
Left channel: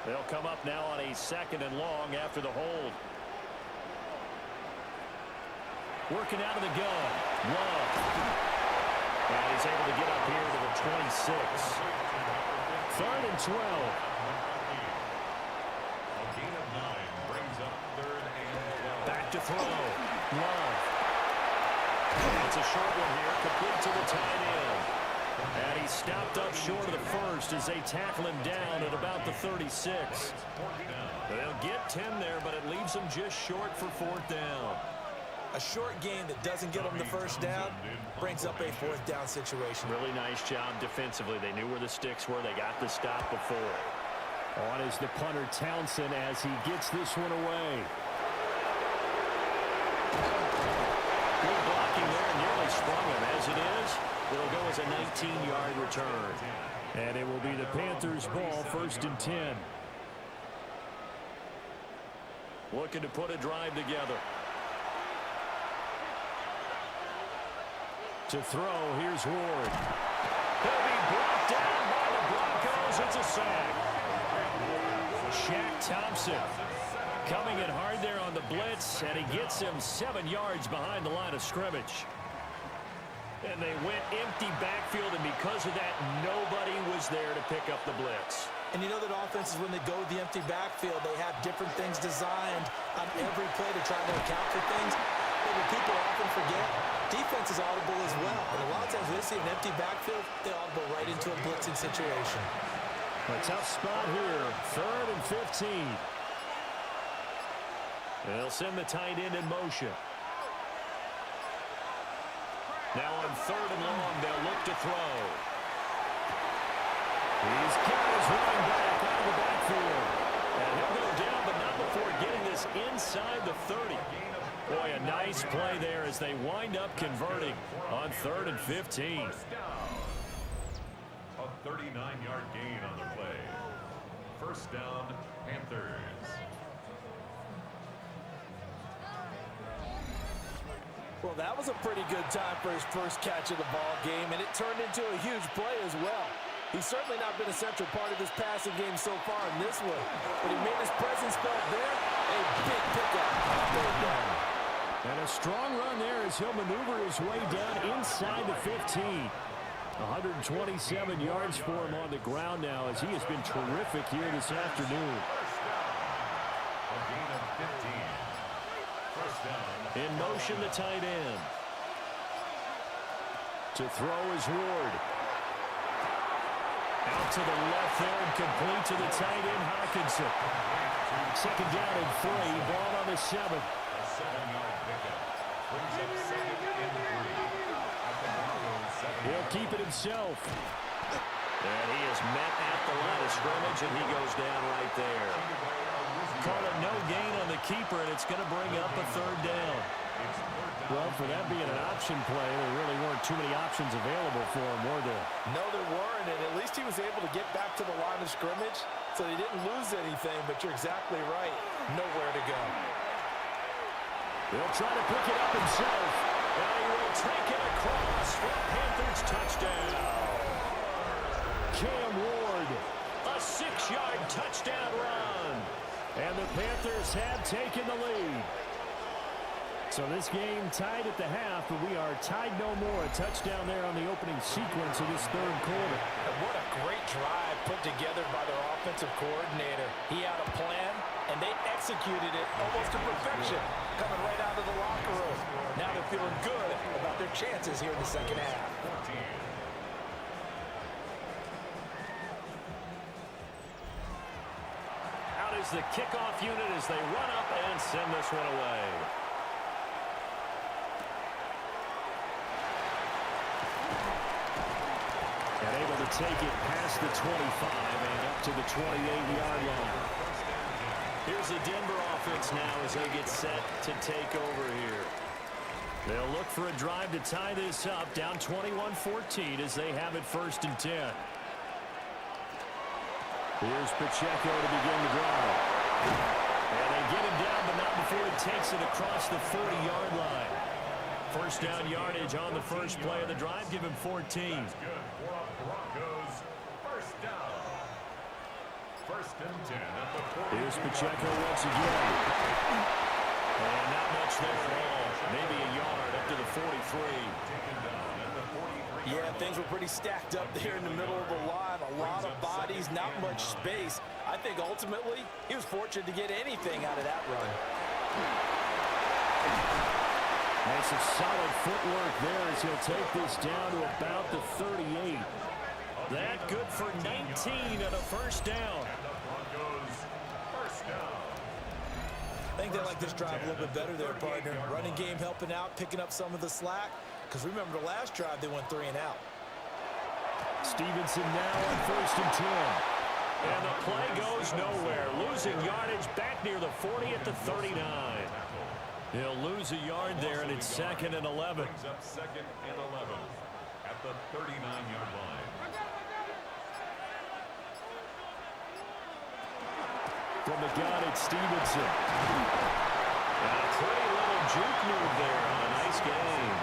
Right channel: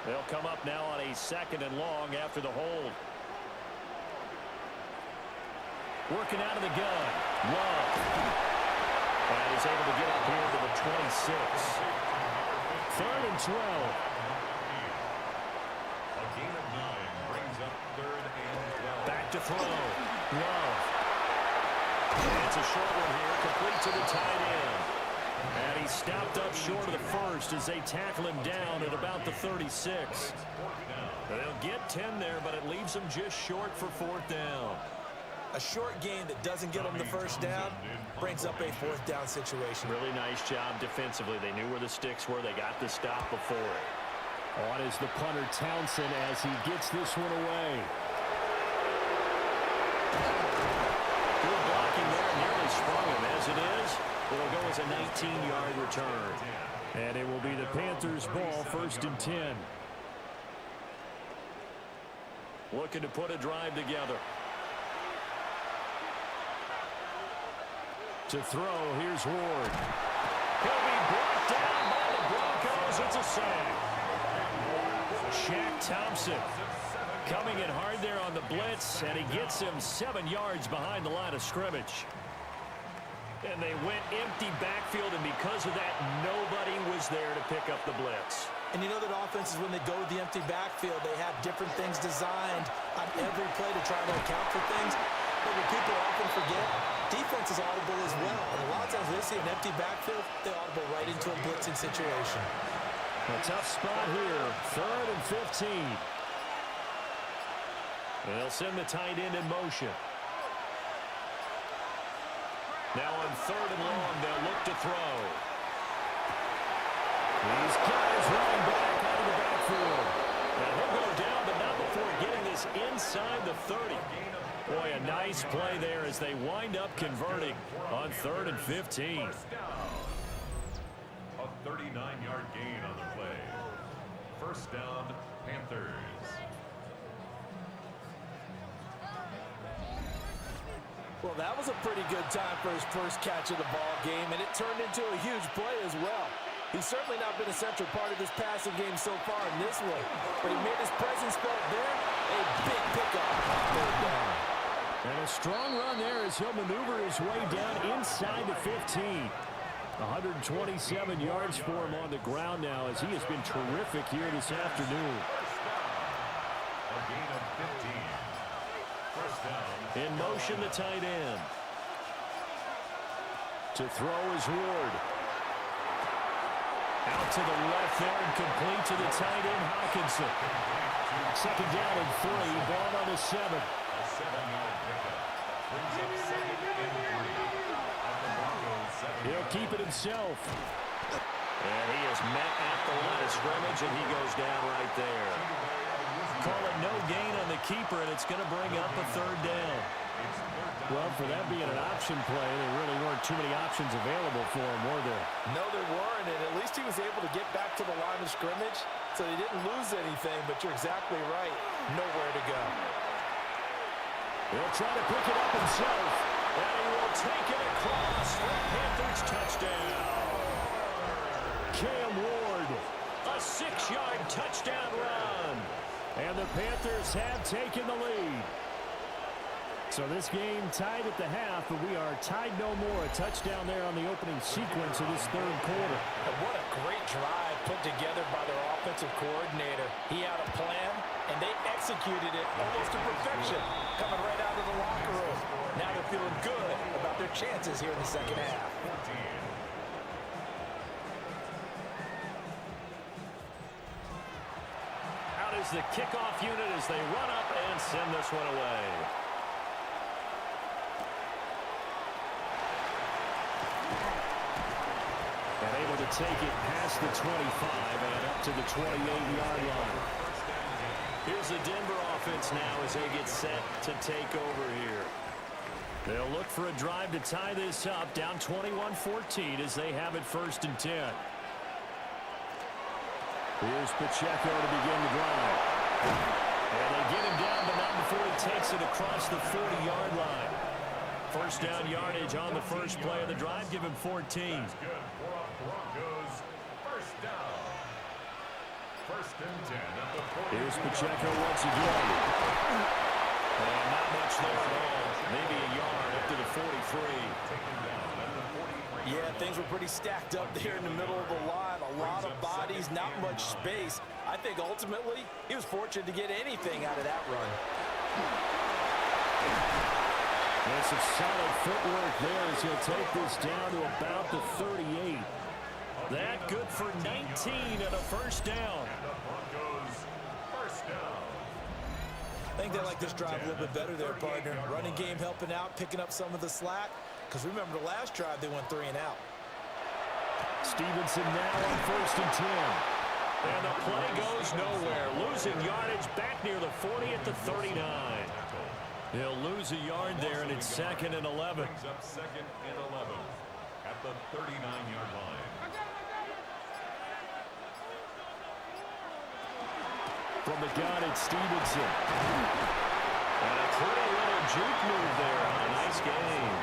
They'll come up now on a 2nd and long after the hold. Working out of the gun. Love. And he's able to get up here to the 26. 3rd and 12. A gain of 9 brings up 3rd and 12. Back to throw. Love. And it's a short one here, complete to the tight end. And he stopped up short of the first as they tackle him down at about the 36. They'll get 10 there, but it leaves them just short for 4th down. A short gain that doesn't get them the first down brings up a 4th down situation. Really nice job defensively. They knew where the sticks were. They got the stop before it. On is the punter Townsend as he gets this one away. Good blocking there. Nearly sprung him. As it is, it'll go as a 19-yard return. And it will be the Panthers' ball, 1st and 10. Looking to put a drive together. To throw, here's Ward. He'll be brought down by the Broncos. It's a sack. Shaq Thompson coming in hard there on the blitz, and he gets him 7 yards behind the line of scrimmage. And they went empty backfield, and because of that, nobody was there to pick up the blitz. And you know that offenses, when they go with the empty backfield, they have different things designed on every play to try to account for things. But what people often forget, defense is audible as well. And a lot of times when they see an empty backfield, they audible right into a blitzing situation. A tough spot here. 3rd and 15. They'll send the tight end in motion. Now on 3rd and long, they'll look to throw. He's got his running back out of the backfield. And he'll go down, but not before getting this inside the 30. Boy, a nice play there as they wind up converting on 3rd and 15. A 39-yard gain on the play. 1st down, Panthers. Well, that was a pretty good time for his first catch of the ball game, and it turned into a huge play as well. He's certainly not been a central part of this passing game so far in this one, but he made his presence felt there. A big pickup on 3rd down. And a strong run there as he'll maneuver his way down inside the 15. 127 yards for him on the ground now as he has been terrific here this afternoon. A gain of 15. 1st down. In motion, the tight end. To throw is Ward. Out to the left there and complete to the tight end, Hawkinson. 2nd down and 3. Ball on the 7. A 7-yard pickup. Brings up 2nd and 3. At the Broncos 7. He'll keep it himself. And he is met at the line of scrimmage, and he goes down right there. Call it no gain on the keeper, and it's going to bring up a third down. Well, for that being an option play, there really weren't too many options available for him, were there? No, there weren't, and at least he was able to get back to the line of scrimmage, so he didn't lose anything, but you're exactly right. Nowhere to go. He'll try to pick it up himself, and he will take it across for a Panthers touchdown. Cam Ward, a 6-yard touchdown run. And the Panthers have taken the lead. So this game tied at the half, but we are tied no more. A touchdown there on the opening sequence of this third quarter. And what a great drive put together by their offensive coordinator. He had a plan, and they executed it almost to perfection, coming right out of the locker room. Now they're feeling good about their chances here in the second half. Out is the kickoff unit as they run up and send this one away. And able to take it past the 25 and up to the 28-yard line. Here's the Denver offense now as they get set to take over here. They'll look for a drive to tie this up, down 21-14 as they have it 1st and 10. Here's Pacheco to begin the drive. And they get him down, but not before he takes it across the 40-yard line. First down yardage on the first play of the drive. Give him 14. That's good for a Broncos first down. 1st and 10 at the 40. Here's Pacheco once again. And not much there at all. Maybe a yard up to the 43. Taken down at the 43. Yeah, things were pretty stacked up there in the middle of the line. A lot of bodies, not much space. I think ultimately he was fortunate to get anything out of that run. And some solid footwork there as he'll take this down to about the 38. That good for 19 and a first down. And the Broncos first down. I think they like this drive a little bit better there, partner. Running game helping out, picking up some of the slack. Because remember the last drive, they went 3 and out. Stevenson now on 1st and 10. And the play goes nowhere. Losing yardage back near the 40 at the 39. He'll lose a yard there, and it's 2nd and 11. Brings up 2nd and 11 at the 39-yard line. From the gun, it's Stevenson. And a pretty little juke move there on a nice game.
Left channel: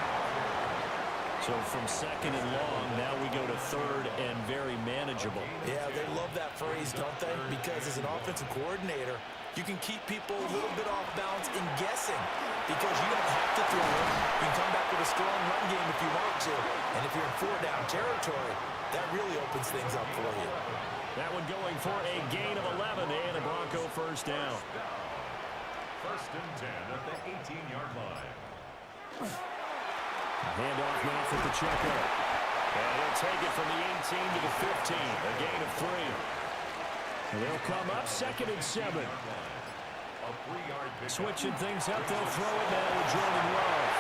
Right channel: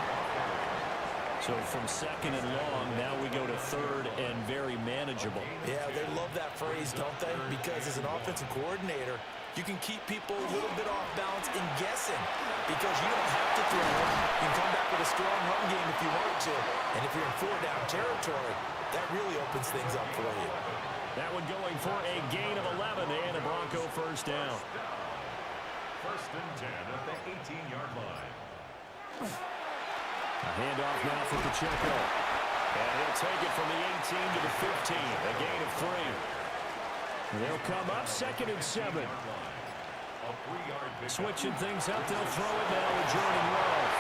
So from 2nd and long, now we go to 3rd and very manageable. Yeah, they love that phrase, don't they? Because as an offensive coordinator, you can keep people a little bit off balance in guessing because you don't have to throw them. You can come back with a strong run game if you want to. And if you're in 4-down territory, that really opens things up for you. That one going for a gain of 11 and a Bronco first down. 1st and 10 at the 18-yard line. A handoff now for Pacheco. And he'll take it from the 18 to the 15, a gain of 3. They'll come up 2nd and 7. Switching things up, they'll throw it now with Jordan Love.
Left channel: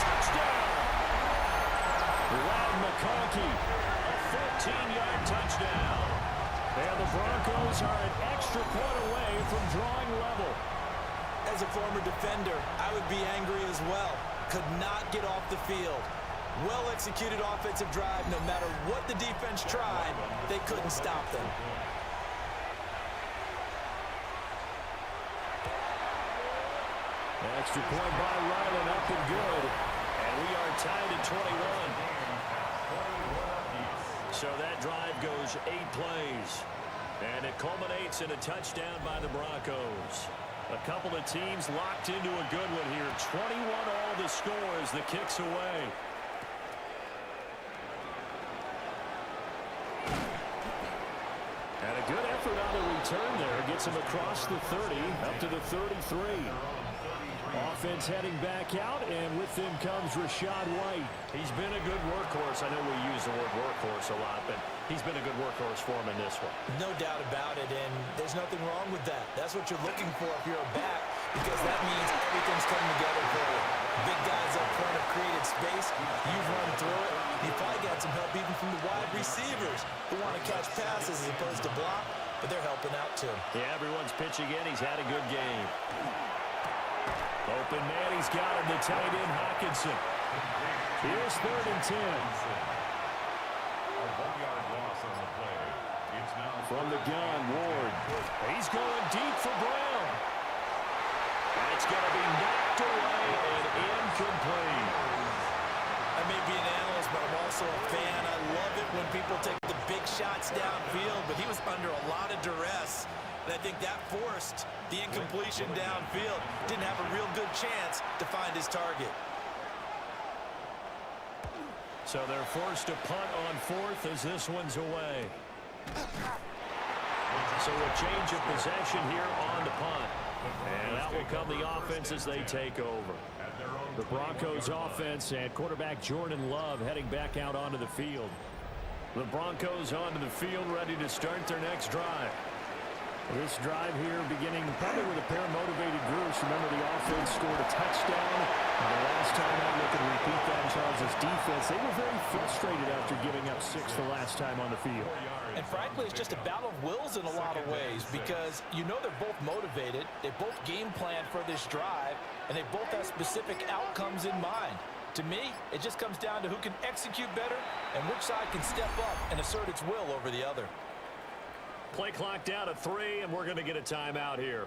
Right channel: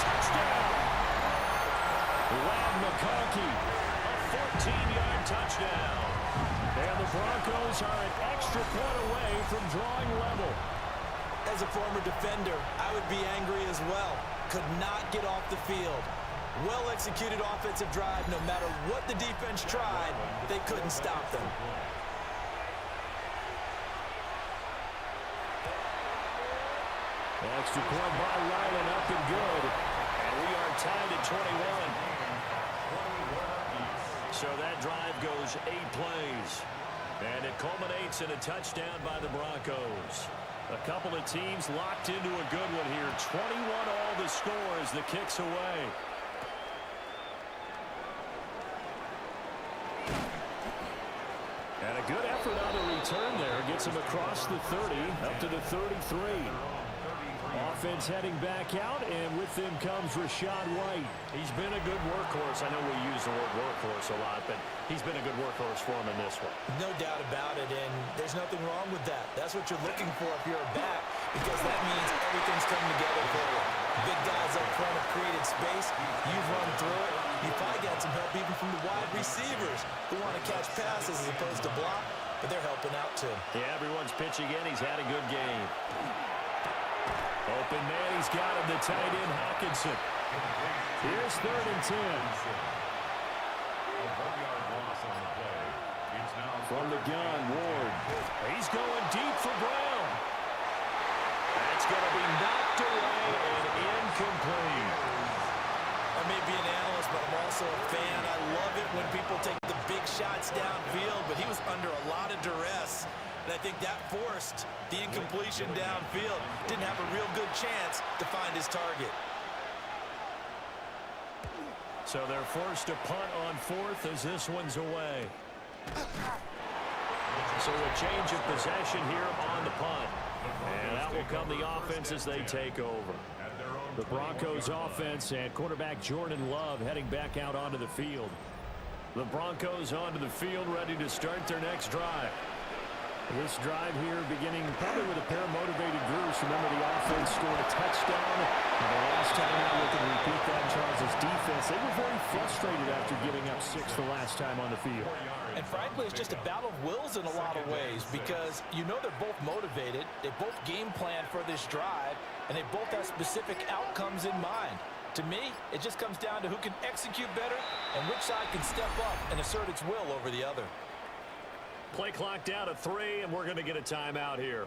Touchdown! Loud McConkey, a 14-yard touchdown. And the Broncos are an extra point away from drawing level. As a former defender, I would be angry as well. Could not get off the field. Well-executed offensive drive. No matter what the defense tried, they couldn't stop them. Extra point by Ryland, up and good. And we are tied at 21. So that drive goes 8 plays. And it culminates in a touchdown by the Broncos. A couple of teams locked into a good one here. 21 all the score as the kick's away. And a good effort on the return there. Gets him across the 30, up to the 33. Offense heading back out, and with them comes Rachaad White. He's been a good workhorse. I know we use the word workhorse a lot, but he's been a good workhorse for him in this one. No doubt about it, and there's nothing wrong with that. That's what you're looking for if you're a back, because that means everything's coming together for you. Big guys up front have created space. You've run through it. You probably got some help even from the wide receivers who want to catch passes as opposed to block, but they're helping out too. Yeah, everyone's pitching in. He's had a good game. Open man, he's got him, the tight end, Hawkinson. Here's 3rd and 10. A 1-yard loss on the play. It's now from the gun, Ward. He's going deep for Brown. That's going to be knocked away and incomplete. I may be an analyst, but I'm also a fan. I love it when people take the big shots downfield, but he was under a lot of duress. And I think that forced the incompletion downfield. Didn't have a real good chance to find his target. So they're forced to punt on 4th as this one's away. So a change of possession here on the punt. And that will come the offense as they take over. The Broncos offense and quarterback Jordan Love heading back out onto the field. The Broncos onto the field ready to start their next drive. This drive here beginning probably with a pair of motivated groups. Remember, the offense scored a touchdown. And the last time out, look and repeat that, Charles' defense. They were very frustrated after giving up 6 the last time on the field. And frankly, it's just a battle of wills in a lot of ways because you know they're both motivated. They both game plan for this drive, and they both have specific outcomes in mind. To me, it just comes down to who can execute better and which side can step up and assert its will over the other. Play clock down to 3, and we're going to get a timeout here.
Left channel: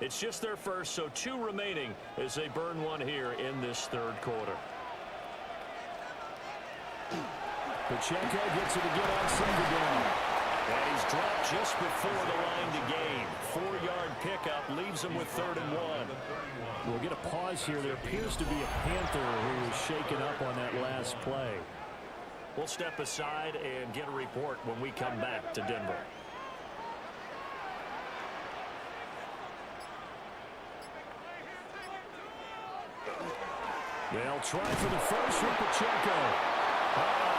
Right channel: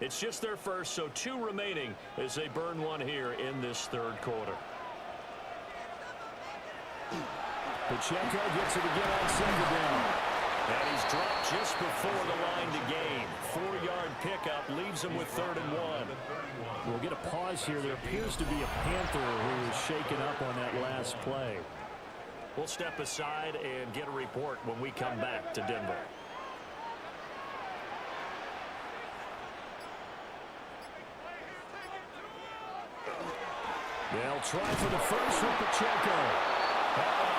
It's just their first, so 2 remaining as they burn one here in this 3rd quarter. Pacheco gets it again on 2nd down. And he's dropped just before the line to gain. 4-yard pickup leaves him with 3rd and 1. We'll get a pause here. There appears to be a Panther who is shaken up on that last play. We'll step aside and get a report when we come back to Denver. They'll try for the first with Pacheco.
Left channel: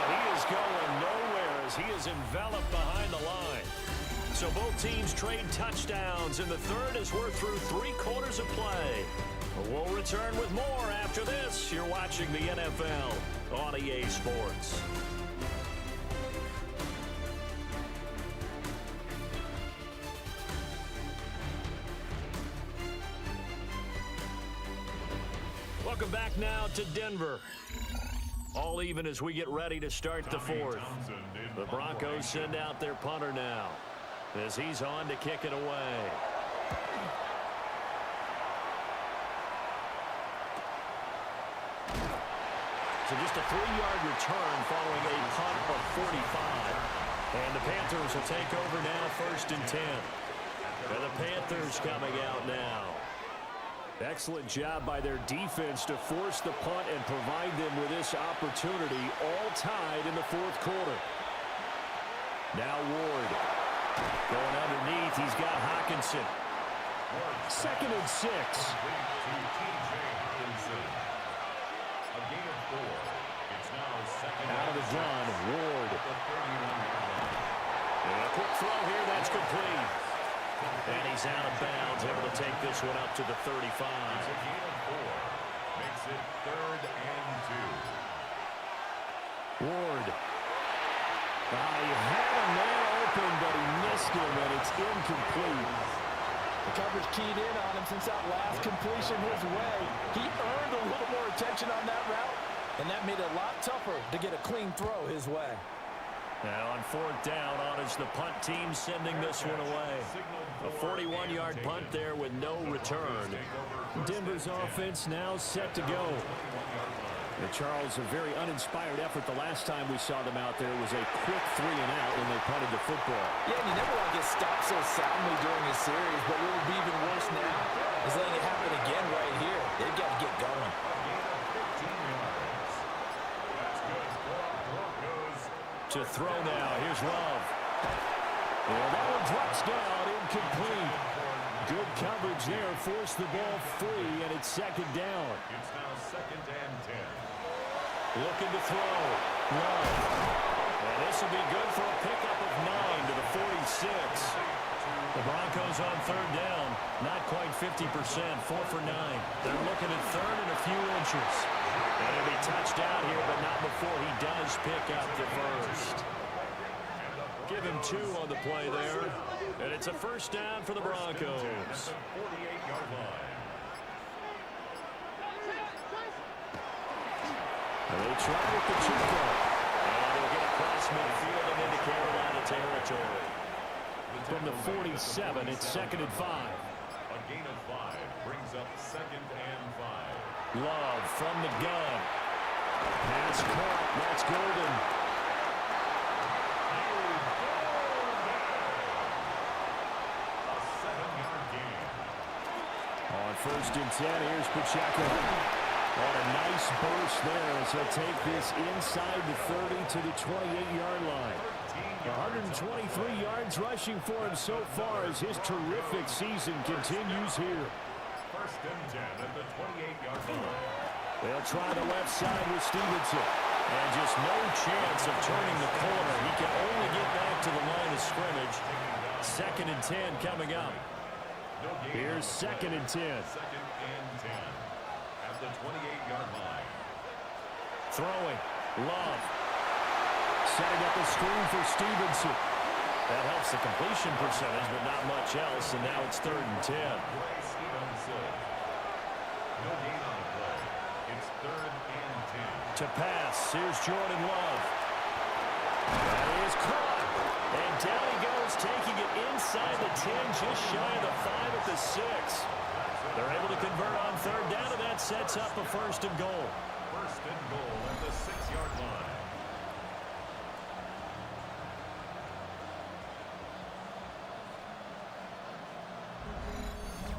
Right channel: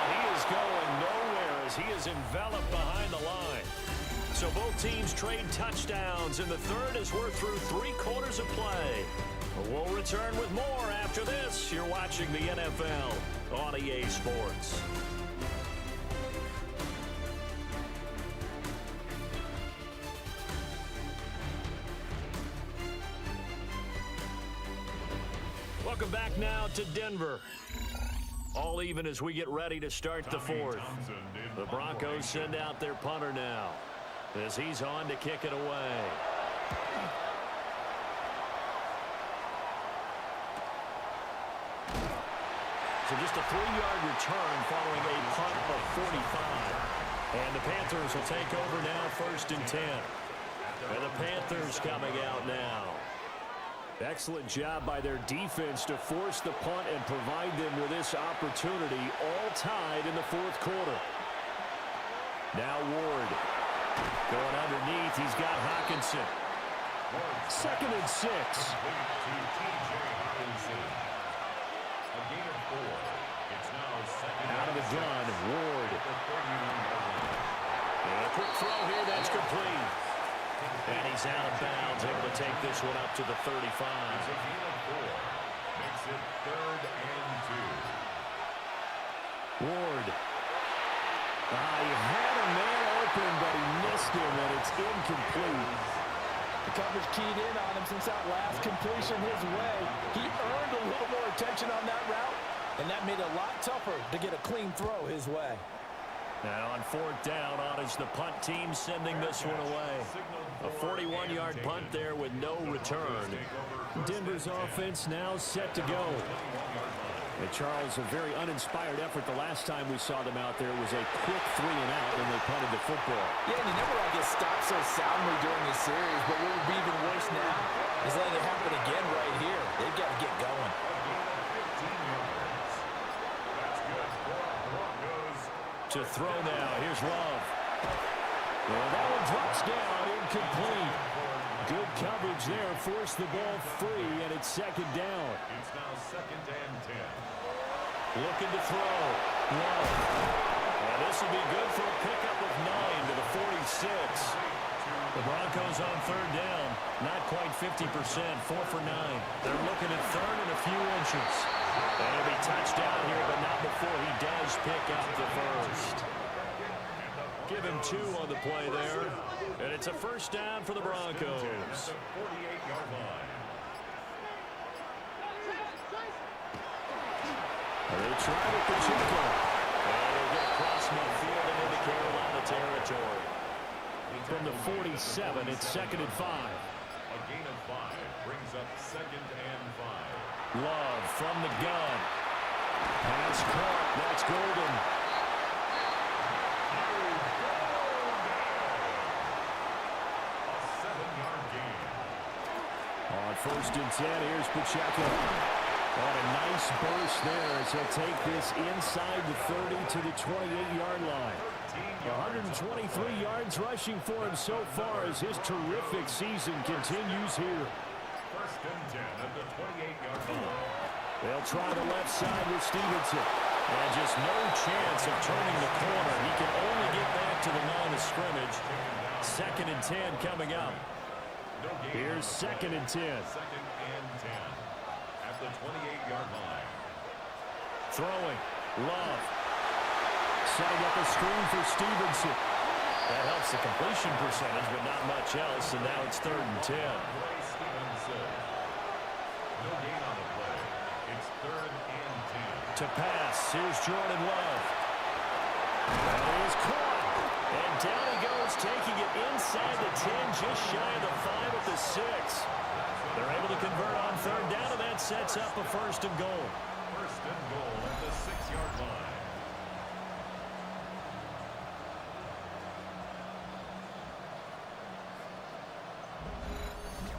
He is going nowhere as he is enveloped behind the line. So both teams trade touchdowns in the 3rd as we're through 3 quarters of play. We'll return with more after this. You're watching the NFL on EA Sports. Welcome back now to Denver. All even as we get ready to start the 4th. The Broncos send out their punter now as he's on to kick it away. So just a 3-yard return following a punt of 45. And the Panthers will take over now 1st and 10. And the Panthers coming out now. Excellent job by their defense to force the punt and provide them with this opportunity, all tied in the 4th quarter. Now Ward going underneath. He's got Hawkinson. 2nd and 6. Out of the gun, Ward. And a quick throw here, that's complete. And he's out of bounds, able to take this one up to the 35. It's a gain of 4. Makes it 3rd and 2. Ward. He had a man open, but he missed him, and it's incomplete. The coverage keyed in on him since that last completion his way. He earned a little more attention on that route, and that made it a lot tougher to get a clean throw his way. Now on 4th down, on is the punt team sending this one away. A 41-yard punt there with no return. Denver's offense now set to go. And Charles, a very uninspired effort the last time we saw them out there. It was a quick 3-and-out when they punted the football. Yeah, and you never want to get stopped so soundly during a series, but what would be even worse now is letting it happen again right here. They've got to get going. To throw now. Here's Love. Yeah, that one drops down, incomplete. Good coverage there, forced the ball free, and it's 2nd down. It's now 2nd and 10. Looking to throw. Love. And this will be good for a pickup of 9 to the 46. The Broncos on 3rd down. Not quite 50%, 4 for 9. They're looking at 3rd and a few inches. And it'll be touchdown here, but not before he does pick up the first. Give him 2 on the play there. And it's a first down for the Broncos. 48-yard line. They try with Pacheco. And he'll get across midfield and into Carolina territory. From the 47, it's 2nd and 5. A gain of 5 brings up 2nd and 5. Love from the gun. Pass caught. That's Golden. A 7-yard gain. On 1st and 10, here's Pacheco. On a nice burst there as he'll take this inside the 30 to the 28-yard line. 123 yards rushing for him so far as his terrific season continues here. 1st and 10 at the 28-yard line. They'll try the left side with Stevenson. And just no chance of turning the corner. He can only get back to the line of scrimmage. 2nd and 10 coming up. Here's 2nd and 10. 2nd and 10 at the 28-yard line. Throwing. Love. Setting up a screen for Stevenson. That helps the completion percentage, but not much else. And now it's 3rd and 10. Gray Stevenson. No gain on the play. It's 3rd and 10. To pass. Here's Jordan Love. That is caught. And down he goes, taking it inside the 10, just shy of the 5 at the 6. They're able to convert on 3rd down, and that sets up a 1st and goal. 1st and goal at the 6-yard line.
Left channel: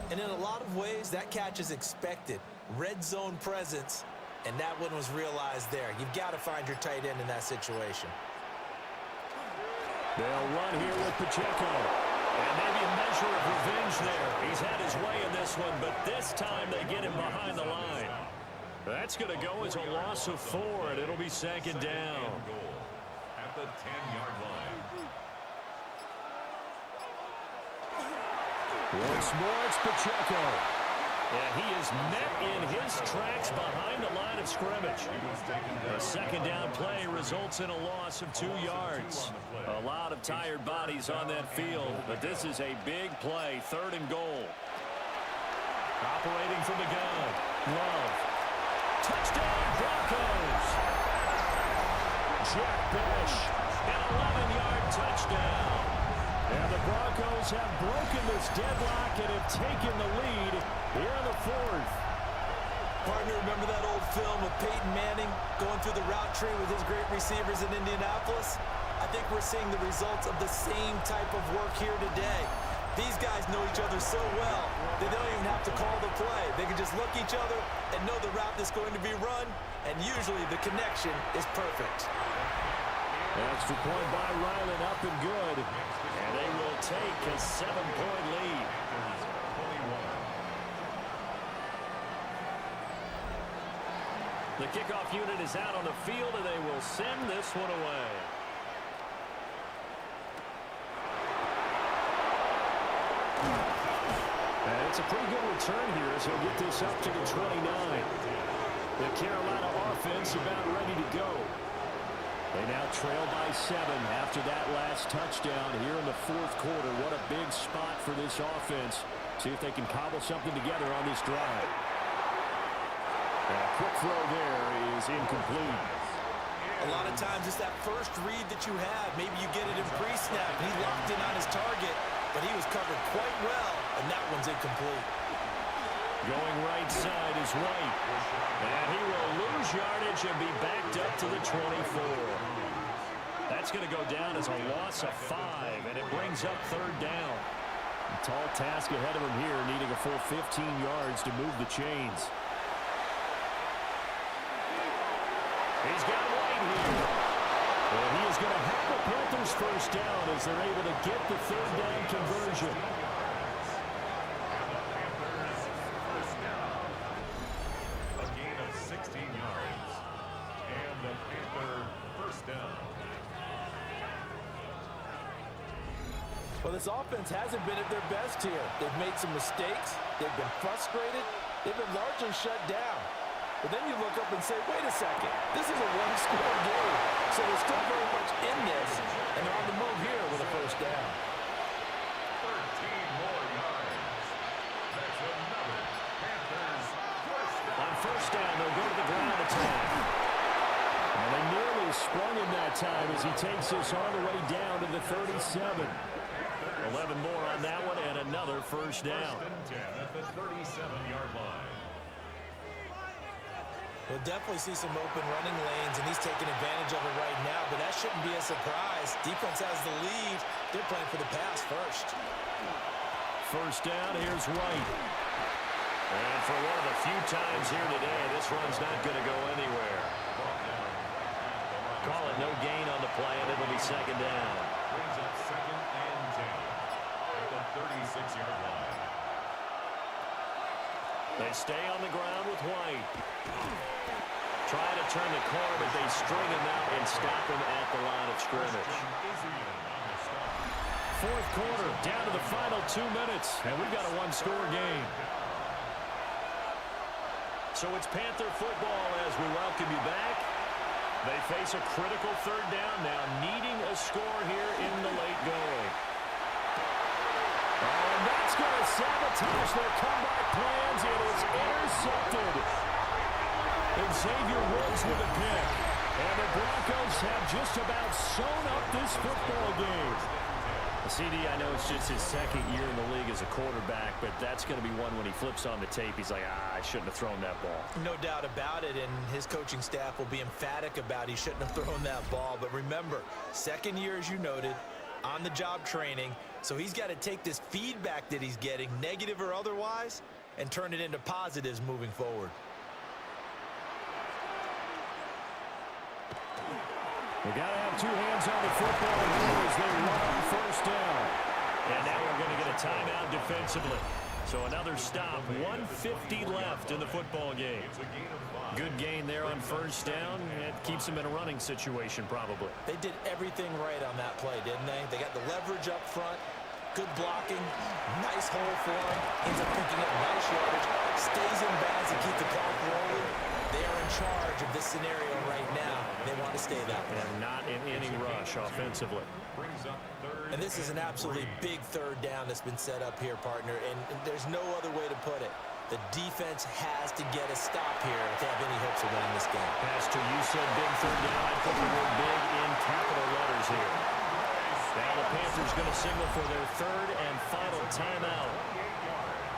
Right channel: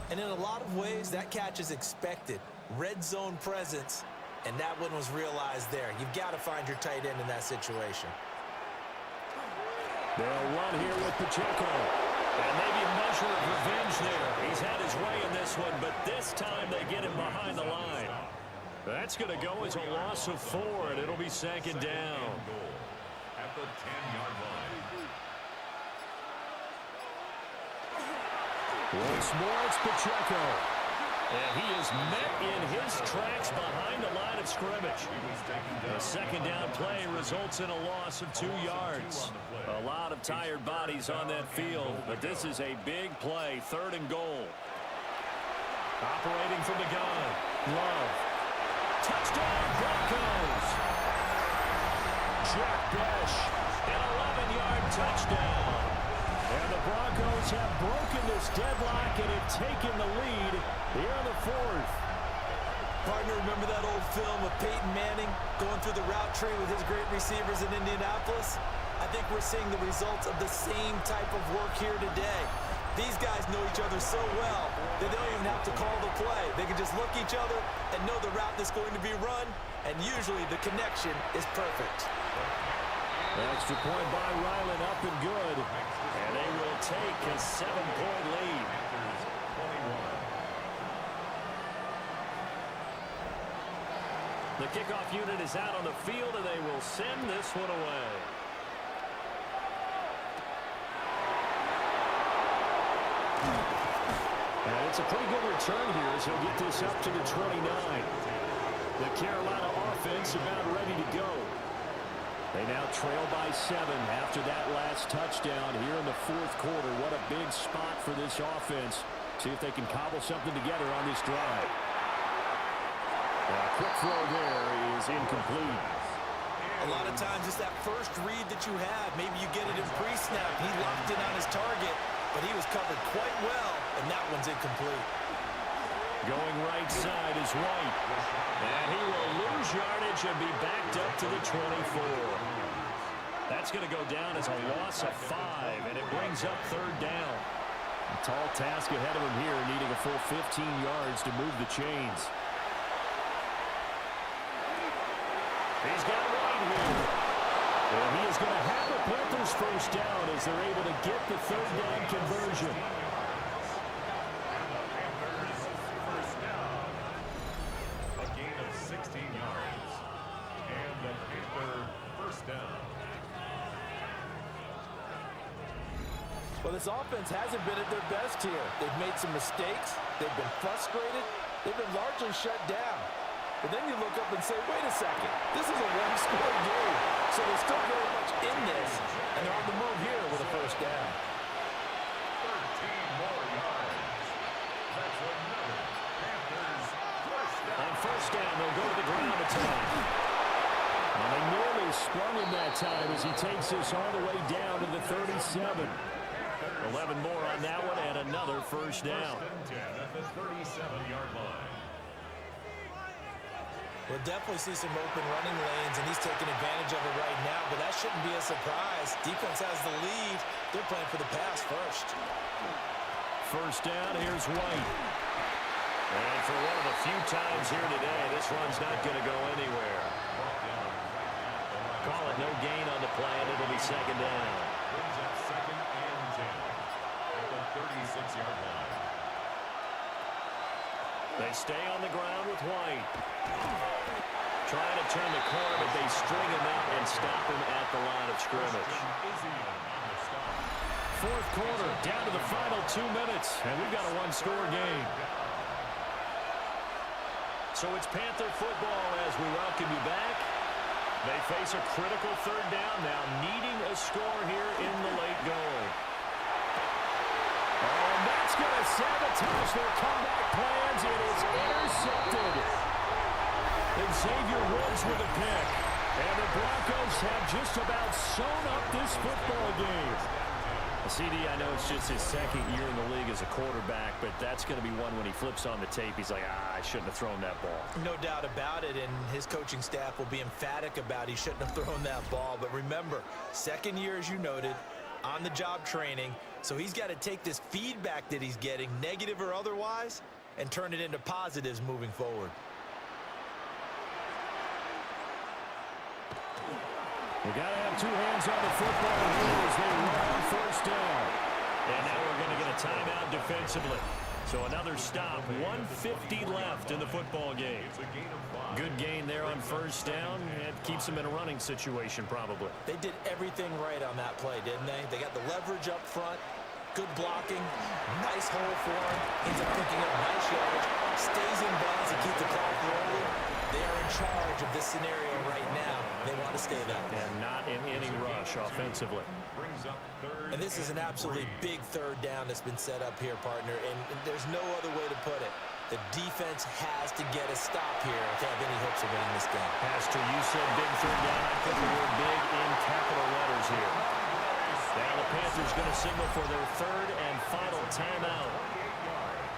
And in a lot of ways, that catch is expected. Red zone presence, and that one was realized there. You've got to find your tight end in that situation. They'll run here with Pacheco. And maybe a measure of revenge there. He's had his way in this one, but this time they get him behind the line. That's going to go as a loss of 4, and it'll be 2nd down. Goal at the 10-yard line. Once more, it's Pacheco. And he is met in his tracks behind the line of scrimmage. A 2nd down play results in a loss of 2 yards. A lot of tired bodies on that field, but this is a big play, 3rd and goal. Operating from the gun, Love. Touchdown, Broncos! Jack Besh, an 11-yard touchdown. And the Broncos have broken this deadlock and have taken the lead here in the 4th. Partner, remember that old film of Peyton Manning going through the route tree with his great receivers in Indianapolis? I think we're seeing the results of the same type of work here today. These guys know each other so well that they don't even have to call the play. They can just look each other and know the route that's going to be run, and usually the connection is perfect. Extra point by Ryland, up and good. And they will take a 7-point lead. 21. The kickoff unit is out on the field, and they will send this one away. And it's a pretty good return here as he'll get this up to the 29. The Carolina offense about ready to go. They now trail by 7 after that last touchdown here in the 4th quarter. What a big spot for this offense. See if they can cobble something together on this drive. A quick throw there is incomplete. A lot of times it's that first read that you have. Maybe you get it in pre-snap. He locked in on his target, but he was covered quite well, and that one's incomplete. Going right side is White. And he will lose yardage and be backed up to the 24. That's going to go down as a loss of 5, and it brings up 3rd down. A tall task ahead of him here, needing a full 15 yards to move the chains. He's got White here. And he is going to have the Panthers first down as they're able to get the 3rd down conversion. A gain of 16 yards. And the Panther first down. Well, this offense hasn't been at their best here. They've made some mistakes. They've been frustrated. They've been largely shut down. But then you look up and say, wait a second, this is a one-score game. So they're still very much in this, and they're on the move here with a first down. 13 more yards. That's another Panthers first down. On first down, they'll go to the ground attack. And they nearly sprung him that time as he takes this all the way down to the 37. 11 more on that one and another first down. First and 10 at the 37-yard line. We'll definitely see some open running lanes, and he's taking advantage of it right now, but that shouldn't be a surprise. Defense has the lead. They're playing for the pass first. First down, here's White. And for one of the few times here today, this run's not going to go anywhere. Call it no gain on the play, and it'll be second down. Brings up second and 10 at the 36-yard line. They stay on the ground with White. Trying to turn the corner, but they string him out and stop him at the line of scrimmage. Fourth quarter, down to the final 2 minutes, and we've got a one-score game. So it's Panther football as we welcome you back. They face a critical third down now, needing a score here in the late going. Oh, and that's going to sabotage their comeback plans. It is intercepted. Xavier Woods with a pick. And the Broncos have just about sewn up this football game. CD, I know it's just his second year in the league as a quarterback, but that's going to be one when he flips on the tape. He's like, I shouldn't have thrown that ball. No doubt about it, and his coaching staff will be emphatic about he shouldn't have thrown that ball. But remember, second year, as you noted, on-the-job training, so he's got to take this feedback that he's getting, negative or otherwise, and turn it into positives moving forward. We got to have two hands on the football here as they run on first down. And now we're going to get a timeout defensively. So another stop, 1:50 left in the football game. Good gain there on first down. It keeps them in a running situation probably. They did everything right on that play, didn't they? They got the leverage up front, good blocking, nice hole for him, ends up picking up nice yardage, stays in bounds to keep the clock rolling. They are in charge of this scenario right now. They want to stay that way. And not in any rush offensively. And this is an absolutely big third down that's been set up here, partner, and there's no other way to put it. The defense has to get a stop here if they have any hopes of winning this game. Pastor, you said big third down. I'd put the word big in capital letters here. Now the Panthers going to signal for their third and final timeout.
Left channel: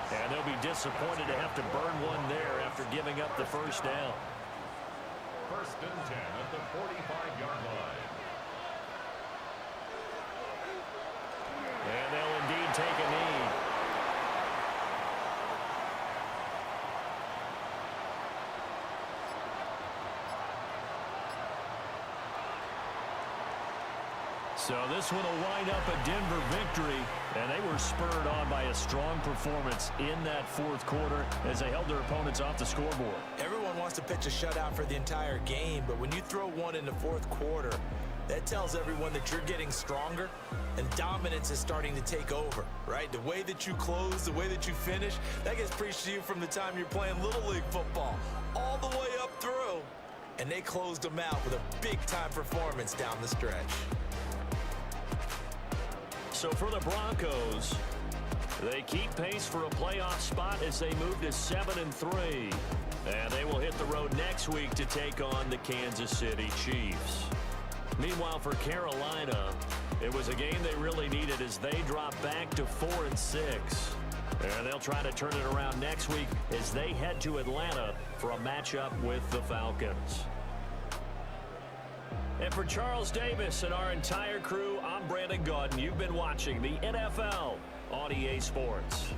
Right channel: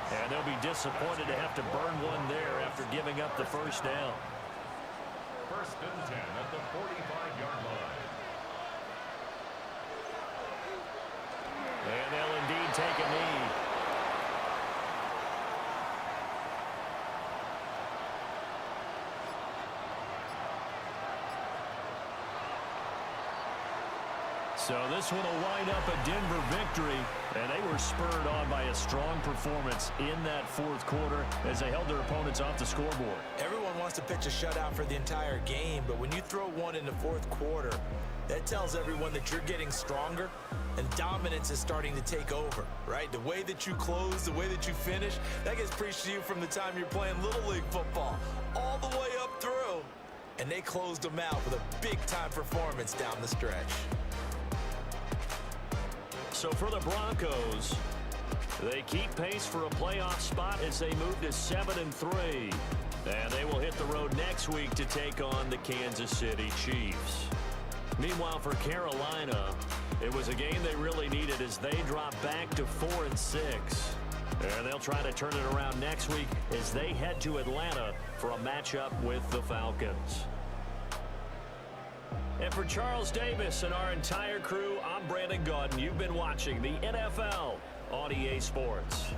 And they'll be disappointed to have to burn one there after giving up the first down. First and 10 at the 45-yard line. And they'll indeed take a knee. So this one will wind up a Denver victory, and they were spurred on by a strong performance in that fourth quarter as they held their opponents off the scoreboard. Everyone wants to pitch a shutout for the entire game, but when you throw one in the fourth quarter, that tells everyone that you're getting stronger and dominance is starting to take over, right? The way that you close, the way that you finish, that gets preached to you from the time you're playing Little League football all the way up through. And they closed them out with a big-time performance down the stretch. So for the Broncos, they keep pace for a playoff spot as they move to 7-3. And they will hit the road next week to take on the Kansas City Chiefs. Meanwhile, for Carolina, it was a game they really needed as they drop back to 4-6. And they'll try to turn it around next week as they head to Atlanta for a matchup with the Falcons. And for Charles Davis and our entire crew, I'm Brandon Gaudin. You've been watching the NFL on EA Sports.